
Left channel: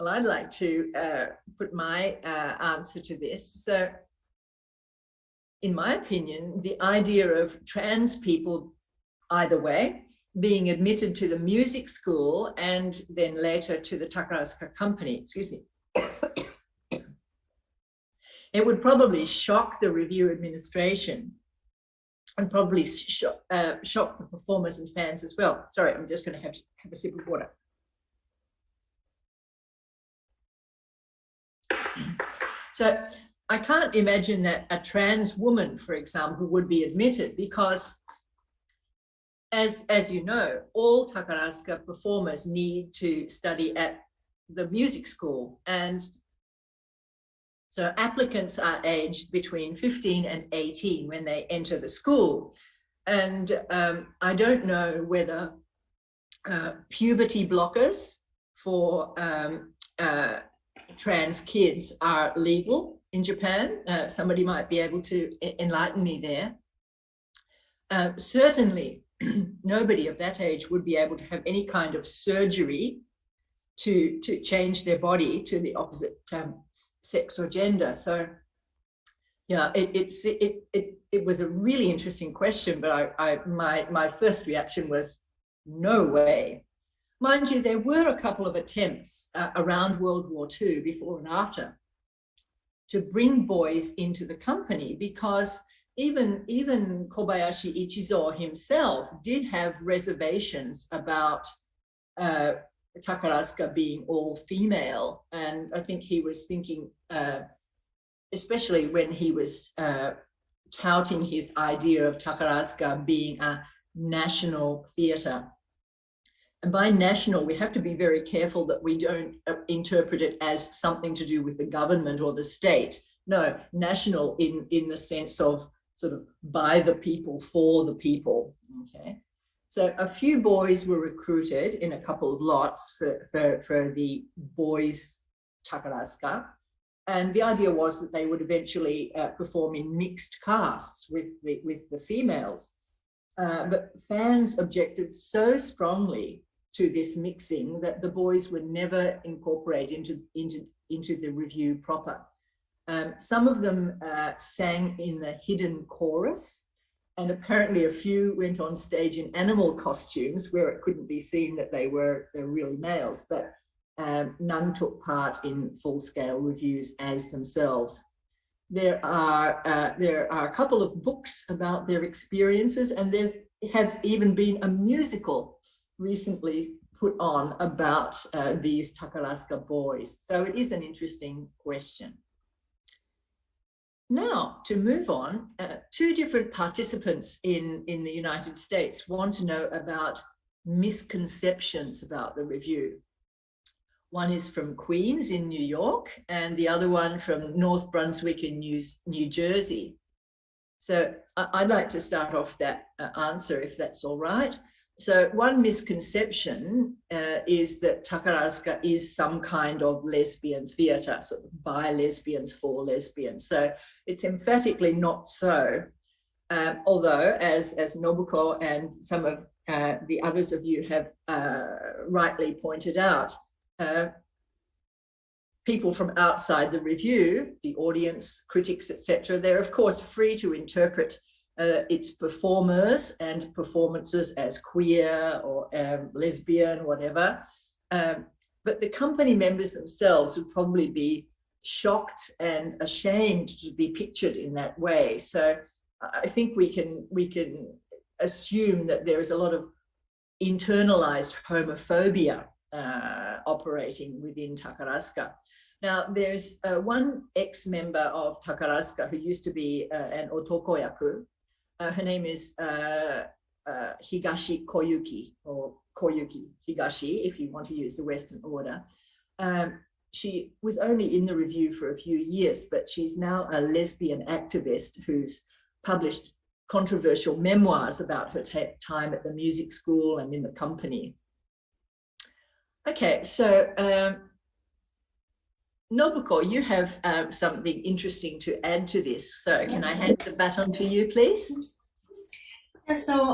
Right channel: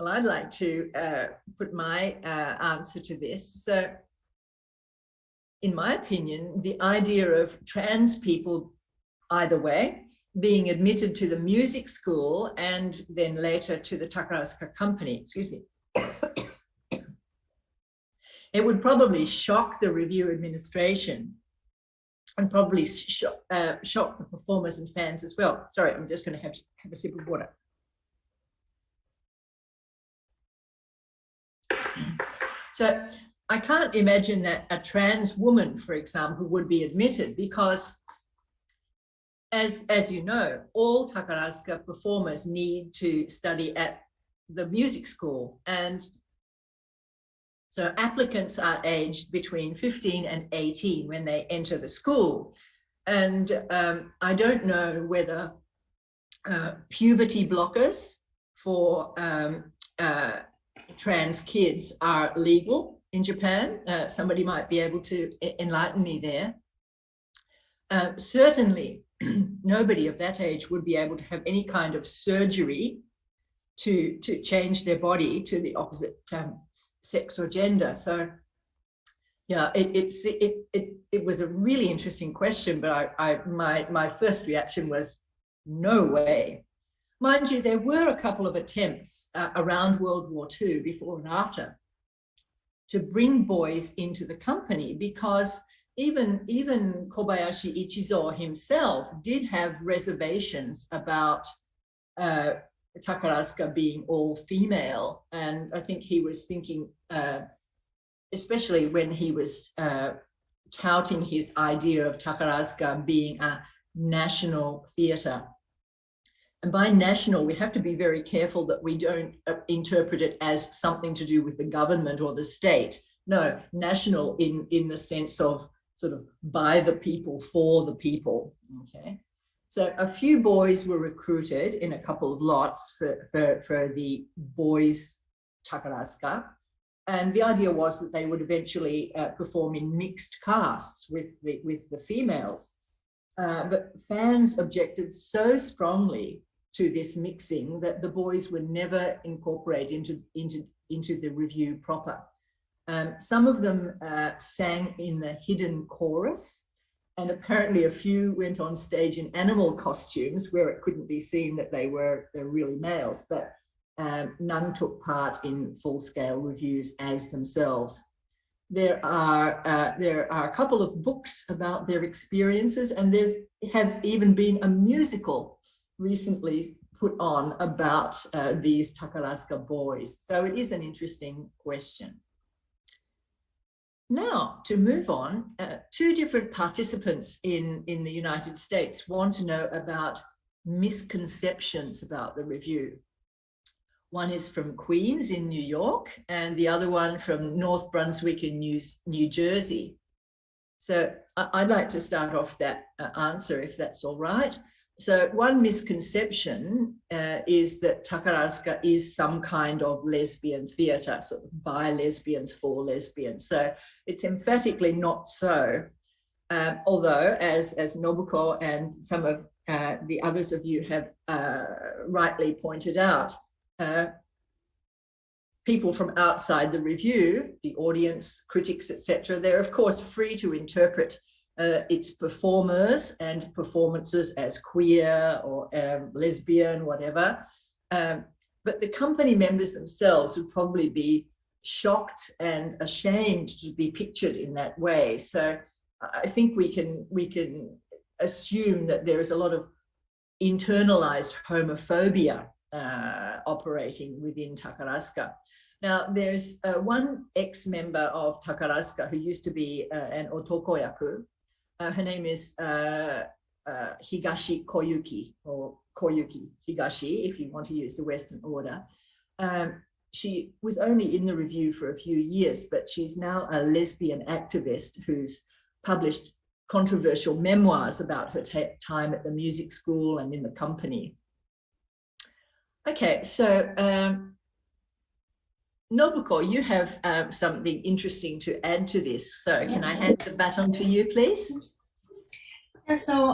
Well, I'd like to put my answer to this. So, in my opinion, the idea of trans people, either way, being admitted to the music school and then later to the Takarazuka company, excuse me, it would probably shock the review administration and probably shock the performers and fans as well. Sorry, I'm just going to have a sip of water. So I can't imagine that a trans woman, for example, would be admitted because, as you know, all Takarazuka performers need to study at the music school, and so applicants are aged between 15 and 18 when they enter the school. And I don't know whether puberty blockers for trans kids are legal in Japan. Somebody might be able to enlighten me there. Certainly, nobody of that age would be able to have any kind of surgery to change their body to the opposite sex or gender. So Yeah, it was a really interesting question, but my first reaction was no way. Mind you, there were a couple of attempts around World War II, before and after, to bring boys into the company, because even Kobayashi Ichizo himself did have reservations about Takarazuka being all female, and I think he was thinking, especially when he was touting his idea of Takarazuka being a national theatre. And by national, we have to be very careful that we don't interpret it as something to do with the government or the state. No, national in the sense of sort of by the people, for the people, okay? So a few boys were recruited in a couple of lots for the boys' Takarazuka. And the idea was that they would eventually perform in mixed casts with the females. But fans objected so strongly to this mixing that the boys were never incorporated into the review proper. Some of them sang in the hidden chorus, and apparently a few went on stage in animal costumes where it couldn't be seen that they're really males, but none took part in full-scale reviews as themselves. There are a couple of books about their experiences, and there has even been a musical recently put on about these Takarazuka boys. So it is an interesting question. Now, to move on, two different participants in the United States want to know about misconceptions about the review. One is from Queens in New York, and the other one from North Brunswick in New Jersey. So I'd like to start off that answer, if that's all right. So one misconception is that Takarazuka is some kind of lesbian theatre, sort of by lesbians for lesbians. So it's emphatically not so. Although, as Nobuko and some of the others of you have rightly pointed out, people from outside the review, the audience, critics, etc., they're of course free to interpret its performers and performances as queer or lesbian, whatever. But the company members themselves would probably be shocked and ashamed to be pictured in that way. So I think we can assume that there is a lot of internalized homophobia operating within Takarazuka. Now, there's one ex-member of Takarazuka who used to be an otokoyaku. Her name is Higashi Koyuki, or Koyuki Higashi, if you want to use the Western order. She was only in the review for a few years, but she's now a lesbian activist who's published controversial memoirs about her time at the music school and in the company. Okay, so Nobuko, you have something interesting to add to this. So can I hand the baton to you, please? Yeah, so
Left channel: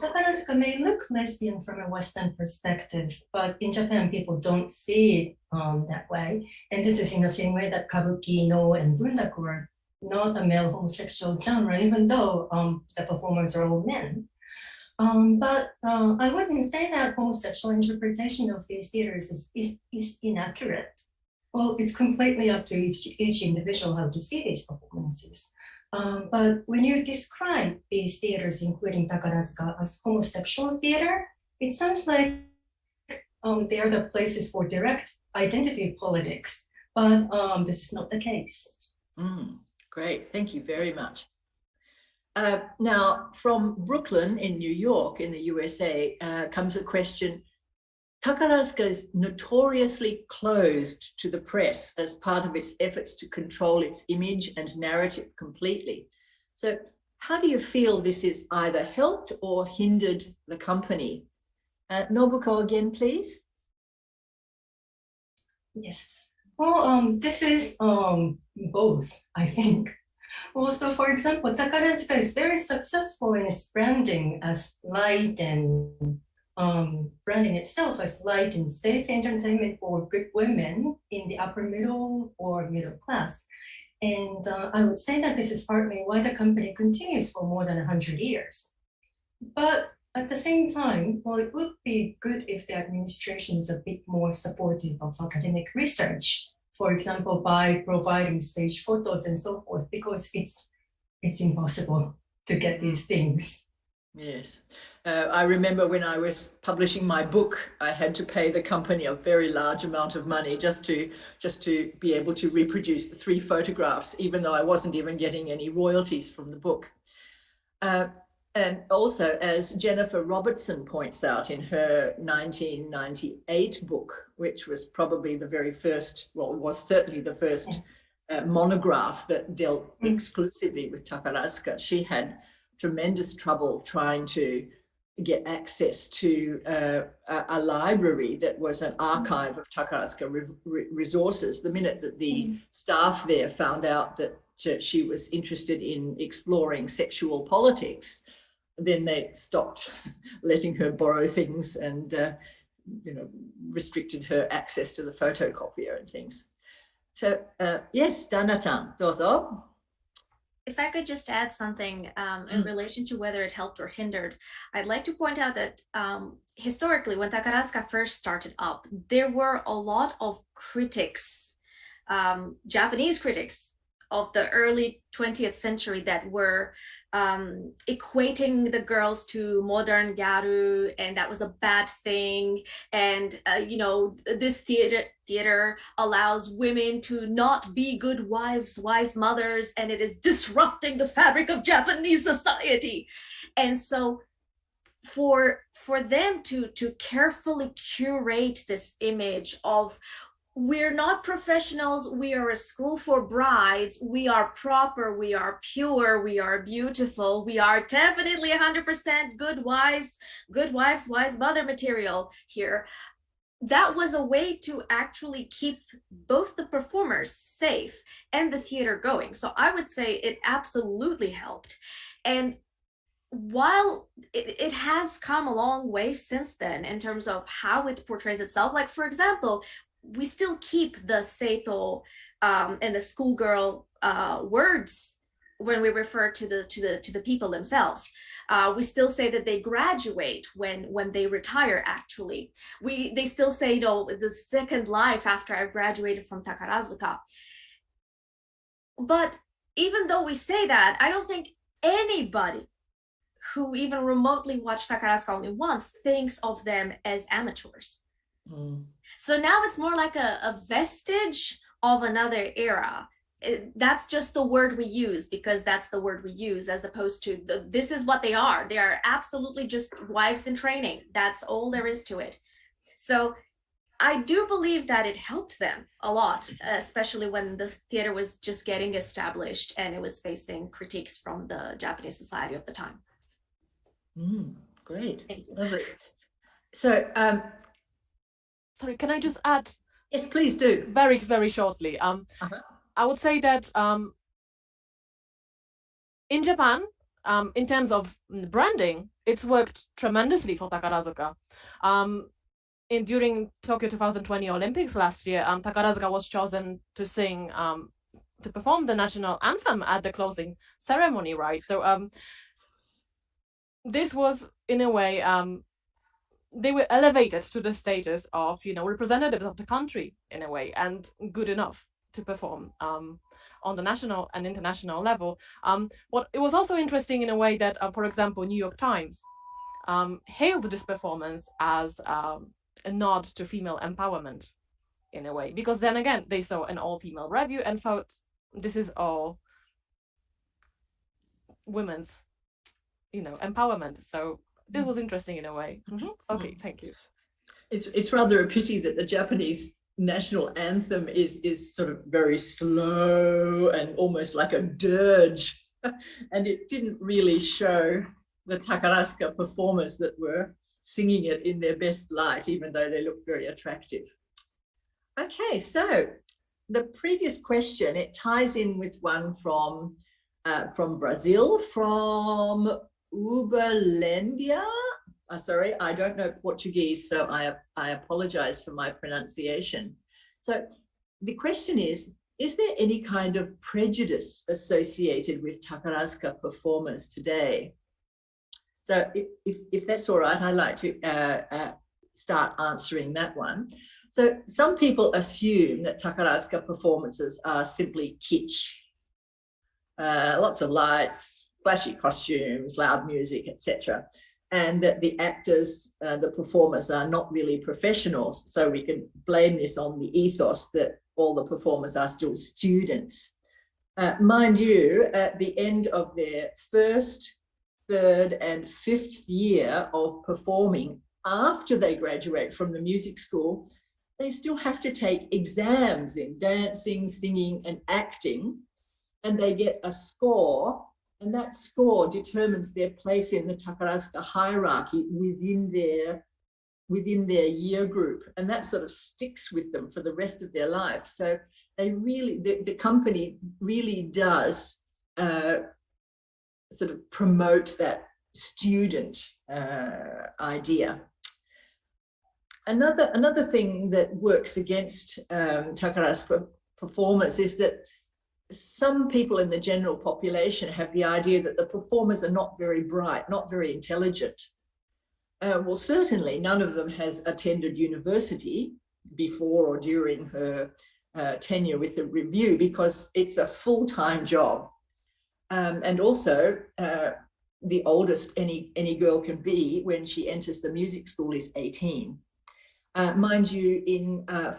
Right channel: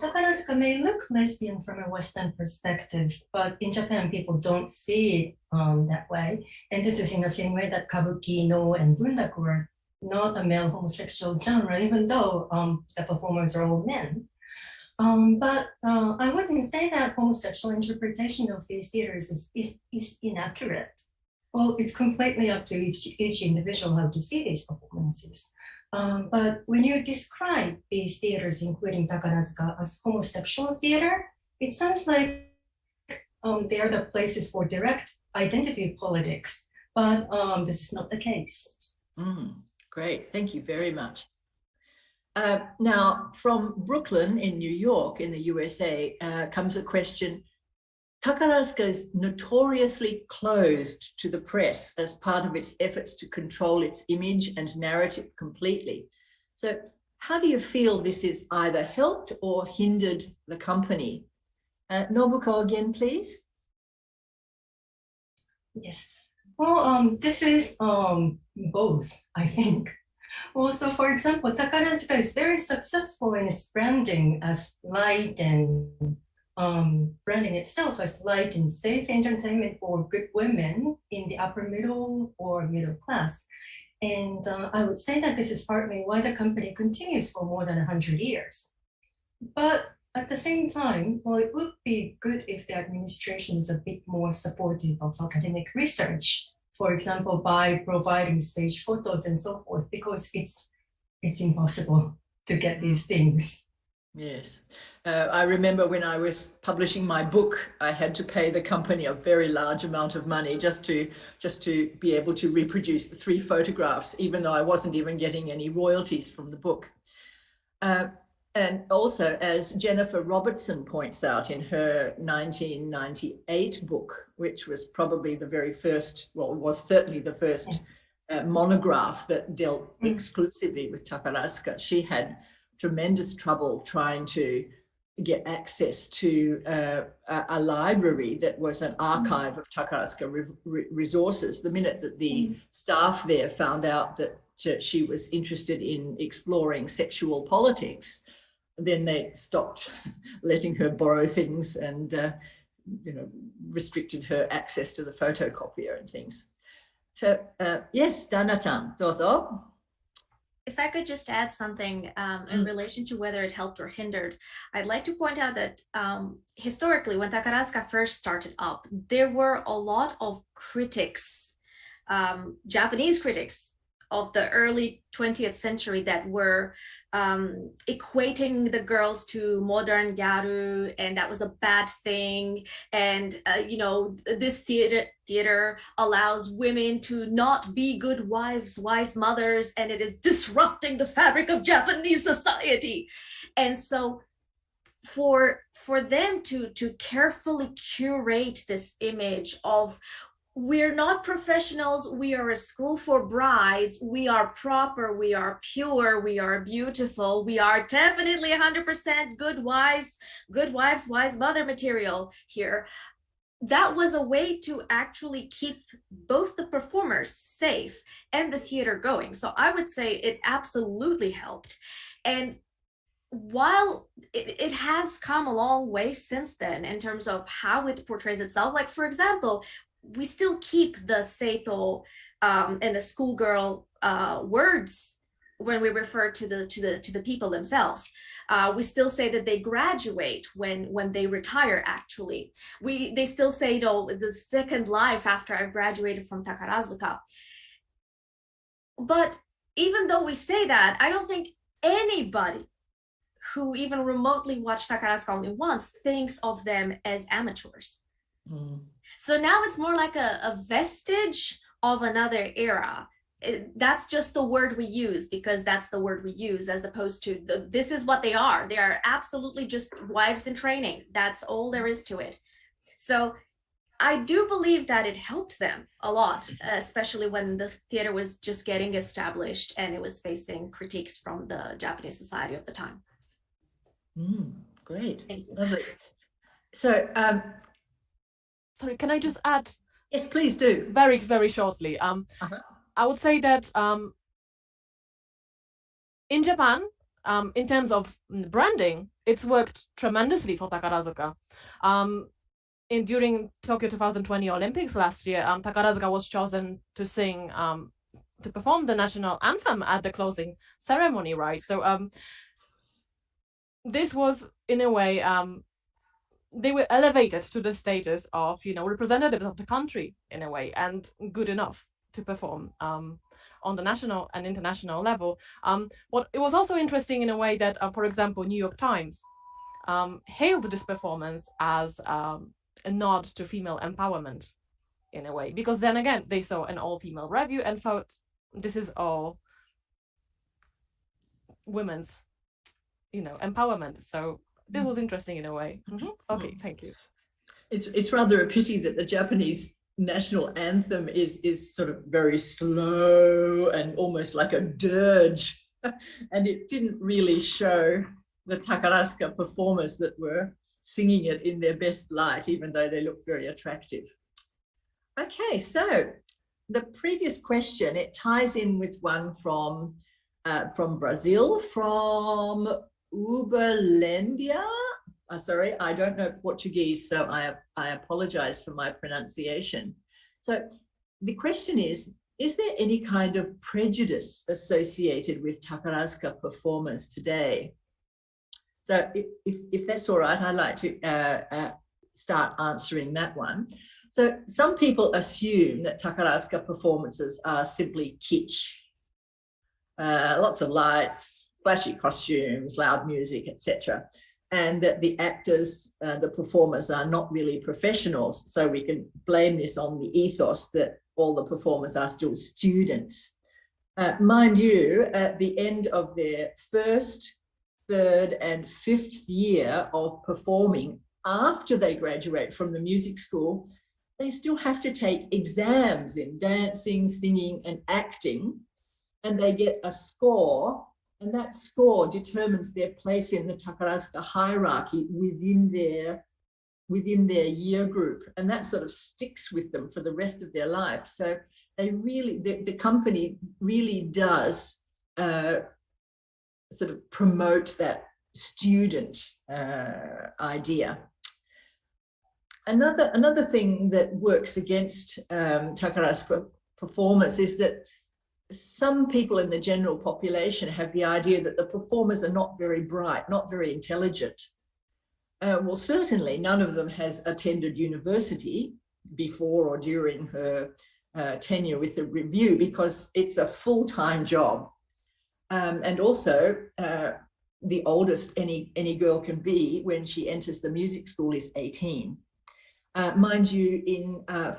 Takarazuka may look lesbian from a Western perspective, but in Japan, people don't see it that way. And this is in the same way that Kabuki, No, and Bunraku were not a male homosexual genre, even though the performers are all men. But I wouldn't say that homosexual interpretation of these theaters is inaccurate. Well, it's completely up to each individual how to see these performances. But when you describe these theaters, including Takarazuka, as homosexual theater, it sounds like they are the places for direct identity politics, but this is not the case. Great, thank you very much. Now, from Brooklyn in New York, in the USA, comes a question. Takarazuka is notoriously closed to the press as part of its efforts to control its image and narrative completely. So how do you feel this has either helped or hindered the company? Nobuko again, please. Yes. Well, this is both, I think. Well, so for example, Takarazuka is very successful in its branding as light and branding itself as light and safe entertainment for good women in the upper middle or middle class. And I would say that this is partly why the company continues for more than 100 years. But at the same time, well, it would be good if the administration is a bit more supportive of academic research, for example, by providing stage photos and so forth, because it's impossible to get these things. Yes. I remember when I was publishing my book, I had to pay the company a very large amount of money just to be able to reproduce the 3 photographs, even though I wasn't even getting any royalties from the book. And also, as Jennifer Robertson points out in her 1998 book, which was probably the very first, well, was certainly the first monograph that dealt exclusively with Takarazuka, she had tremendous trouble trying to get access to a library that was an archive of Takarazuka resources. The minute that the staff there found out that she was interested in exploring sexual politics, then they stopped letting her borrow things and restricted her access to the photocopier and things. So yes, Dana-chan, dozo. If I could just add something in relation to whether it helped or hindered, I'd like to point out that historically, when Takarazuka first started up, there were a lot of critics, Japanese critics of the early 20th century that were equating the girls to modern gyaru, and that was a bad thing. And, this theater allows women to not be good wives, wise mothers, and it is disrupting the fabric of Japanese society. And so for them to carefully curate this image of, we're not professionals, we are a school for brides, we are proper, we are pure, we are beautiful, we are definitely 100% good wives, wise mother material here. That was a way to actually keep both the performers safe and the theater going. So I would say it absolutely helped. And while it has come a long way since then in terms of how it portrays itself, like for example, we still keep the seito and the schoolgirl words when we refer to the people themselves. We still say that they graduate when they retire. Actually, they still say, the second life after I graduated from Takarazuka. But even though we say that, I don't think anybody who even remotely watched Takarazuka only once thinks of them as amateurs. So now it's more like a vestige of another era. That's just the word we use because that's the word we use, as opposed to this is what they are. They are absolutely just wives in training. That's all there is to it. So I do believe that it helped them a lot, especially when the theater was just getting established and it was facing critiques from the Japanese society of the time. Great. Thank you. Lovely. So, sorry, can I just add? Yes, please do. Very, very shortly. I would say that in Japan, in terms of branding, it's worked tremendously for Takarazuka. During Tokyo 2020 Olympics last year, Takarazuka was chosen to sing, to perform the national anthem at the closing ceremony, right? So this was, in a way, they were elevated to the status of, representatives of the country, in a way, and good enough to perform on the national and international level. It was also interesting in a way that, for example, New York Times hailed this performance as a nod to female empowerment, in a way, because then again, they saw an all-female review and thought, this is all women's, empowerment. So this was interesting in a way. Okay, thank you. It's rather a pity that the Japanese national anthem is sort of very slow and almost like a dirge, and it didn't really show the Takarazuka performers that were singing it in their best light, even though they looked very attractive. Okay, so the previous question, it ties in with one from Brazil, from Uberlândia. Sorry, I don't know Portuguese, so I apologize for my pronunciation. So the question is, is there any kind of prejudice associated with Takarazuka performers today? So if that's all right, I'd like to start answering that one. So some people assume that Takarazuka performances are simply kitsch. Lots of lights, flashy costumes, loud music, etc. And that the actors, the performers are not really professionals. So we can blame this on the ethos that all the performers are still students. Mind you, at the end of their first, third and fifth year of performing, after they graduate from the music school, they still have to take exams in dancing, singing and acting, and they get a score, and that score determines their place in the Takarazuka hierarchy within their year group, and that sort of sticks with them for the rest of their life. So they really, the company really does sort of promote that student idea. Another thing that works against Takarazuka performers is that some people in the general population have the idea that the performers are not very bright, not very intelligent. Well, certainly none of them has attended university before or during her tenure with the Revue, because it's a full-time job. And also, the oldest any girl can be when she enters the music school is 18. Mind you,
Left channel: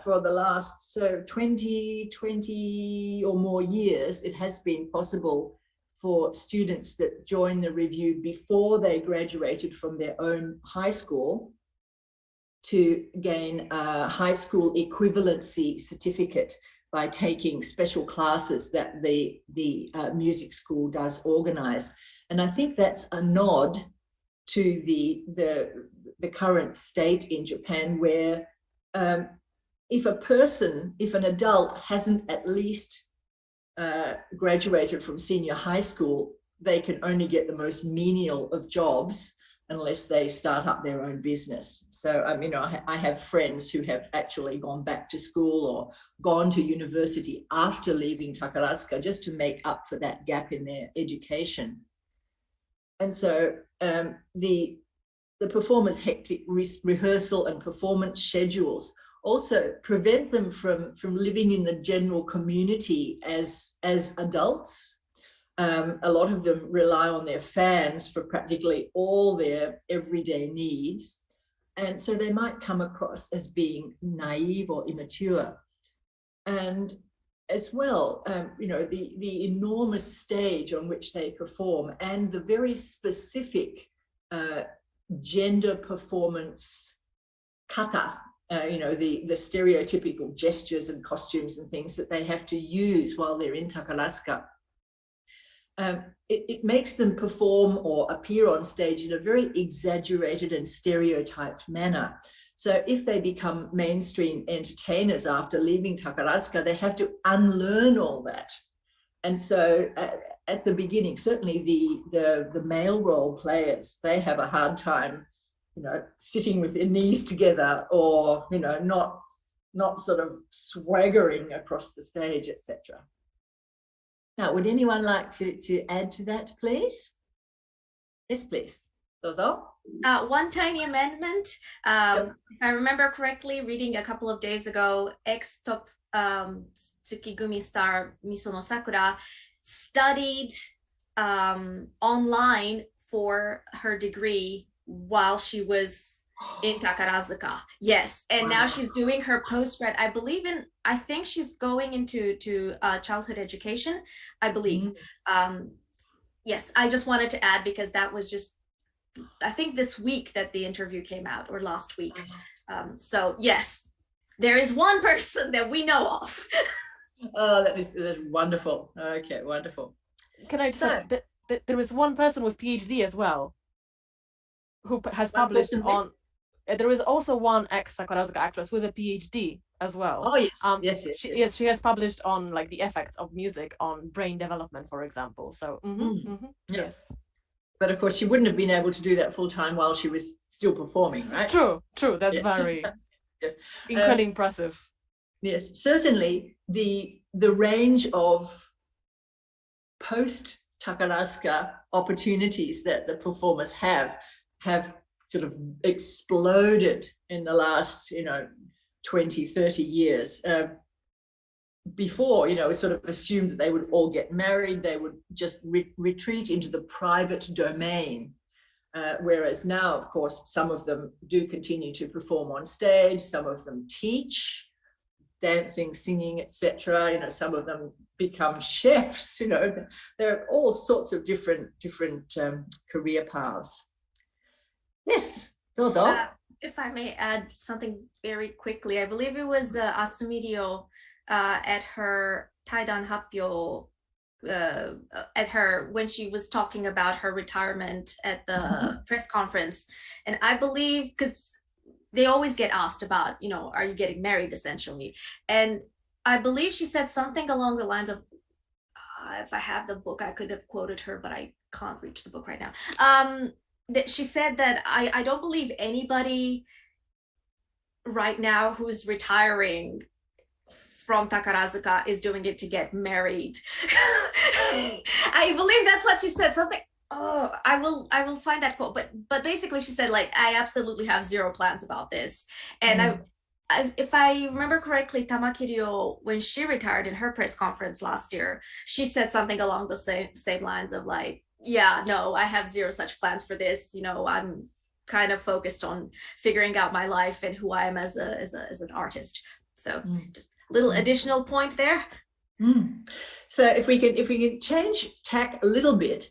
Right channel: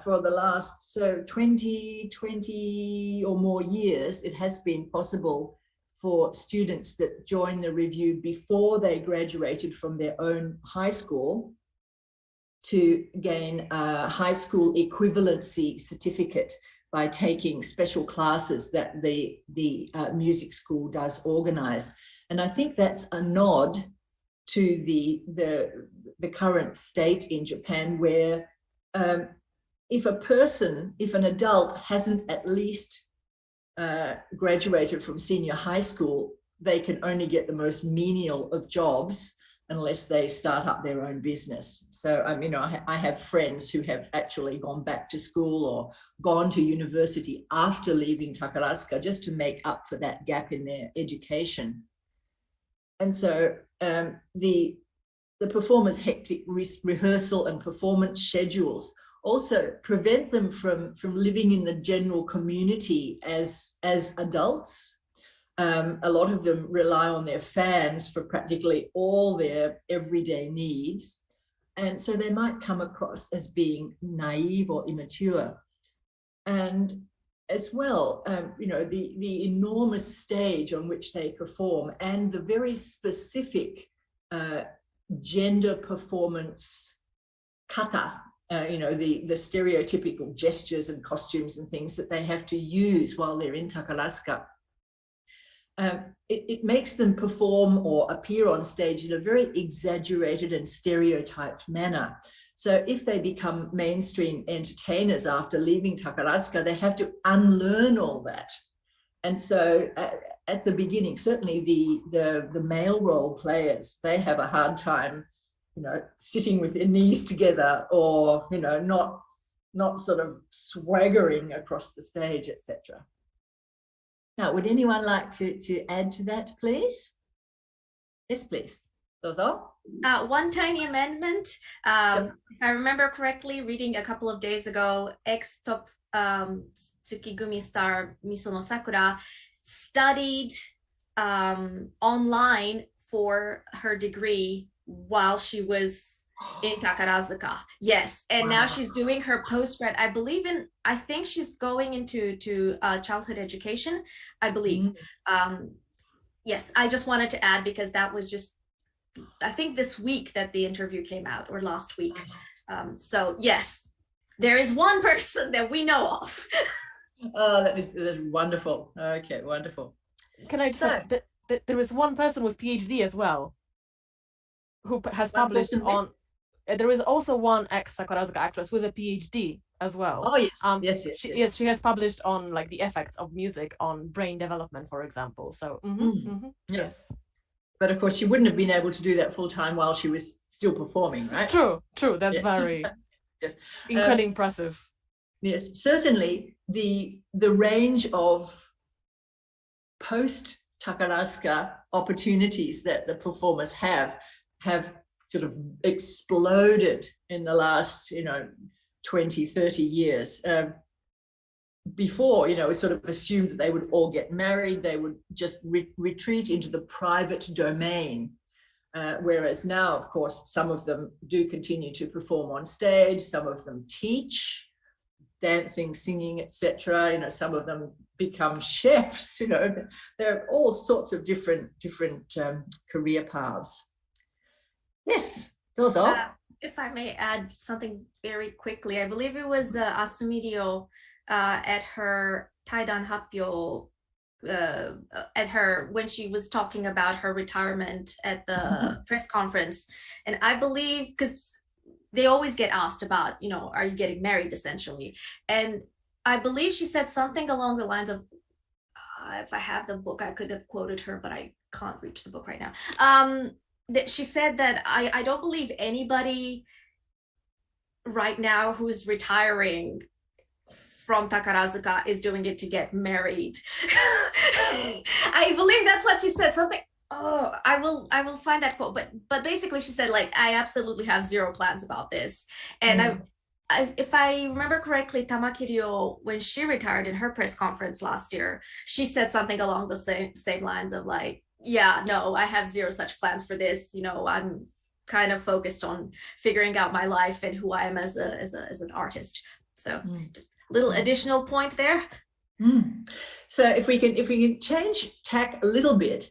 for the last 20 or more years, it has been possible for students that join the Revue before they graduated from their own high school to gain a high school equivalency certificate by taking special classes that the music school does organize. And I think that's a nod to the current state in Japan, where if an adult hasn't at least graduated from senior high school, they can only get the most menial of jobs unless they start up their own business. So I have friends who have actually gone back to school or gone to university after leaving Takarazuka just to make up for that gap in their education. And so the performers' hectic rehearsal and performance schedules also prevent them from living in the general community as adults. A lot of them rely on their fans for practically all their everyday needs. And so they might come across as being naive or immature. And as well, the enormous stage on which they perform and the very specific gender performance kata, the stereotypical gestures and costumes and things that they have to use while they're in Takarazuka. It makes them perform or appear on stage in a very exaggerated and stereotyped manner. So if they become mainstream entertainers after leaving Takarazuka, they have to unlearn all that. And so at the beginning, certainly the male role players, they have a hard time, sitting with their knees together or, not sort of swaggering across the stage, etc. Now, would anyone like to add to that, please? Yes, please. Dozo? One tiny amendment. If I remember correctly, reading a couple of days ago, ex-top Tsukigumi star Misono Sakura studied online for her degree while she was in Takarazuka. Yes, and now she's doing her postgrad. I think she's going into childhood education, I believe. Yes, I just wanted to add because that was just, I think this week that the interview came out, or last week. So yes, there is one person that we know of. Oh, that's wonderful. Okay, wonderful. Can I say that there is one person with PhD as well who has published on. There is also one ex-Takarazuka actress with a PhD as well. Oh yes, yes. She has published on like the effects of music on brain development, for example. So yes. But of course, she wouldn't have been able to do that full time while she was still performing, right? True. That's very incredibly impressive. Yes, certainly the range of post Takarazuka opportunities that the performers have sort of exploded in the last 20, 30 years. Before, it was sort of assumed that they would all get married, they would just retreat into the private domain. Whereas now, of course, some of them do continue to perform on stage, some of them teach, dancing, singing, etc. Some of them become chefs. There are all sorts of different career paths. Yes, those are. If I may add something very quickly, I believe it was Asumirio at her Taidan Happyo, when she was talking about her retirement at the press conference. And I believe, because they always get asked about, are you getting married, essentially. And I believe she said something along the lines of, if I have the book, I could have quoted her, but I can't reach the book right now. That she said that I don't believe anybody right now who's retiring from Takarazuka is doing it to get married. I believe that's what she said. Something. Oh, I will find that quote. But basically, she said, like, I absolutely have zero plans about this. And if I remember correctly, Tamakirio, when she retired in her press conference last year, she said something along the same lines of like, yeah, no, I have zero such plans for this. I'm kind of focused on figuring out my life and who I am as an artist. So just a little additional point there. So if we can change tack a little bit,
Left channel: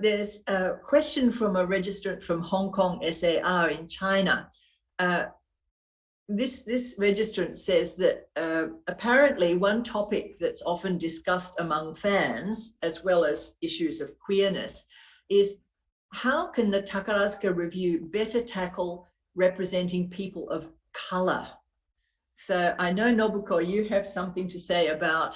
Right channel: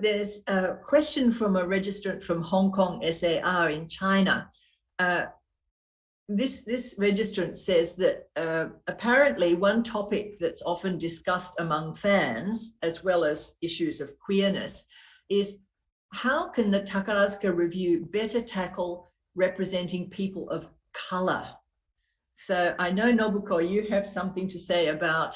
there's a question from a registrant from Hong Kong SAR in China. This registrant says that apparently one topic that's often discussed among fans, as well as issues of queerness, is how can the Takarazuka Revue better tackle representing people of color? So I know, Nobuko, you have something to say about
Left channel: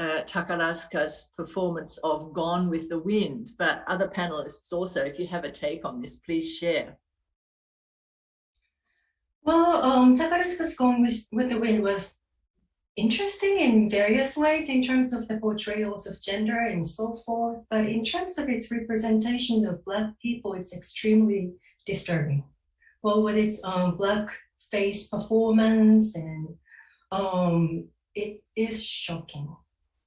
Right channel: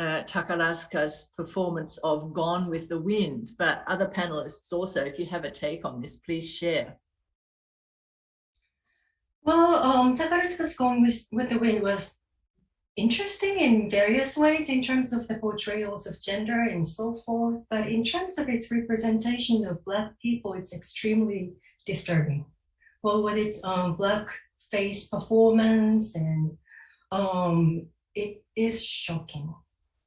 Takarazuka's performance of Gone with the Wind, but other panelists also, if you have a take on this, please share. Well, Takarazuka's Gone with the Wind was interesting in various ways in terms of the portrayals of gender and so forth, but in terms of its representation of Black people, it's extremely disturbing. Well, with its Black face performance, and it is shocking.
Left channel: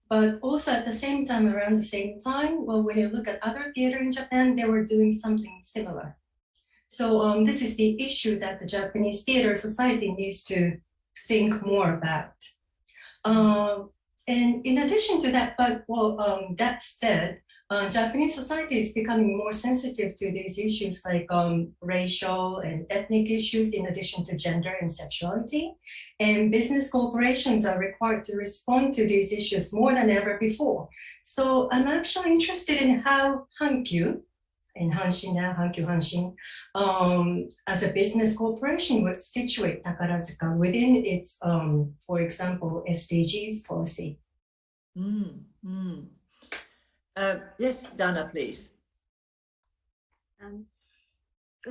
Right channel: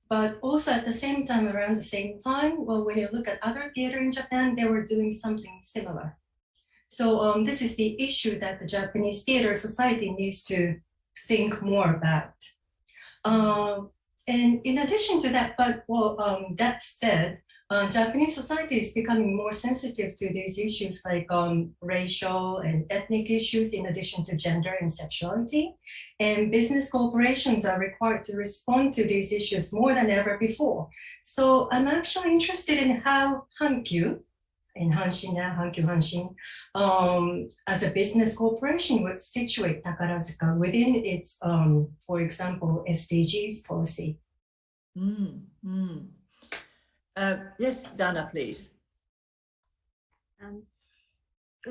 But also at the same time, around the same time, well, when you look at other theater in Japan, they were doing something similar. So this is the issue that the Japanese Theater Society needs to think more about. And in addition to that, that said, Japanese society is becoming more sensitive to these issues like racial and ethnic issues, in addition to gender and sexuality. And business corporations are required to respond to these issues more than ever before. So I'm actually interested in how Hankyu, and Hanshin now, Hankyu Hanshin, as a business corporation would situate Takarazuka within its, for example, SDGs policy. Yes, Dana, please.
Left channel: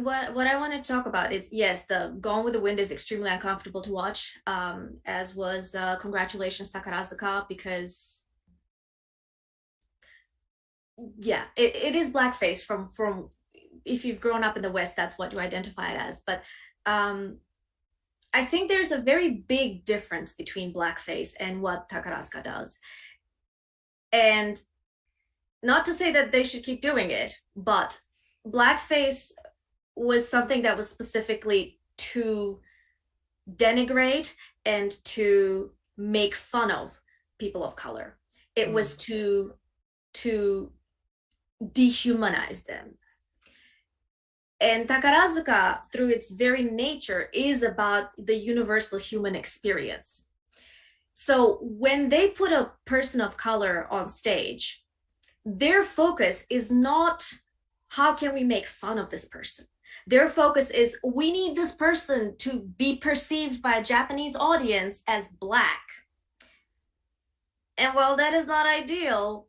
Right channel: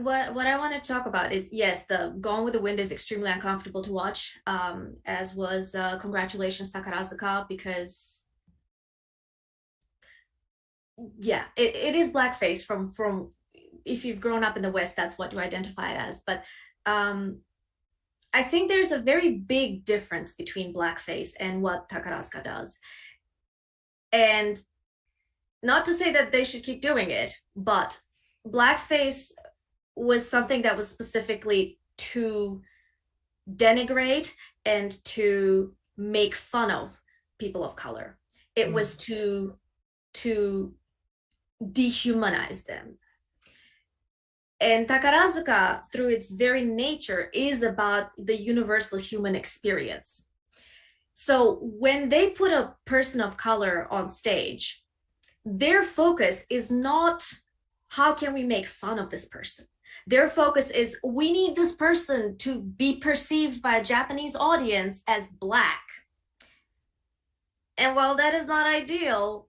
What I want to talk about is, yes, the Gone with the Wind is extremely uncomfortable to watch, as was congratulations Takarazuka, because yeah, it is blackface from if you've grown up in the West, that's what you identify it as. But I think there's a very big difference between blackface and what Takarazuka does. And not to say that they should keep doing it, but blackface was something that was specifically to denigrate and to make fun of people of color. It was to dehumanize them. And Takarazuka, through its very nature, is about the universal human experience. So when they put a person of color on stage, their focus is not how can we make fun of this person. Their focus is we need this person to be perceived by a Japanese audience as Black. And while that is not ideal,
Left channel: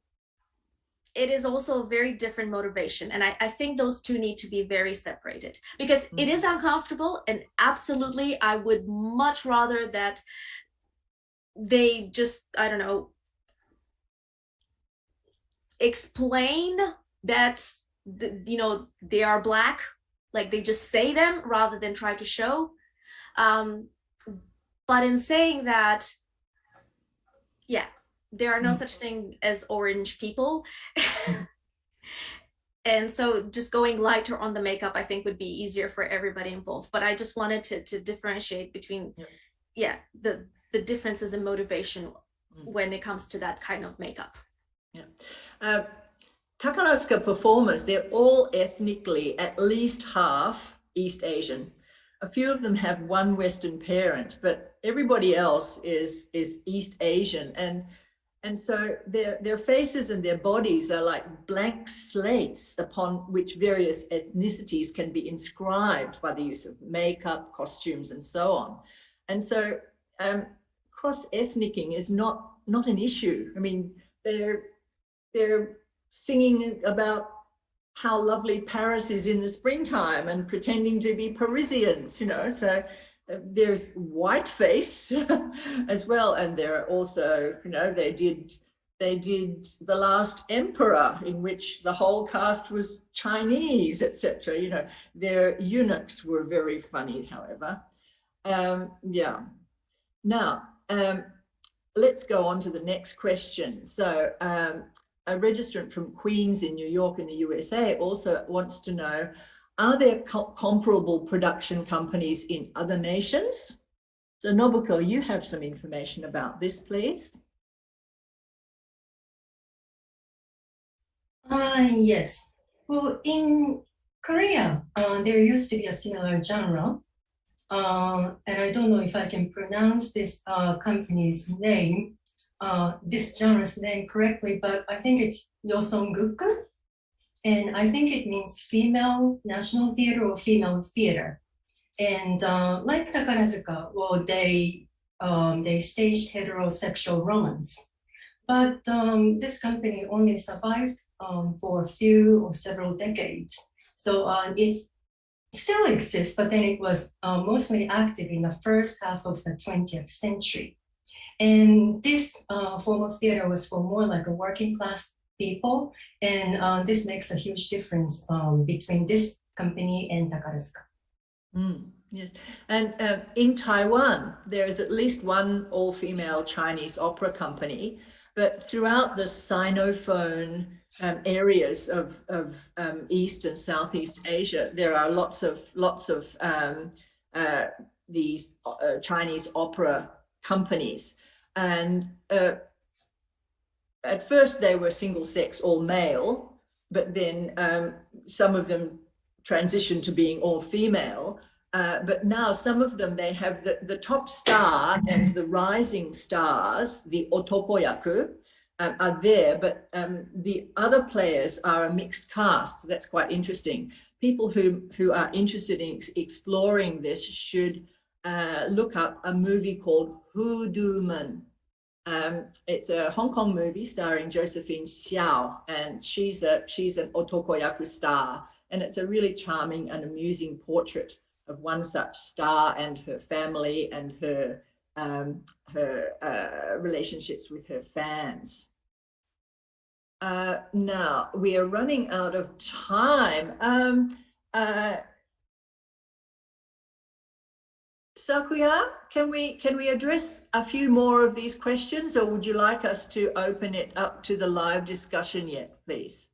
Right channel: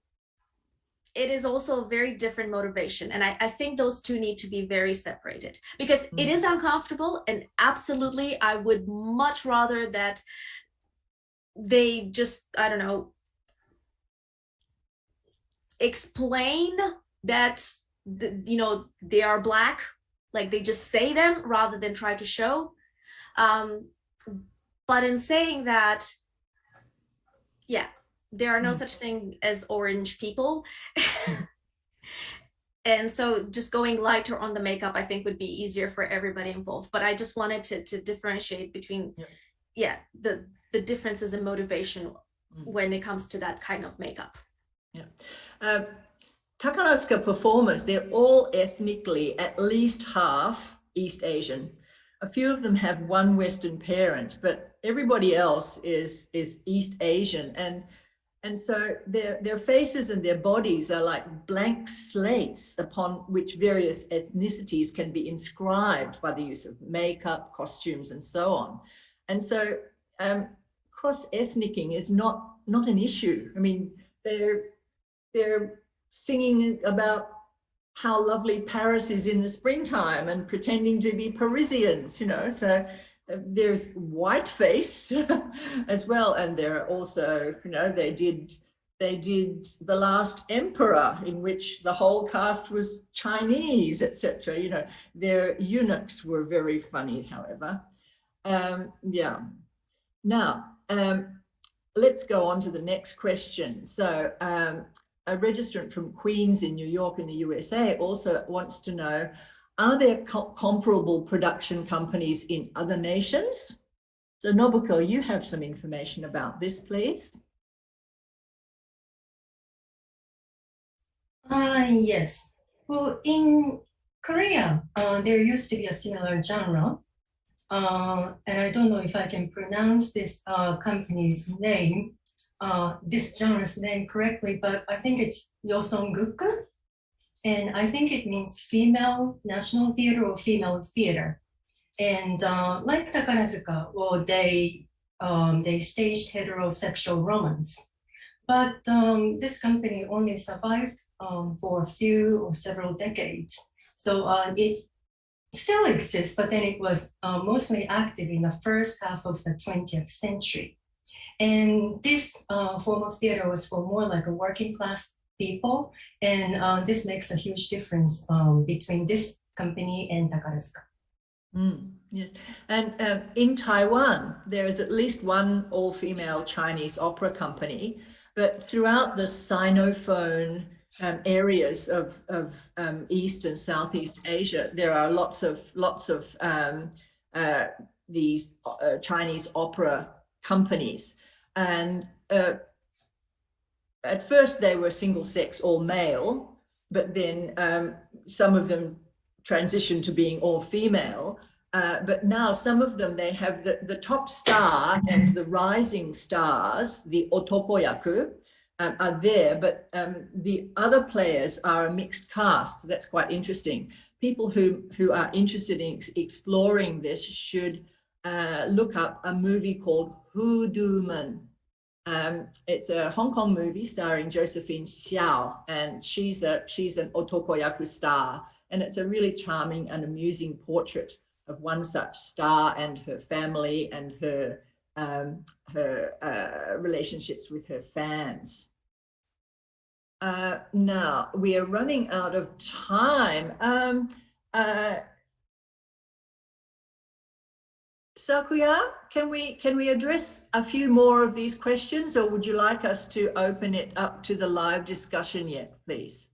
it is also a very different motivation. And I think those two need to be very separated, because it is uncomfortable. And absolutely, I would much rather that they just, I don't know, explain that they are Black, like they just say them rather than try to show. But in saying that, yeah, there are no such thing as orange people. And so just going lighter on the makeup, I think, would be easier for everybody involved. But I just wanted to differentiate between the differences in motivation when it comes to that kind of makeup. Takarazuka performers, they're all ethnically at least half East Asian. A few of them have one Western parent, but everybody else is East Asian. And so their faces and their bodies are like blank slates upon which various ethnicities can be inscribed by the use of makeup, costumes, and so on. And so cross-ethnicing is not an issue. I mean, they're singing about how lovely Paris is in the springtime and pretending to be Parisians, so there's whiteface as well. And there are also, they did The Last Emperor, in which the whole cast was Chinese, etc. Their eunuchs were very funny, however. Now, let's go on to the next question. So a registrant from Queens in New York in the USA also wants to know, are there comparable production companies in other nations? So Nobuko, you have some information about this, please. Yes. Well, in Korea, there used to be a similar genre. And I don't know if I can pronounce this company's name, this genre's name correctly, but I think it's Yosonguk. And I think it means female national theater or female theater. And like Takarazuka, well, they staged heterosexual romance. But this company only survived for a few or several decades. So it still exists, but then it was mostly active in the first half of the 20th century. And this form of theater was for more like a working class people. And this makes a huge difference between this company and Takarazuka. Yes, and in Taiwan, there is at least one all-female Chinese opera company, but throughout the Sinophone areas of East and Southeast Asia, there are lots of these Chinese opera companies. And at first they were single sex, all male, but then some of them transitioned to being all female. But now some of them, they have the top star and the rising stars, the otokoyaku, are there, but the other players are a mixed cast. That's quite interesting. People who are interested in exploring this should look up a movie called Hoodooman. It's a Hong Kong movie starring Josephine Xiao, and she's an otokoyaku star, and it's a really charming and amusing portrait of one such star and her family and her relationships with her fans. Now we are running out of time. Sakuya, can we address a few more of these questions, or would you like us to open it up to the live discussion yet, please?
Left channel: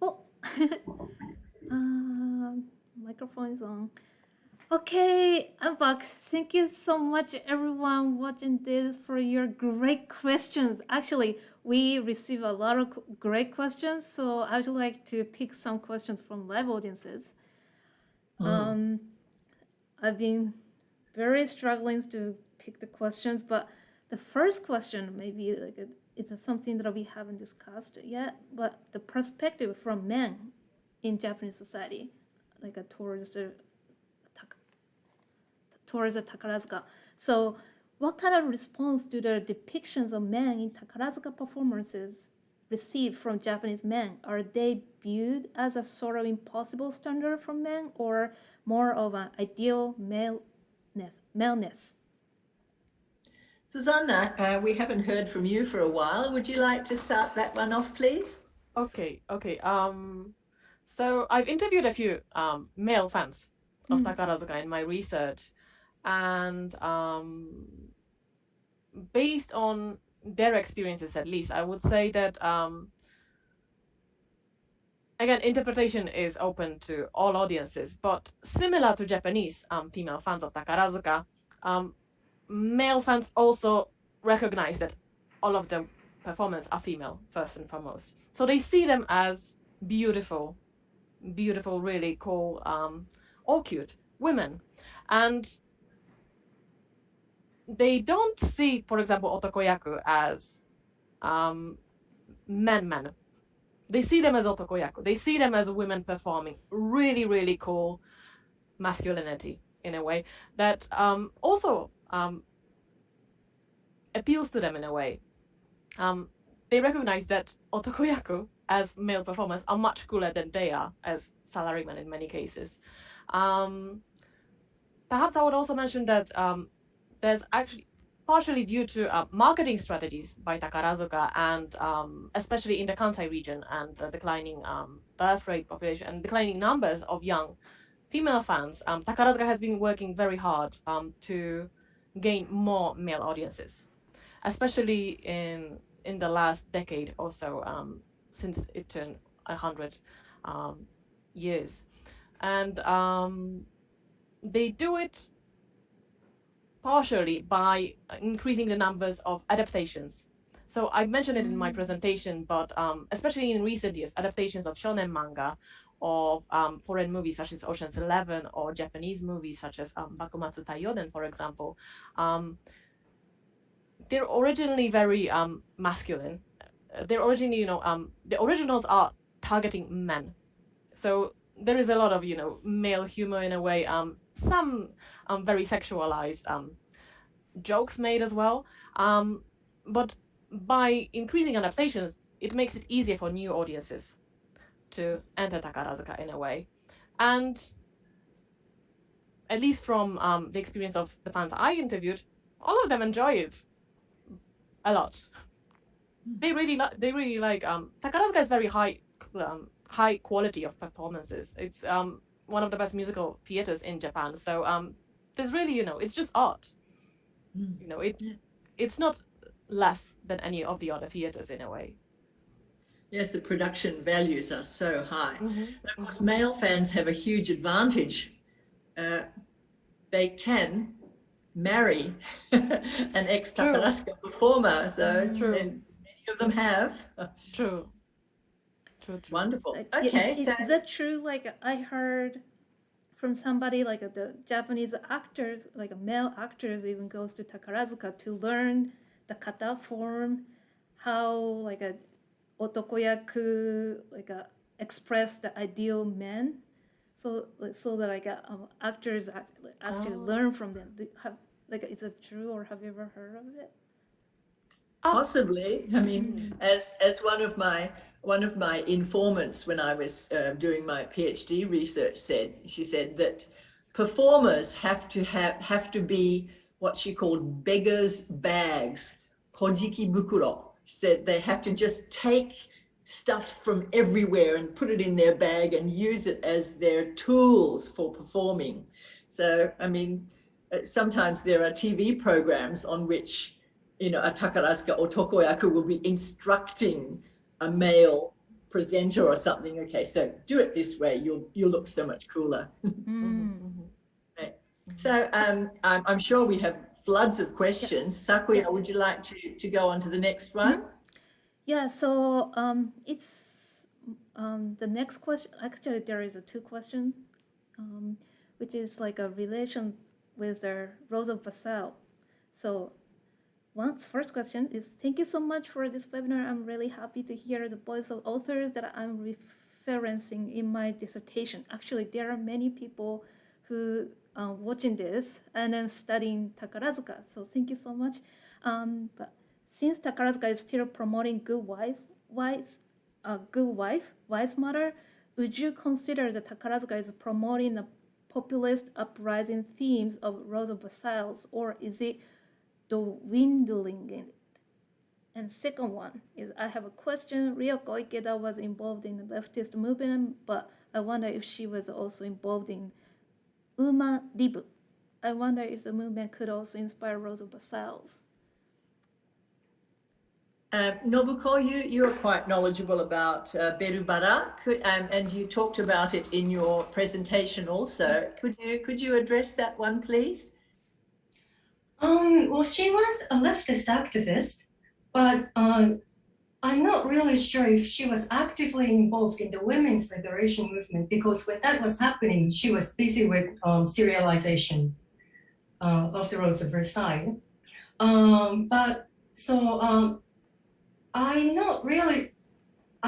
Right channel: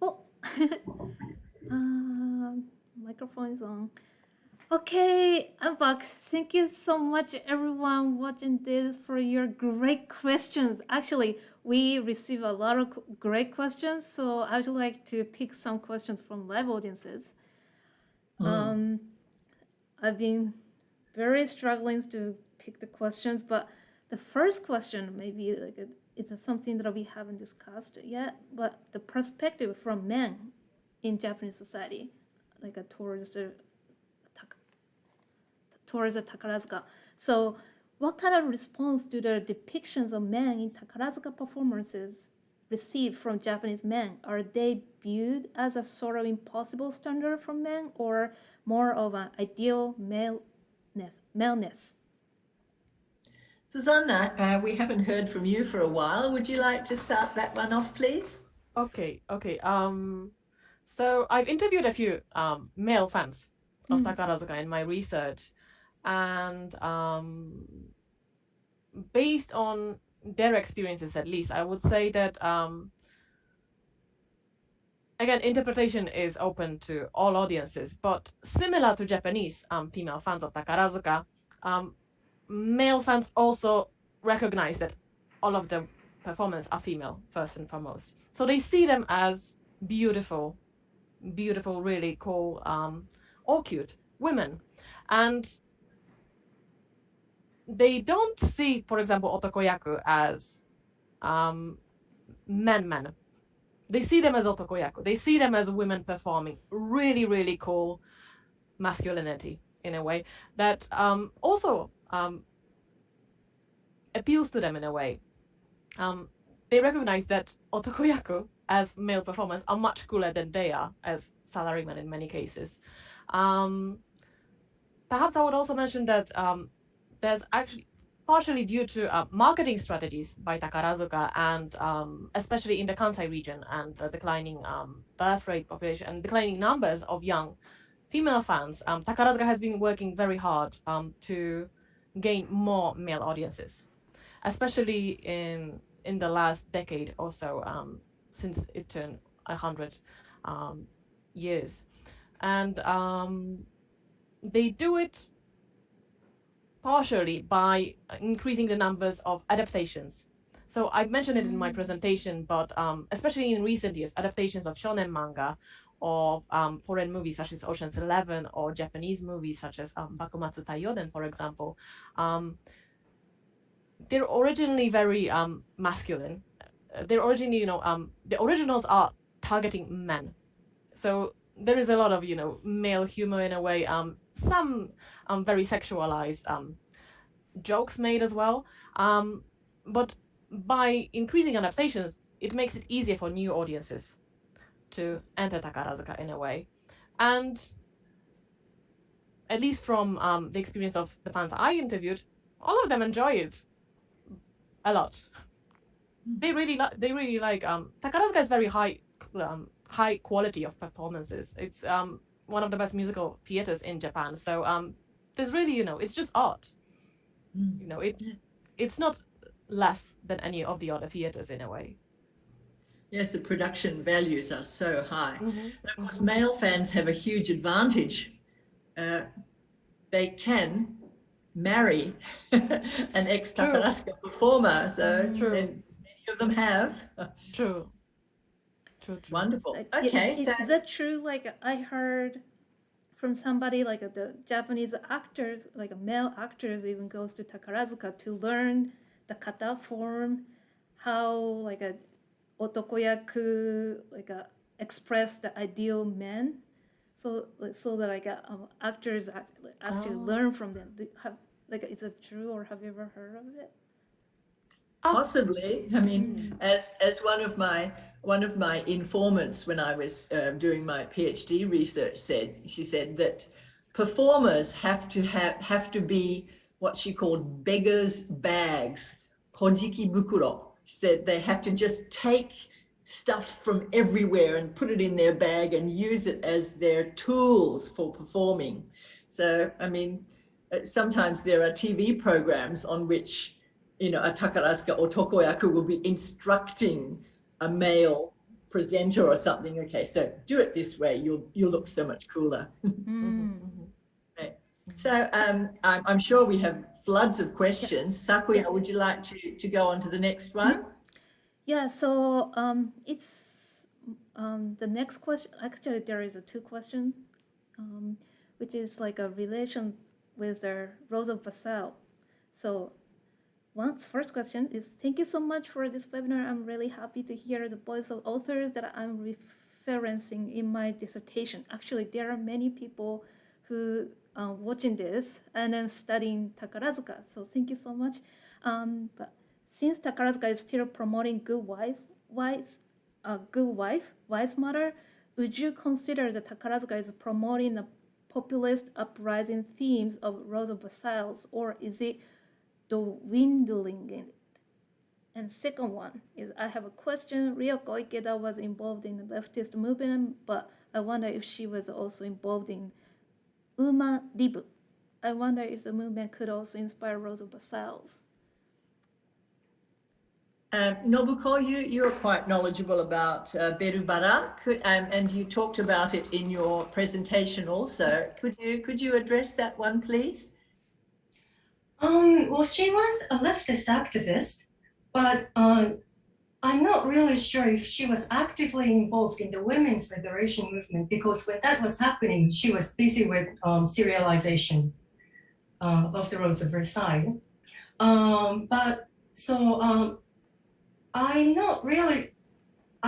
Oh, microphone is on. Okay, I'm back. Thank you so much, everyone watching this, for your great questions. Actually, we receive a lot of great questions, so I would like to pick some questions from live audiences. I've been very struggling to pick the questions, but the first question maybe it's something that we haven't discussed yet, but the perspective from men in Japanese society, towards the Takarazuka. So what kind of response do the depictions of men in Takarazuka performances receive from Japanese men? Are they viewed as a sort of impossible standard for men, or more of an ideal male maleness. Susanna, we haven't heard from you for a while. Would you like to start that one off, please? Okay. So I've interviewed a few male fans of Takarazuka in my research, and based on their experiences, at least, I would say that again, interpretation is open to all audiences, but similar to Japanese female fans of Takarazuka, male fans also recognize that all of the performers are female, first and foremost. So they see them as beautiful, really cool, or cute women. And they don't see, for example, otokoyaku as men. They see them as otokoyaku. They see them as women performing really cool masculinity in a way that also appeals to them in a way. They recognize that otokoyaku as male performers are much cooler than they are as salarymen in many cases. Perhaps I would also mention that there's actually partially due to marketing strategies by Takarazuka and especially in the Kansai region and the declining birth rate population and declining numbers of young female fans, Takarazuka has been working very hard to gain more male audiences, especially in the last decade or so, since it turned 100 years. And they do it partially by increasing the numbers of adaptations. So I mentioned it in my presentation, but especially in recent years, adaptations of shonen manga or foreign movies such as Ocean's 11 or Japanese movies such as Bakumatsu Taiyoden, for example, they're originally very masculine. They're originally, the originals are targeting men. So there is a lot of, male humor in a way, some very sexualized jokes made as well. But by increasing adaptations, it makes it easier for new audiences to enter Takarazuka in a way. And at least from the experience of the fans I interviewed, all of them enjoy it a lot. They really like Takarazuka is very high quality of performances. It's one of the best musical theaters in Japan. So there's really, it's just art. It's not less than any of the other theaters in a way. Yes, the production values are so high. And of course, male fans have a huge advantage. They can marry an ex-Takarazuka performer, so many of them have. True. Wonderful. Okay, is that true? Like I heard from somebody, like the Japanese actors, like male actors, even goes to Takarazuka to learn the kata form, how like a otokoyaku express the ideal man, so that like actors actually learn from them. Is it true, or have you ever heard of it? Possibly. I mean, as one of my informants when I was doing my PhD research she said that performers have to be what she called beggars' bags, kojiki bukuro. She said they have to just take stuff from everywhere and put it in their bag and use it as their tools for performing. So, I mean, sometimes there are TV programs on which a Takarazuka otokoyaku will be instructing a male presenter or something. Okay, so do it this way. You'll look so much cooler. Right. So I'm sure we have floods of questions. Sakuya, would you like to go on to the next one? Yeah. So it's the next question. Actually, there is two questions, which is like a relation with the Rosa Vassell. So. First question is, thank you so much for this webinar. I'm really happy to hear the voice of authors that I'm referencing in my dissertation. Actually, there are many people who are watching this and then studying Takarazuka. So thank you so much. But since Takarazuka is still promoting wise mother, would you consider that Takarazuka is promoting a populist uprising themes of Rosa Versailles, or is it dwindling in it? And second one is, I have a question. Ryoko Ikeda was involved in the leftist movement, but I wonder if she was also involved in Uma Ribu. I wonder if the movement could also inspire Rosa Versailles. Nobuko, you are quite knowledgeable about Berubara, and you talked about it in your presentation also. Could you address that one, please? Well, she was a leftist activist, but I'm not really sure if she was actively involved in the women's liberation movement, because when that was happening, she was busy with serialization of the Rose of Versailles.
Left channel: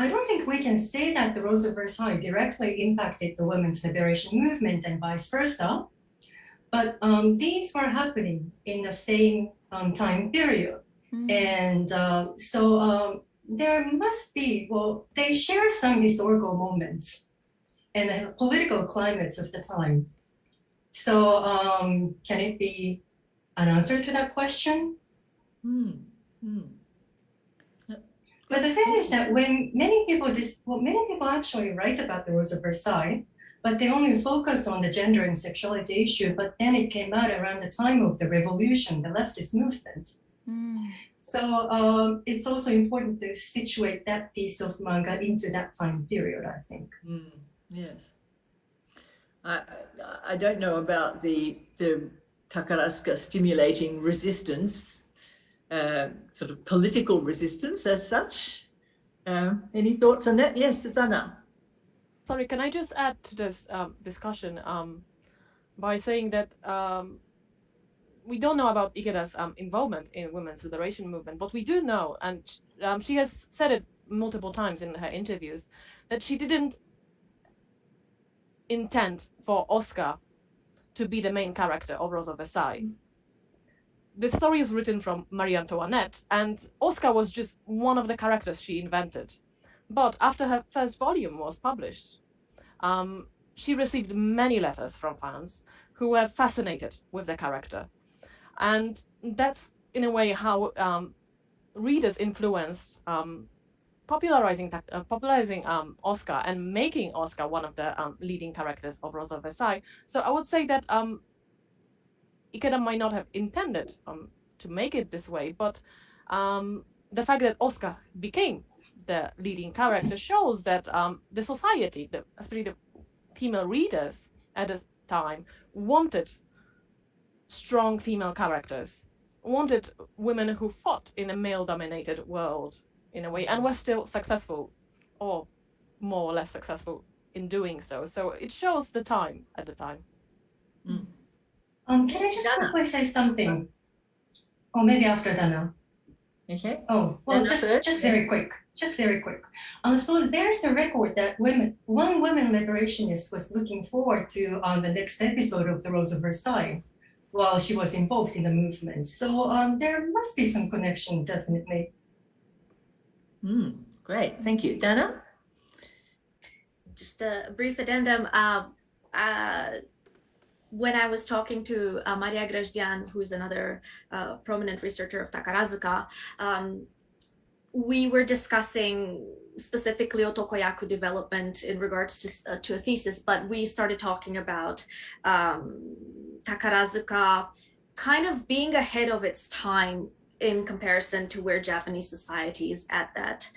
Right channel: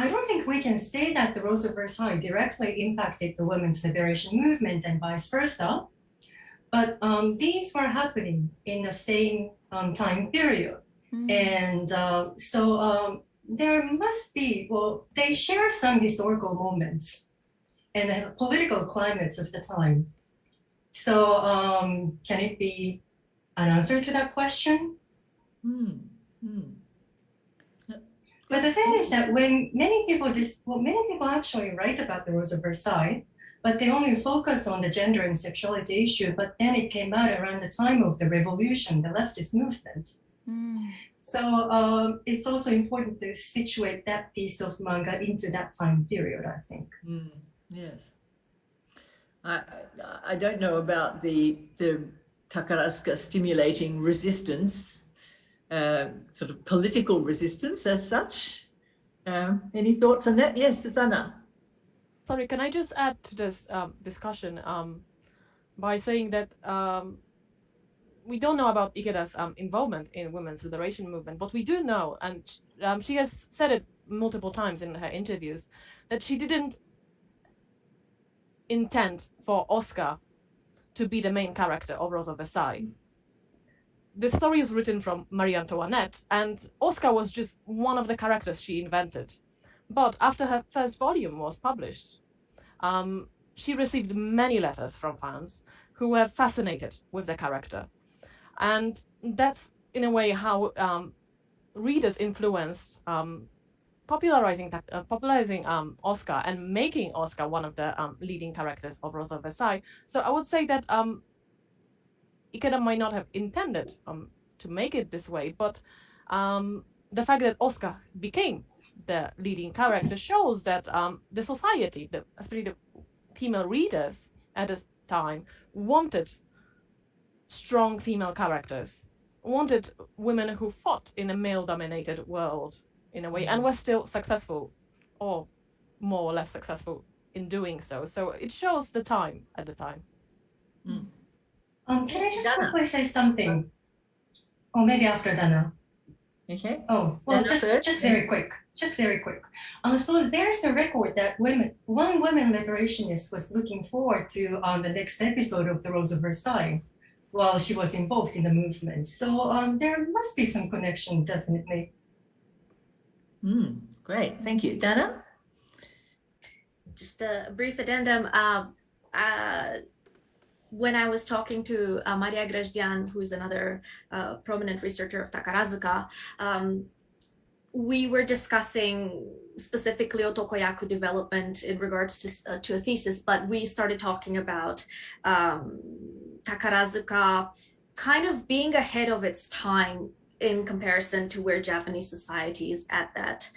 I don't think we can say that the Rose of Versailles directly impacted the women's liberation movement and vice versa, but these were happening in the same time period. And there must be, well, they share some historical moments and political climates of the time. So can it be an answer to that question? But the thing is that when many people actually write about the Rose of Versailles, but they only focus on the gender and sexuality issue, but then it came out around the time of the revolution, the leftist movement. So it's also important to situate that piece of manga into that time period, I think. Yes. I don't know about the Takarazuka stimulating resistance, sort of political resistance as such. Any thoughts on that? Yes, Susanna. Sorry, can I just add to this discussion by saying that we don't know about Ikeda's involvement in women's liberation movement, but we do know, and she has said it multiple times in her interviews, that she didn't intend for Oscar to be the main character of Rose of Versailles. The story is written from Marie Antoinette, and Oscar was just one of the characters she invented. But after her first volume was published, she received many letters from fans who were fascinated with the character. And that's, in a way, how readers influenced popularizing Oscar and making Oscar one of the leading characters of Rose of Versailles. So I would say that Ikeda might not have intended to make it this way, but the fact that Oscar became the leading character shows that the society, especially the female readers at this time, wanted strong female characters, wanted women who fought in a male-dominated world, in a way, and were still successful, or more or less successful in doing so. So it shows the time at the time. Can I just quickly say something? Or maybe after Dana. Okay. Oh, well, just very quick. So there's a record that one women liberationist was looking forward to the next episode of the Rose of Versailles while she was involved in the movement. So there must be some connection, definitely. Great, thank you. Dana? Just a brief addendum. When I was talking to Maria Grezdian, who's another prominent researcher of Takarazuka, we were discussing specifically otokoyaku development in regards to a thesis, but we started talking about Takarazuka kind of being ahead of its time in comparison to where Japanese society is at that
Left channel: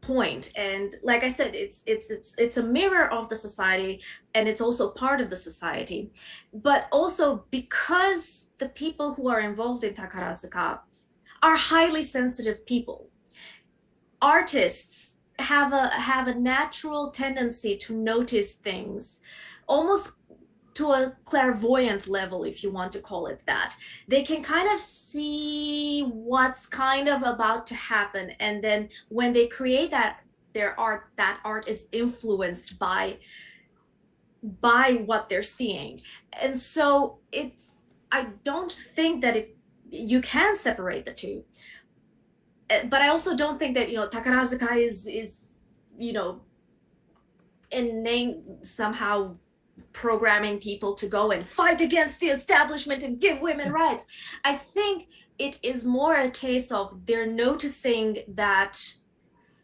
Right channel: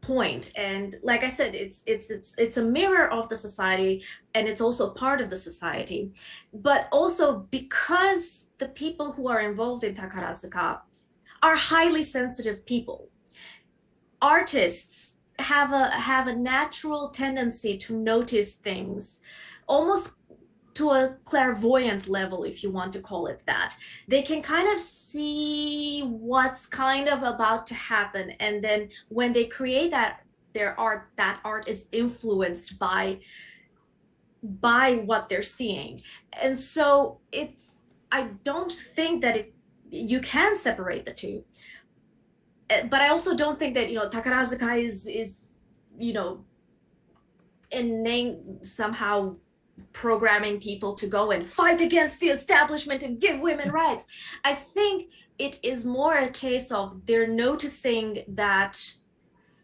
point. And like I said, it's a mirror of the society, and it's also part of the society. But also because the people who are involved in Takarazuka are highly sensitive people. Artists have a natural tendency to notice things almost to a clairvoyant level, if you want to call it that. They can kind of see what's kind of about to happen, and then when they create their art, that art is influenced by what they're seeing. And so I don't think that you can separate the two. But I also don't think that, Takarazuka is innate somehow programming people to go and fight against the establishment and give women rights. I think it is more a case of they're noticing that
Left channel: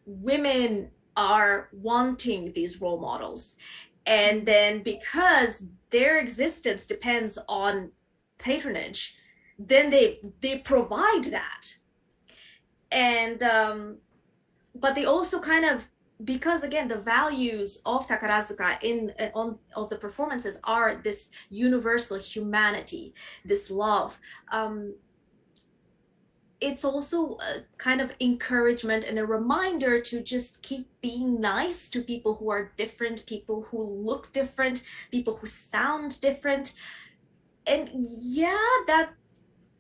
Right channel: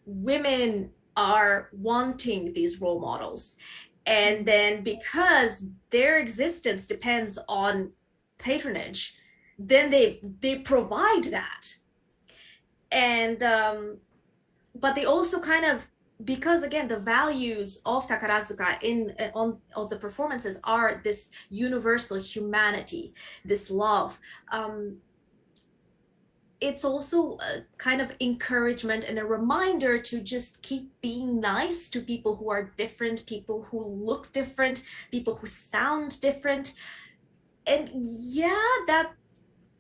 women are wanting these role models. And then because their existence depends on patronage, then they provide that. And but they also kind of, because again the values of Takarazuka of the performances are this universal humanity, this love, it's also a kind of encouragement and a reminder to just keep being nice to people who are different, people who look different, people who sound different. And yeah, that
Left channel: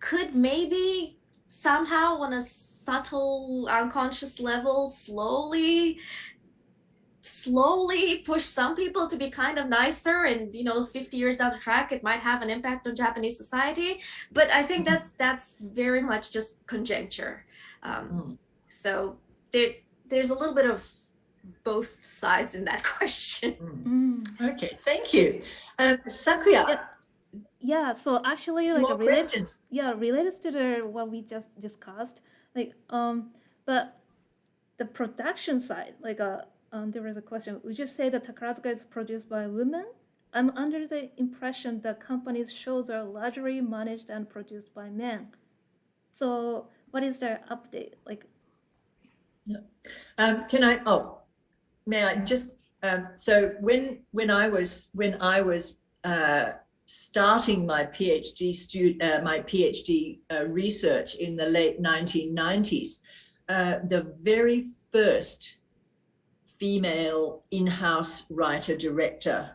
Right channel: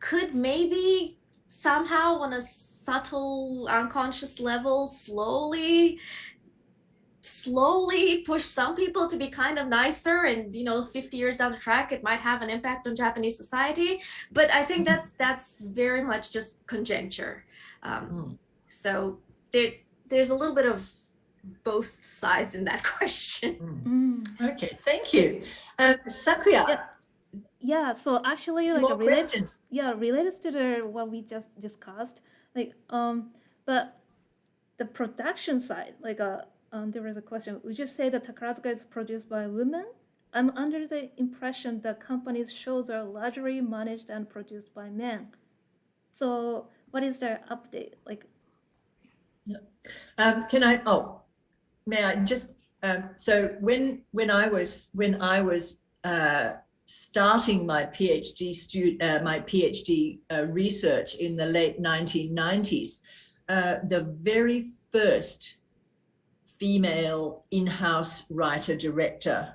could maybe somehow on a subtle unconscious level slowly push some people to be kind of nicer, and 50 years down the track it might have an impact on Japanese society. But I think that's very much just conjecture. So there's a little bit of both sides in that question. Okay, thank you. Sakuya. Yeah, so actually, like, More questions? related to what we just discussed, like, but the production side, like, there was a question. Would you say that Takarazuka is produced by women? I'm under the impression that companies' shows are largely managed and produced by men. So, what is their update? Like, May I just? So when I was starting my PhD research in the late 1990s, the very first female in-house writer-director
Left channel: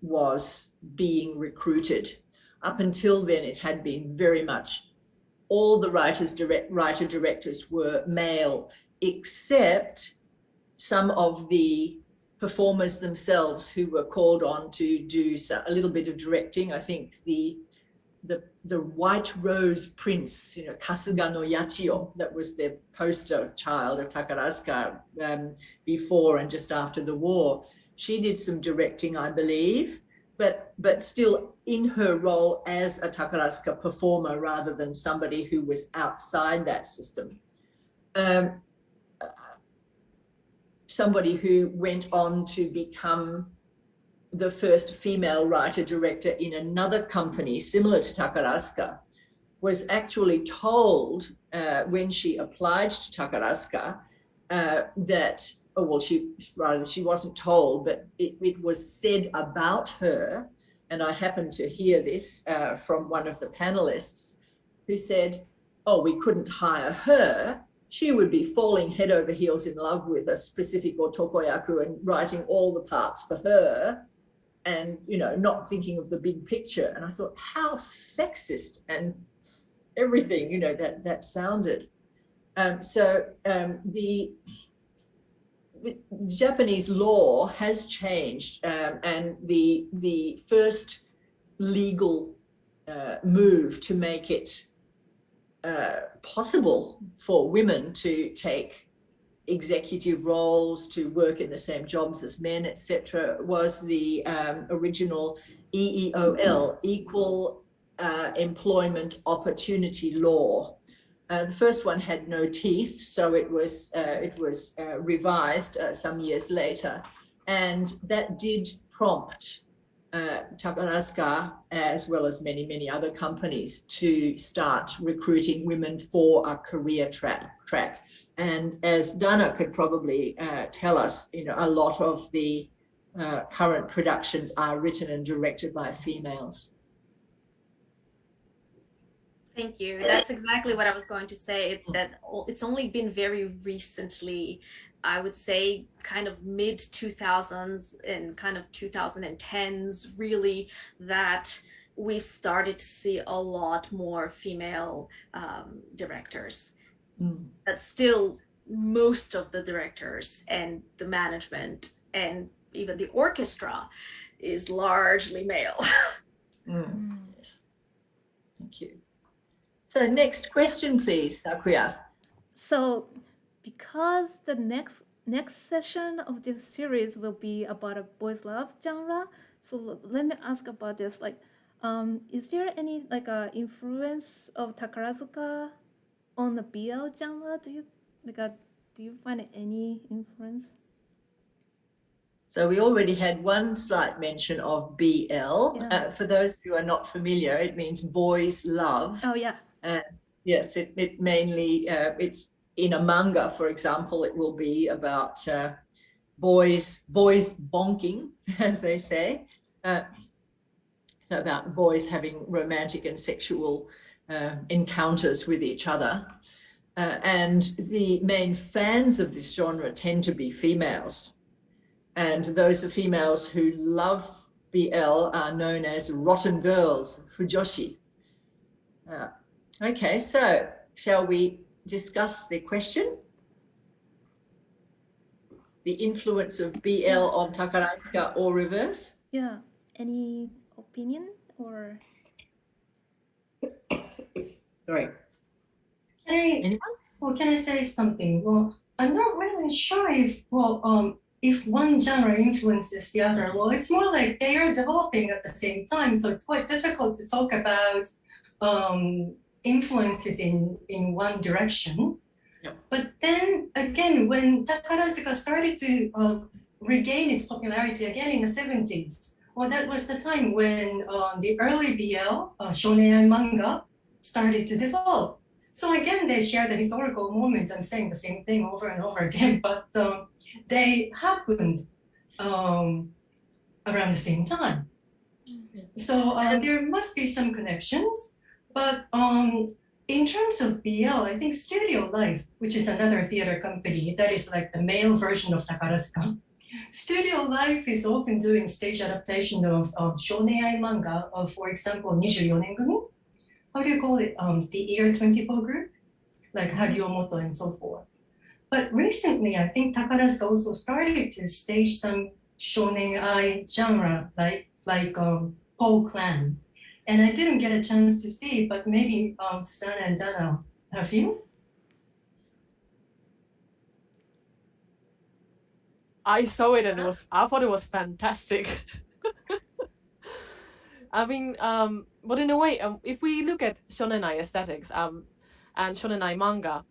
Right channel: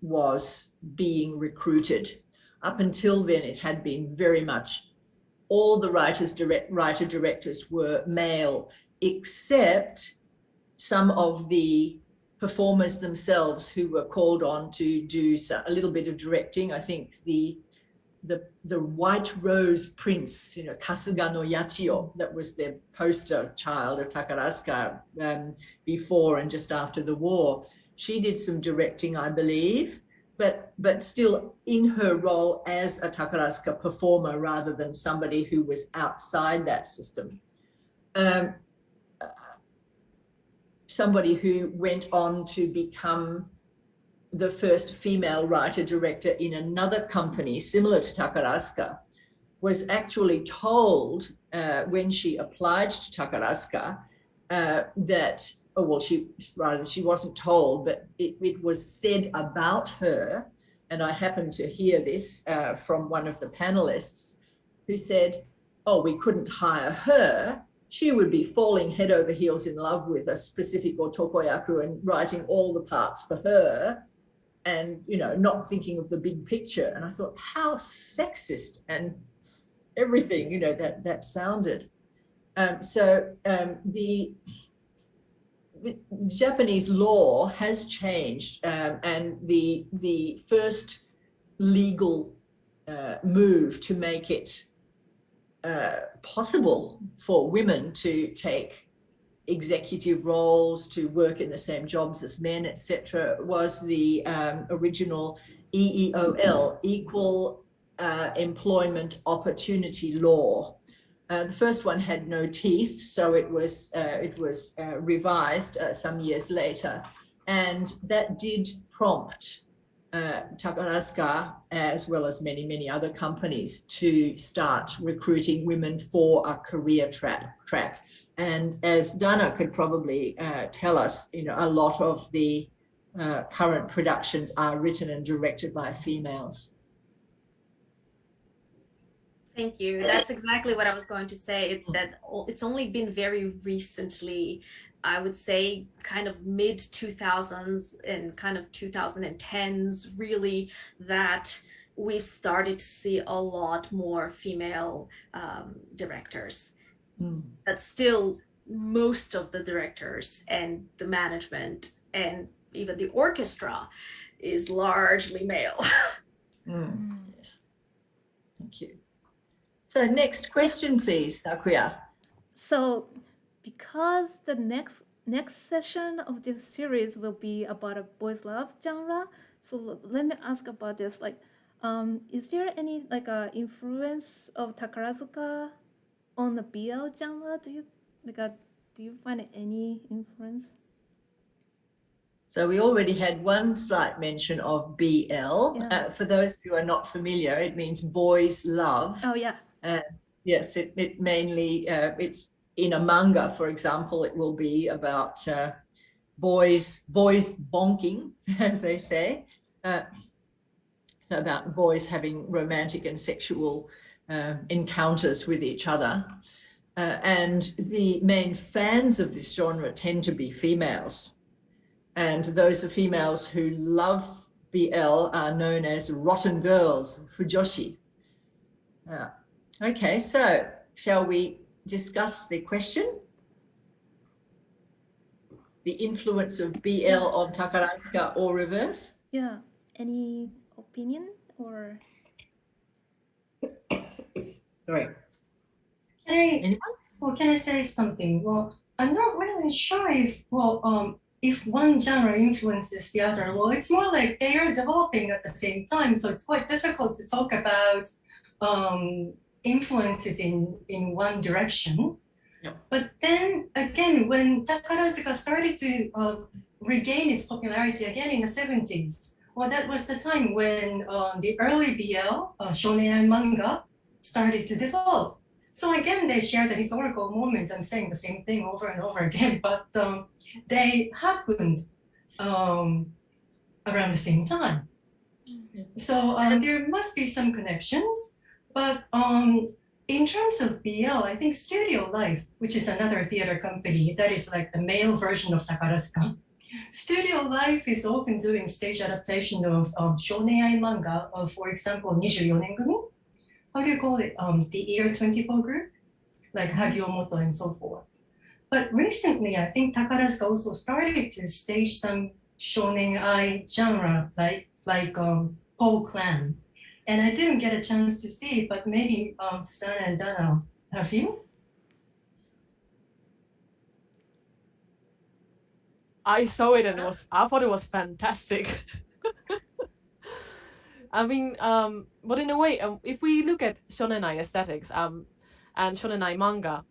was being recruited. Up until then, it had been very much all the writer-directors were male, except some of the performers themselves who were called on to do a little bit of directing. I think the White Rose Prince, Kasuga no Yachio, that was the poster child of Takarazuka before and just after the war. She did some directing, I believe, but still in her role as a Takarazuka performer rather than somebody who was outside that system. Somebody who went on to become the first female writer-director in another company similar to Takarazuka was actually told when she applied to Takarazuka that, she wasn't told, but it was said about her, and I happened to hear this from one of the panelists who said, we couldn't hire her. She would be falling head over heels in love with a specific otokoyaku and writing all the parts for her and, not thinking of the big picture. And I thought, how sexist and everything, that sounded. The Japanese law has changed, and the first legal move to make it possible for women to take executive roles, to work in the same jobs as men, etc., was the original EEOL, Equal Employment Opportunity Law. The first one had no teeth, so it was revised some years later, and that did prompt Takarazuka, as well as many other companies, to start recruiting women for a career track. And as Dana could probably tell us, a lot of the current productions are written and directed by females. Thank you. That's exactly what I was going to say. It's that it's only been very recently, I would say kind of mid 2000s and kind of 2010s, really, that we started to see a lot more female directors. But still, most of the directors and the management and even the orchestra is largely male. Yes. Thank you. So next question, please, Sakuya. So, because the next session of this series will be about a boys' love genre, So let me ask about this. Like, is there any like influence of Takarazuka on the BL genre? Do you find any influence? So we already had one slight mention of BL. Yeah. For those who are not familiar, it means boys love. Oh yeah. Yes, it mainly, it's in a manga, for example, it will be about boys bonking, as they say. So about boys having romantic and sexual encounters with each other. And the main fans of this genre tend to be females. And those females who love BL are known as rotten girls, fujoshi. Okay, so shall we discuss the question? The influence of BL on Takarazuka or reverse? Yeah. Any opinion or? Sorry. Can I say something? Well, I'm not really sure if one genre influences the other. Well, it's more like they are developing at the same time, so it's quite difficult to talk about influences in one direction. Yep. But then again, when Takarazuka started to regain its popularity again in the 70s, well, that was the time when the early BL, shonen manga, started to develop. So again, they share the historical moment. I'm saying the same thing over and over again, but they happened around the same time. So there must be some connections, but in terms of BL, I think Studio Life, which is another theater company that is like the male version of Takarazuka, Studio Life is often doing stage adaptation of shonen manga of, for example, 24 Nengumi. How do you call it? The Year 24 group, like Hagiomoto and so forth. But recently, I think Takarazuka also started to stage some shonen ai genre, like Paul Clan. And I didn't get a chance to see, but maybe Susanna and Dana, have you? I saw it and I thought it was fantastic. I mean, but in a way, if we look at shonenai aesthetics and shonenai manga,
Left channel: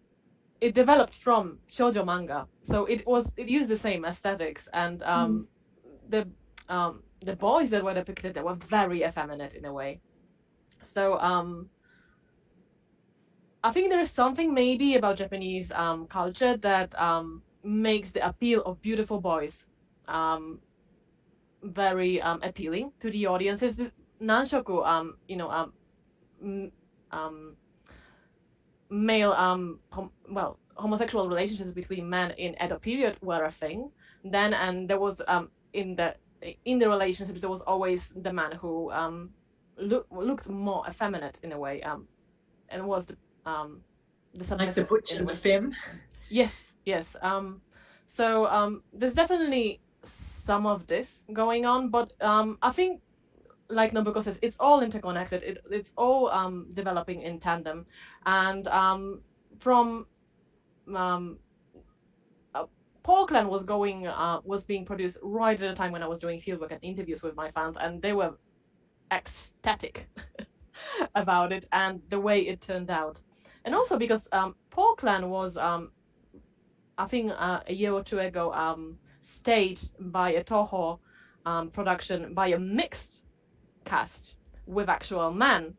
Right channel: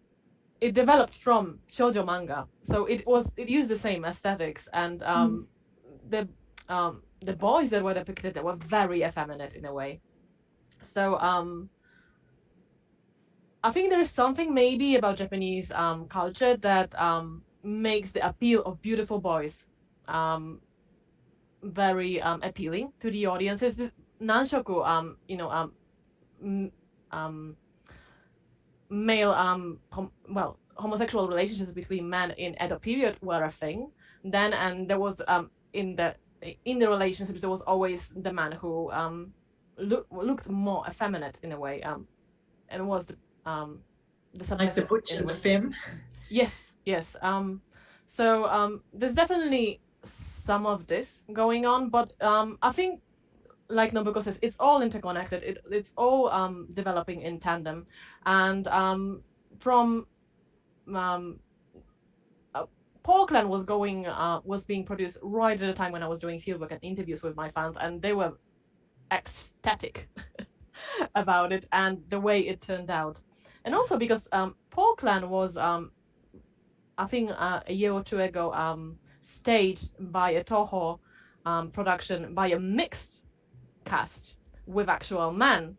it developed from shoujo manga, so it used the same aesthetics, and the boys that were depicted were very effeminate in a way. So I think there is something maybe about Japanese culture that makes the appeal of beautiful boys very appealing to the audiences. Nanshoku, male homosexual relationships between men in Edo period were a thing then, and there was in the relationships there was always the man who looked more effeminate in a way, and was the submissive, like the butch and the femme. Yes. So there's definitely some of this going on, but I think, like Nobuko says, it's all interconnected. It's all developing in tandem, and from Paul Clan was being produced right at the time when I was doing fieldwork and interviews with my fans, and they were ecstatic about it and the way it turned out. And also because Paul Clan was, I think a year or two ago, staged by a Toho production by a mixed cast with actual men.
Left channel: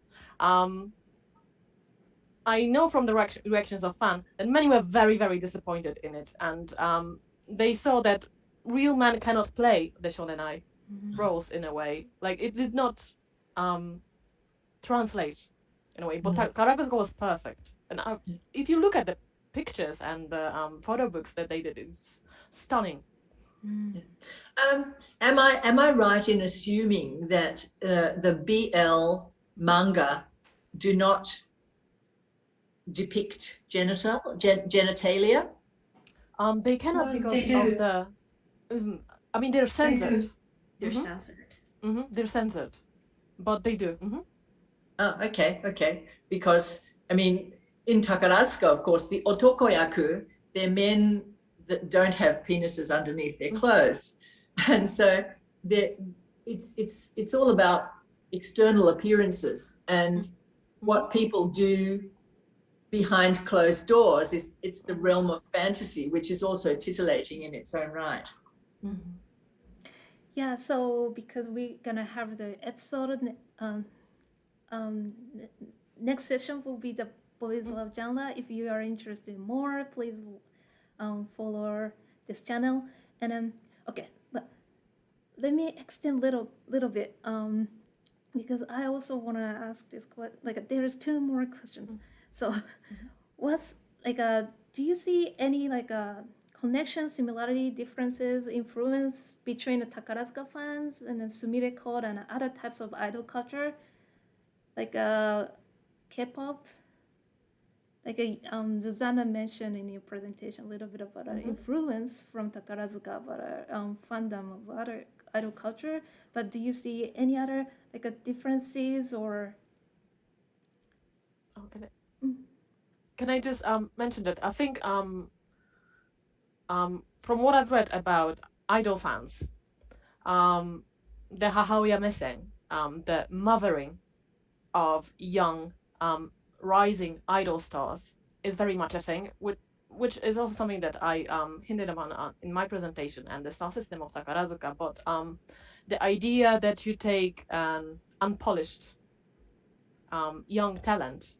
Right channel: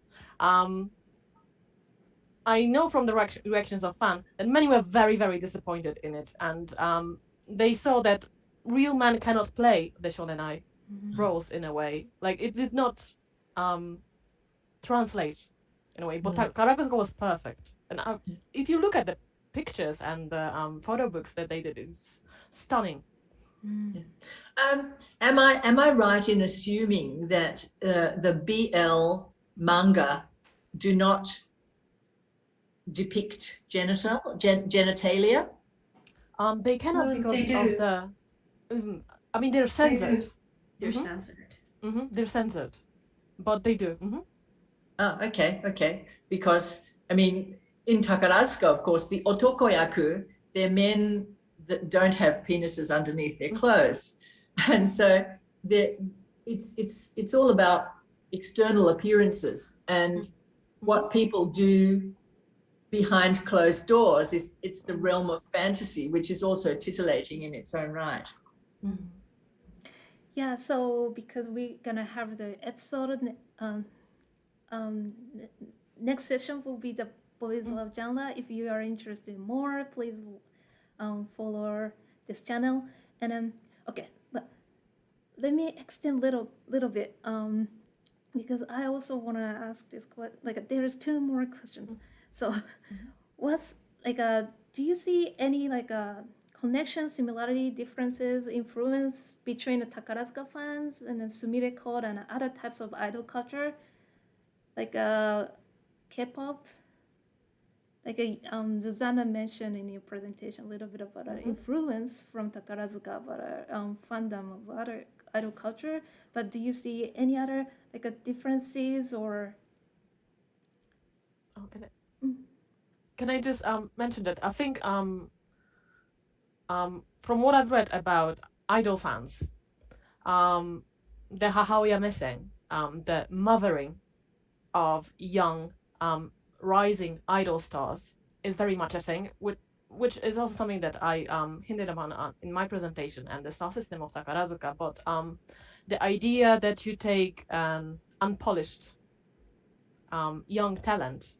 I know from the reactions of fans that many were very, very disappointed in it, and they saw that real men cannot play the shonenai roles in a way. Like, it did not translate in a way, but Takarazuka was perfect. And if you look at the pictures and the photo books that they did, it's stunning. Am I right in assuming that the BL manga do not depict genitalia? They cannot, Well, because they of the. I mean, they're censored. They're censored. They're censored, but they do. Oh, okay. Because I mean, in Takarazuka, of course, the otokoyaku, they're men that don't have penises underneath their clothes, and so it's all about external appearances, and what people do behind closed doors it's the realm of fantasy, which is also titillating in its own right. Yeah, so because we're gonna have the episode, next session will be the boys love genre. If you are interested in more, please follow this channel. And okay, but let me extend little bit because I also want to ask this like there's two more questions. So what's like do you see any like connection, similarity, differences, influence between the Takarazuka fans and the Sumire Code and other types of idol culture, like K-pop? Like Susanna mentioned in your presentation a little bit about influence from Takarazuka, but fandom of other idol culture. But do you see any other like differences or? Oh, can I just mention that I think from what I've read about idol fans, the Hahaoya missing, the mothering of young rising idol stars is very much a thing, which is also something that I hinted upon in my presentation and the star system of Takarazuka. But the idea that you take an unpolished young talent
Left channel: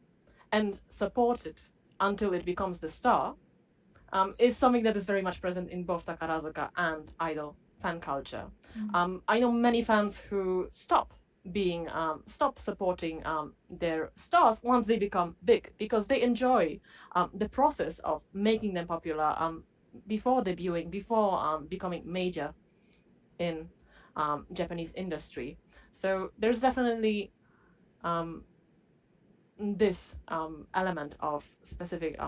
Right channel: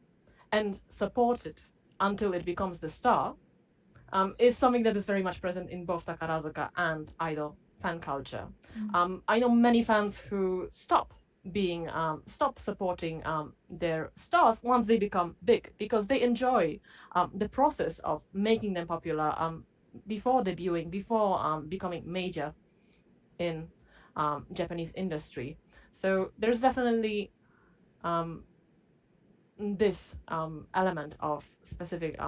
and support it until it becomes the star is something that is very much present in both Takarazuka and idol fan culture. I know many fans who stop supporting their stars once they become big, because they enjoy the process of making them popular before debuting, before becoming major in Japanese industry. So there's definitely this element of specific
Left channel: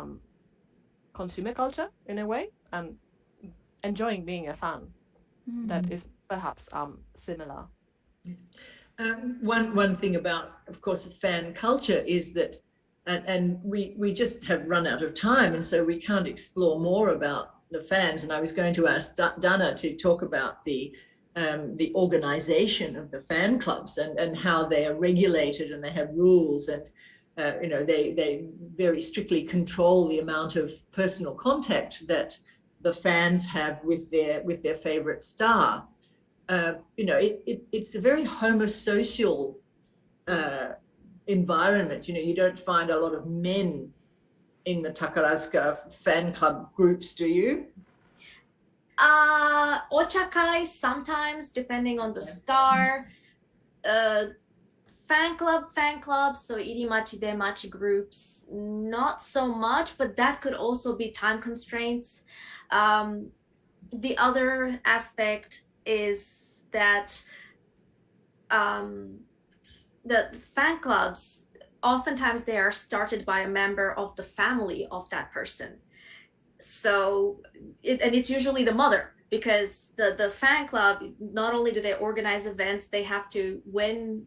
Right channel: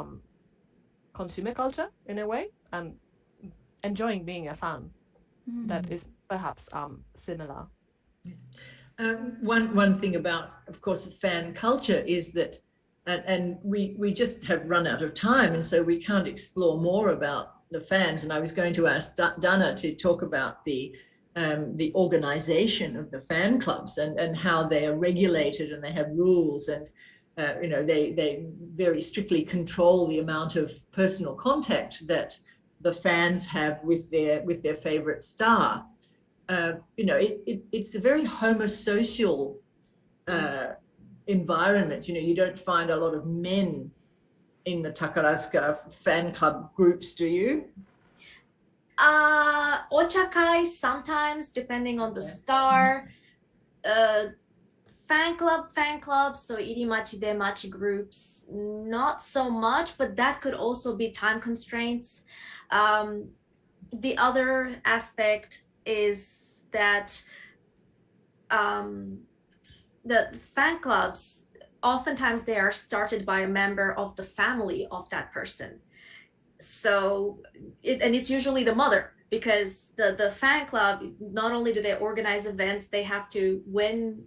consumer culture in a way, and enjoying being a fan that is perhaps similar. One thing about, of course, fan culture is that, and we just have run out of time, and so we can't explore more about the fans. And I was going to ask Dana to talk about the organization of the fan clubs and how they are regulated and they have rules, and they very strictly control the amount of personal contact that the fans have with their favorite star. It's a very homosocial environment. You don't find a lot of men in the Takarazuka fan club groups, do you? Ochakai sometimes, depending on the star. Fan clubs, so irimachi, demachi groups, not so much, but that could also be time constraints. The other aspect is that the fan clubs, oftentimes they are started by a member of the family of that person. So it's usually the mother, because the fan club, not only do they organize events, they have to, when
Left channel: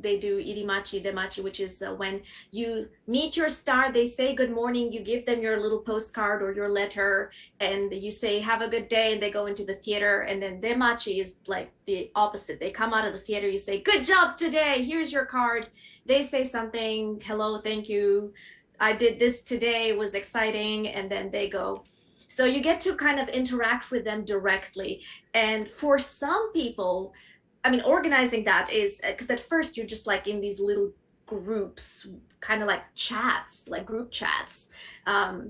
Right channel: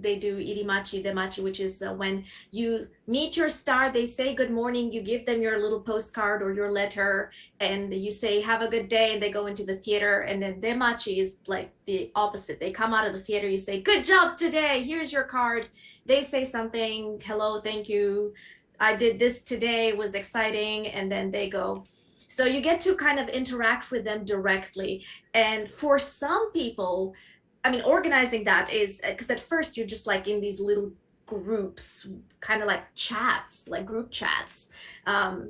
they do irimachi, demachi, which is when you meet your star, they say good morning, you give them your little postcard or your letter, and you say have a good day, and they go into the theater. And then demachi is like the opposite. They come out of the theater, you say good job today, here's your card. They say something, hello, thank you, I did this today, it was exciting, and then they go. So you get to kind of interact with them directly. And for some people, I mean, organizing that is, because at first you're just like in these little groups, kind of like chats, like group chats. But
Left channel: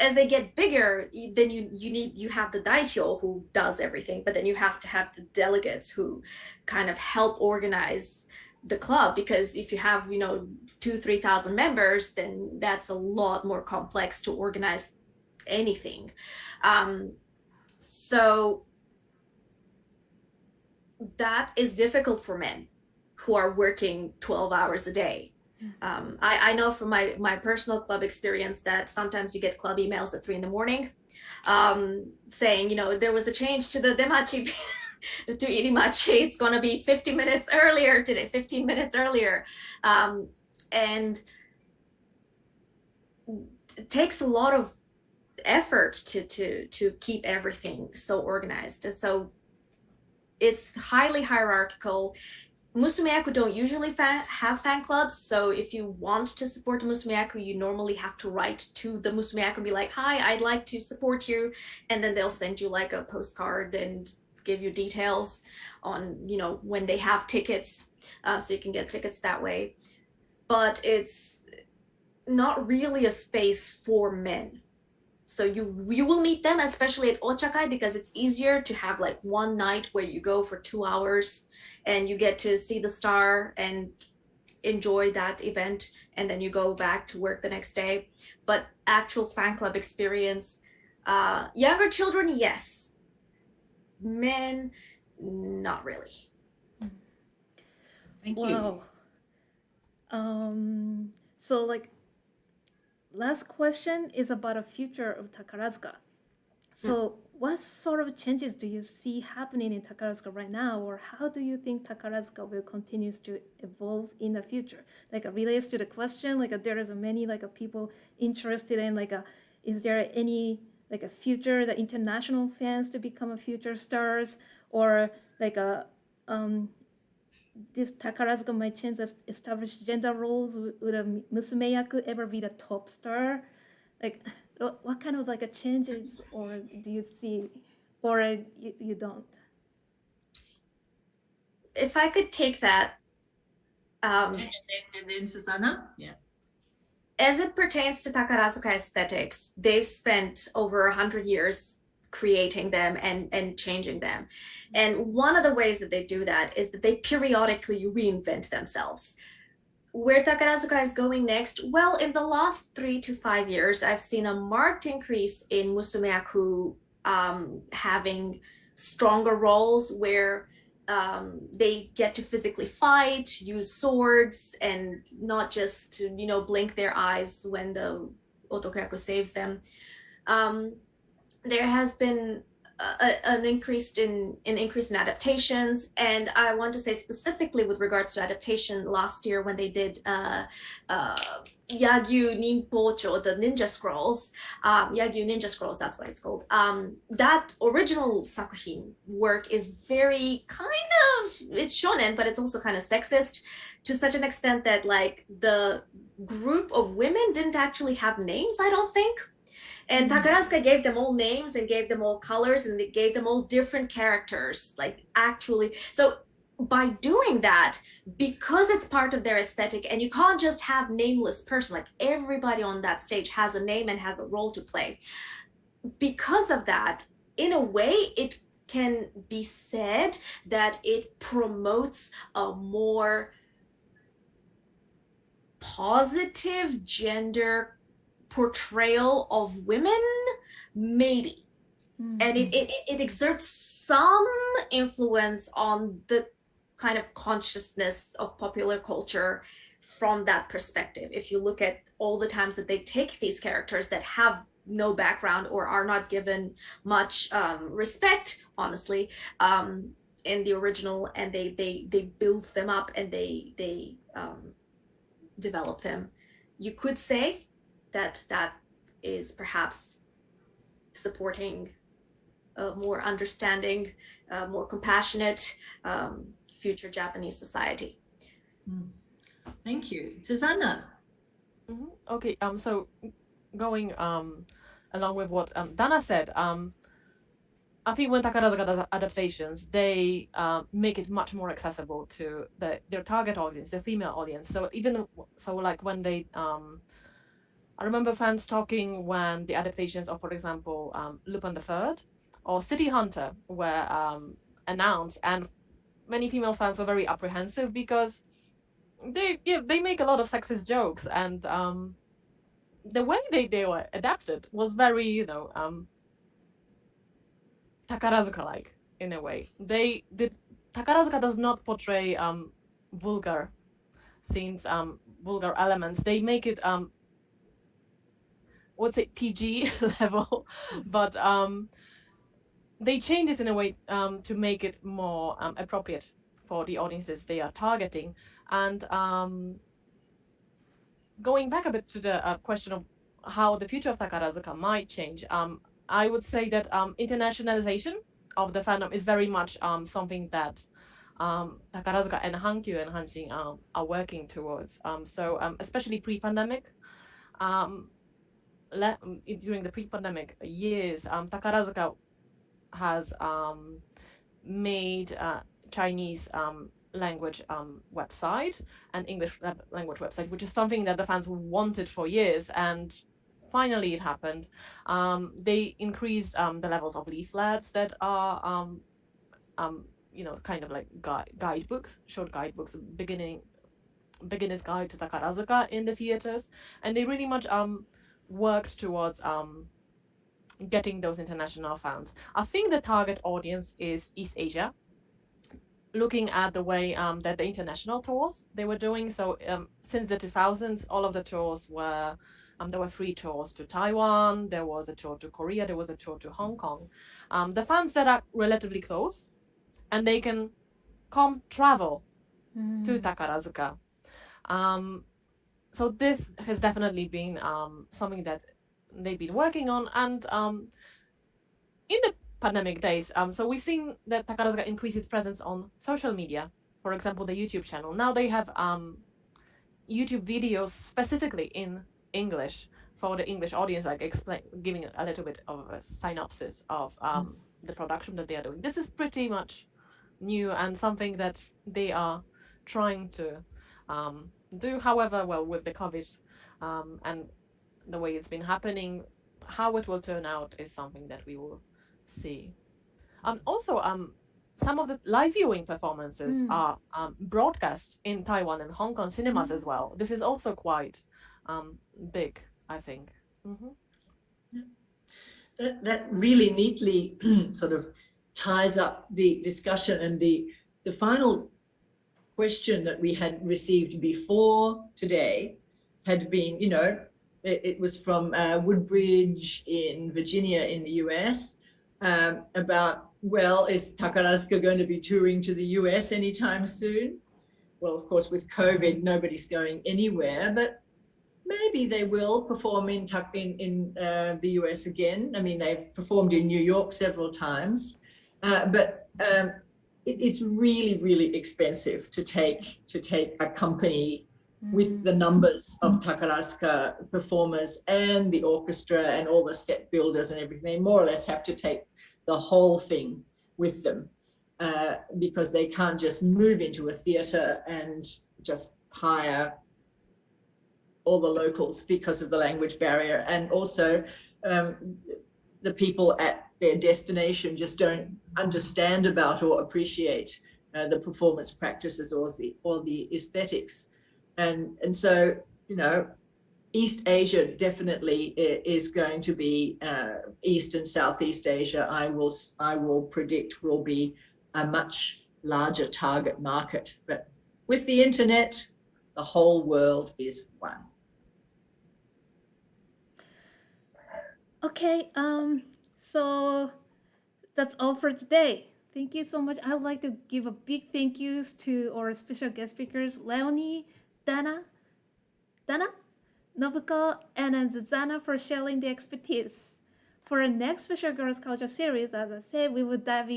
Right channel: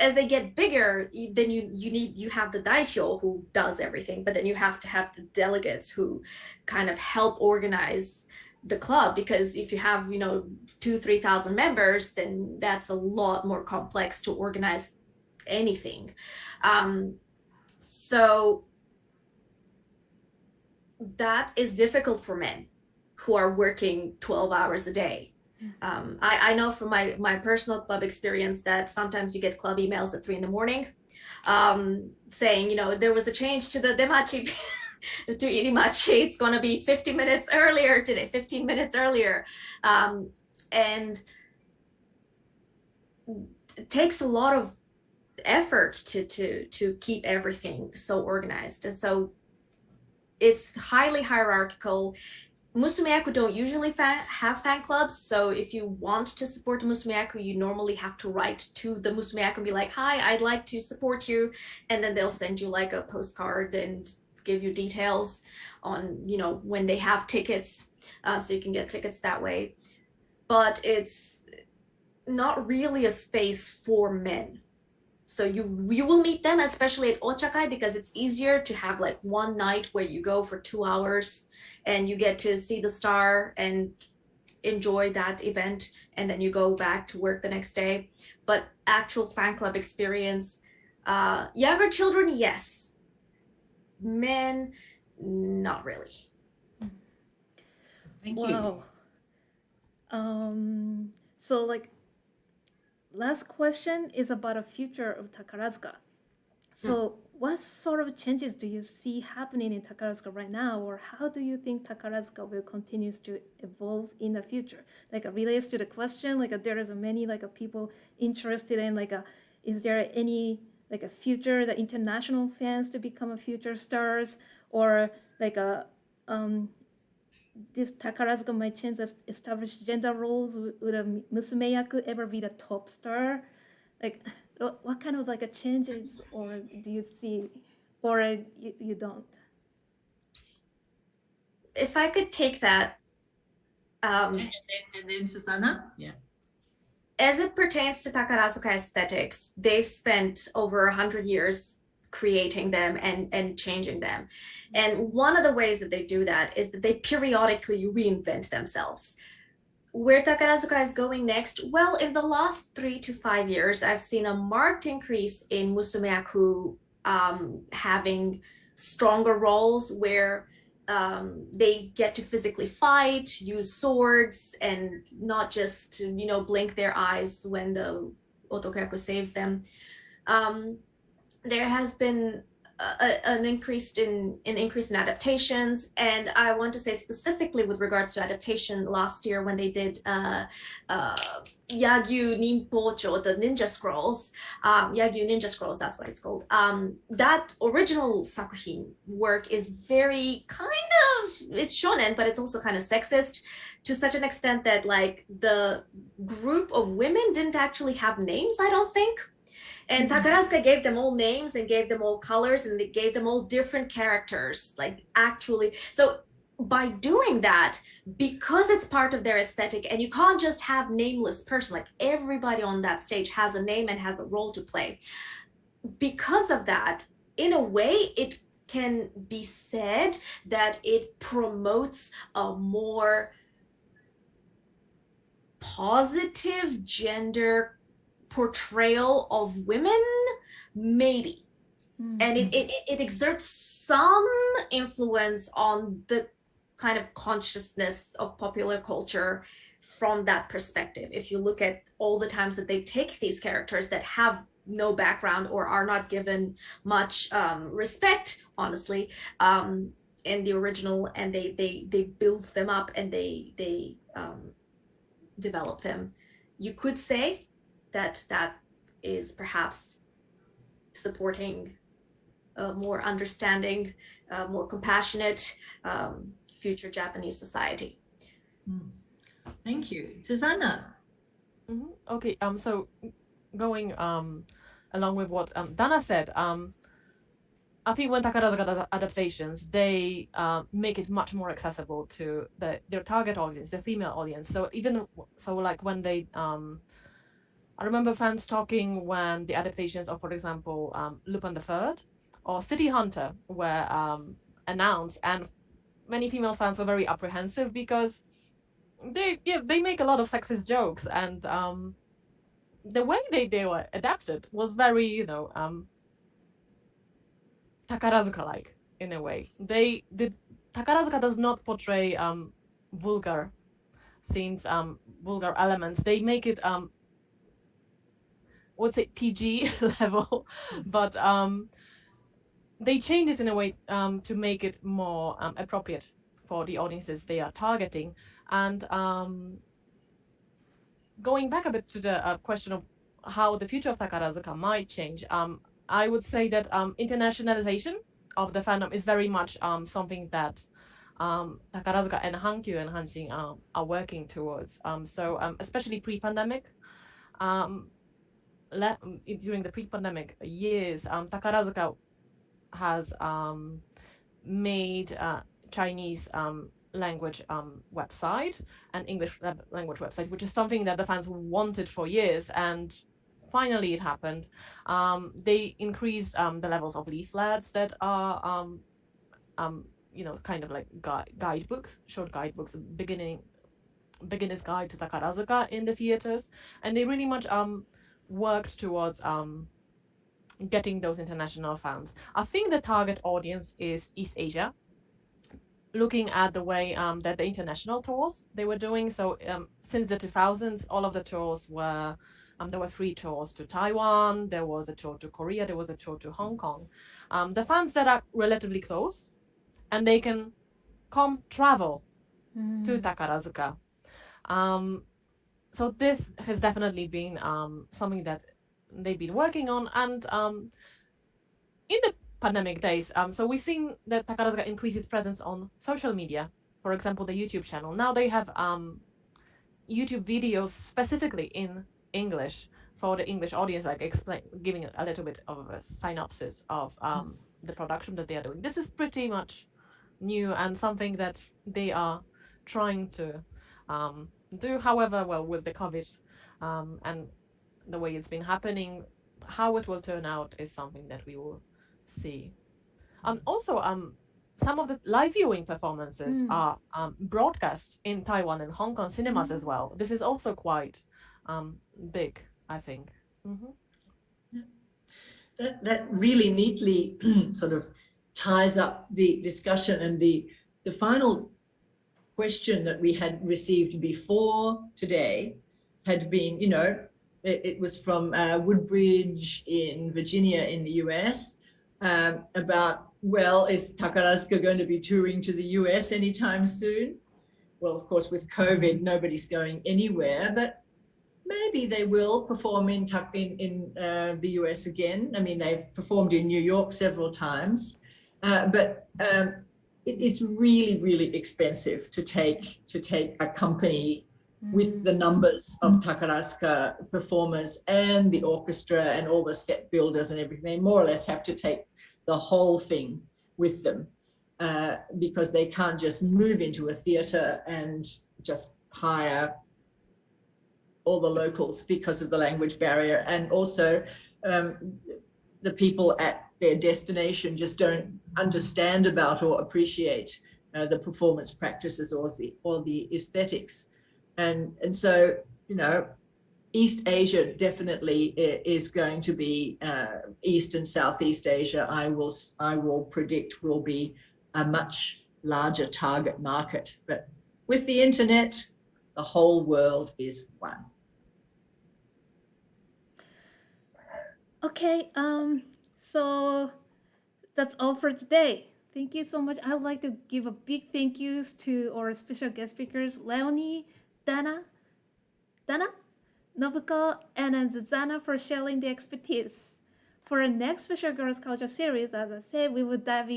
as they get bigger, then you have the daihyo who does everything, but then you have to have the delegates who kind of help organize the club, because if you have 2,000-3,000 members, then that's a lot more complex to organize anything. So that is difficult for men who are working 12 hours a day. I know from my personal club experience that sometimes you get club emails at 3 a.m. Saying, there was a change to the demachi to irimachi, it's going to be 50 minutes earlier today, 15 minutes earlier. And it takes a lot of effort to keep everything so organized. And so it's highly hierarchical. Musumeyaku don't usually have fan clubs, so if you want to support Musumeyaku, you normally have to write to the Musumeyaku and be like, hi, I'd like to support you, and then they'll send you like a postcard and give you details on, you know, when they have tickets, so you can get tickets that way. But it's not really a space for men. So you will meet them, especially at Ochakai, because it's easier to have like one night where you go for 2 hours and you get to see the star and enjoy that event, and then you go back to work the next day. But actual fan club experience, younger children, yes. Men, not really. Thank you. Wow. So like, last question is about the future of Takarazuka. So what sort of changes do you see happening in Takarazuka right now, or how do you think Takarazuka will continue to evolve in the future? Like relates to the question, like there is many like people interested in like is there any like a future the international fans to become a future stars, or like this Takarazuka might change the established gender roles? Would a Musumeyaku ever be the top star? Like, what kind of like a changes, or do you see, or you don't? If I could take that, And then Susanna? Yeah. as it pertains to Takarazuka aesthetics, they've spent over 100 years creating them and changing them. And one of the ways that they do that is that they periodically reinvent themselves. Where Takarazuka is going next? Well, in the last 3 to 5 years, I've seen a marked increase in Musumeyaku having stronger roles where they get to physically fight, use swords, and not just, you know, blink their eyes when the otokoyaku saves them. There has been an increase in adaptations, and I want to say specifically with regards to adaptation, last year when they did Yagyu Ninpocho, the Ninja Scrolls, Yagyu Ninja Scrolls, that's what it's called. That original sakuhin work is very kind of, it's shonen, but it's also kind of sexist to such an extent that like the group of women didn't actually have names, I don't think. And Takarazuka gave them all names and gave them all colors, and they gave them all different characters, like actually. So by doing that, because it's part of their aesthetic, and you can't just have nameless person, like everybody on that stage has a name and has a role to play. Because of that, in a way, it can be said that it promotes a more positive gender portrayal of women, maybe. And it exerts some influence on the kind of consciousness of popular culture from that perspective. If you look at all the times that they take these characters that have no background or are not given much respect, honestly, in the original, and they build them up and they develop them, you could say that is perhaps supporting a more understanding, more compassionate future Japanese society. Thank you. Susanna? Okay, so going along with what Dana said, I think when Takarazuka does adaptations, they make it much more accessible to their target audience, the female audience. So even so, like when they I remember fans talking when the adaptations of, for example, Lupin the Third or City Hunter were announced, and many female fans were very apprehensive because they make a lot of sexist jokes, and the way they were adapted was very, you know, Takarazuka-like in a way. Takarazuka does not portray vulgar scenes, vulgar elements. They make it what's it, PG level, but they change it in a way to make it more appropriate for the audiences they are targeting. And going back a bit to the question of how the future of Takarazuka might change, I would say that internationalization of the fandom is very much something that Takarazuka and Hankyu and Hanshin are working towards. Especially pre-pandemic, during the pre-pandemic years, Takarazuka has made Chinese language website and English language website, which is something that the fans wanted for years, and finally it happened. They increased the levels of leaflets that are kind of like guidebooks, short guidebooks, beginner's guide to Takarazuka in the theaters, and they really much worked towards getting those international fans. I think the target audience is East Asia, looking at the way that the international tours they were doing. So since the 2000s, all of the tours were, there were 3 tours to Taiwan, there was a tour to Korea, there was a tour to Hong Kong. The fans that are relatively close, and they can travel to Takarazuka. So this has definitely been something that they've been working on, and in the pandemic days, so we've seen that Takarazuka increase its presence on social media, for example, the YouTube channel. Now they have YouTube videos specifically in English for the English audience, like giving a little bit of a synopsis of the production that they are doing. This is pretty much new and something that they are trying to do. However, well, with the COVID and the way it's been happening, how it will turn out is something that we will see. Also, some of the live viewing performances are broadcast in Taiwan and Hong Kong cinemas as well. This is also quite big, I think. That really neatly sort of ties up the discussion, and the final question that we had received before today had been, it was from Woodbridge in Virginia in the US, about, well, is Takarazuka going to be touring to the US anytime soon? Well, of course, with COVID, nobody's going anywhere, but maybe they will perform in the US again. I mean, they've performed in New York several times, but it's really, really expensive to take a company with the numbers of Takarazuka performers and the orchestra and all the set builders and everything. They more or less have to take the whole thing with them, because they can't just move into a theater and just hire all the locals because of the language barrier. And also the people at their destination just don't understand about or appreciate the performance practices or the aesthetics. And so, East Asia definitely is going to be, East and Southeast Asia, I will predict, will be a much larger target market. But with the internet, the whole world is one. Okay, so that's all for today. Thank you so much. I'd like to give a big thank yous to our special guest speakers, Leonie, Dana, Nobuko, and Zuzana for sharing the expertise. For our next special girls culture series, as I said, we will dive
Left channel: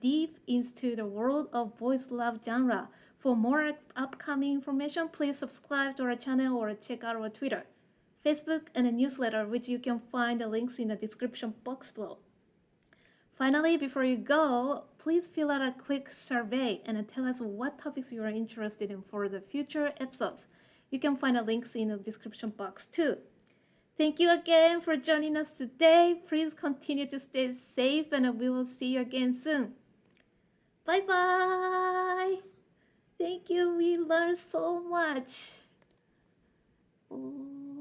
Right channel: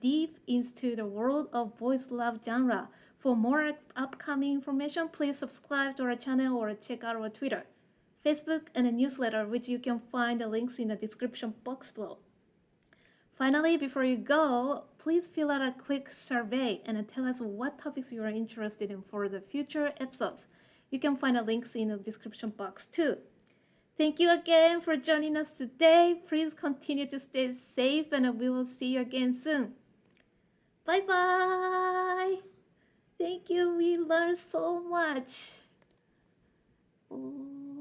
deep into the world of boys love genre. For more upcoming information, please subscribe to our channel or check out our Twitter, Facebook, and a newsletter, which you can find the links in the description box below. Finally, before you go, please fill out a quick survey and tell us what topics you are interested in for the future episodes. You can find the links in the description box too. Thank you again for joining us today. Please continue to stay safe, and we will see you again soon. Bye-bye. Thank you. We learned so much. Oh.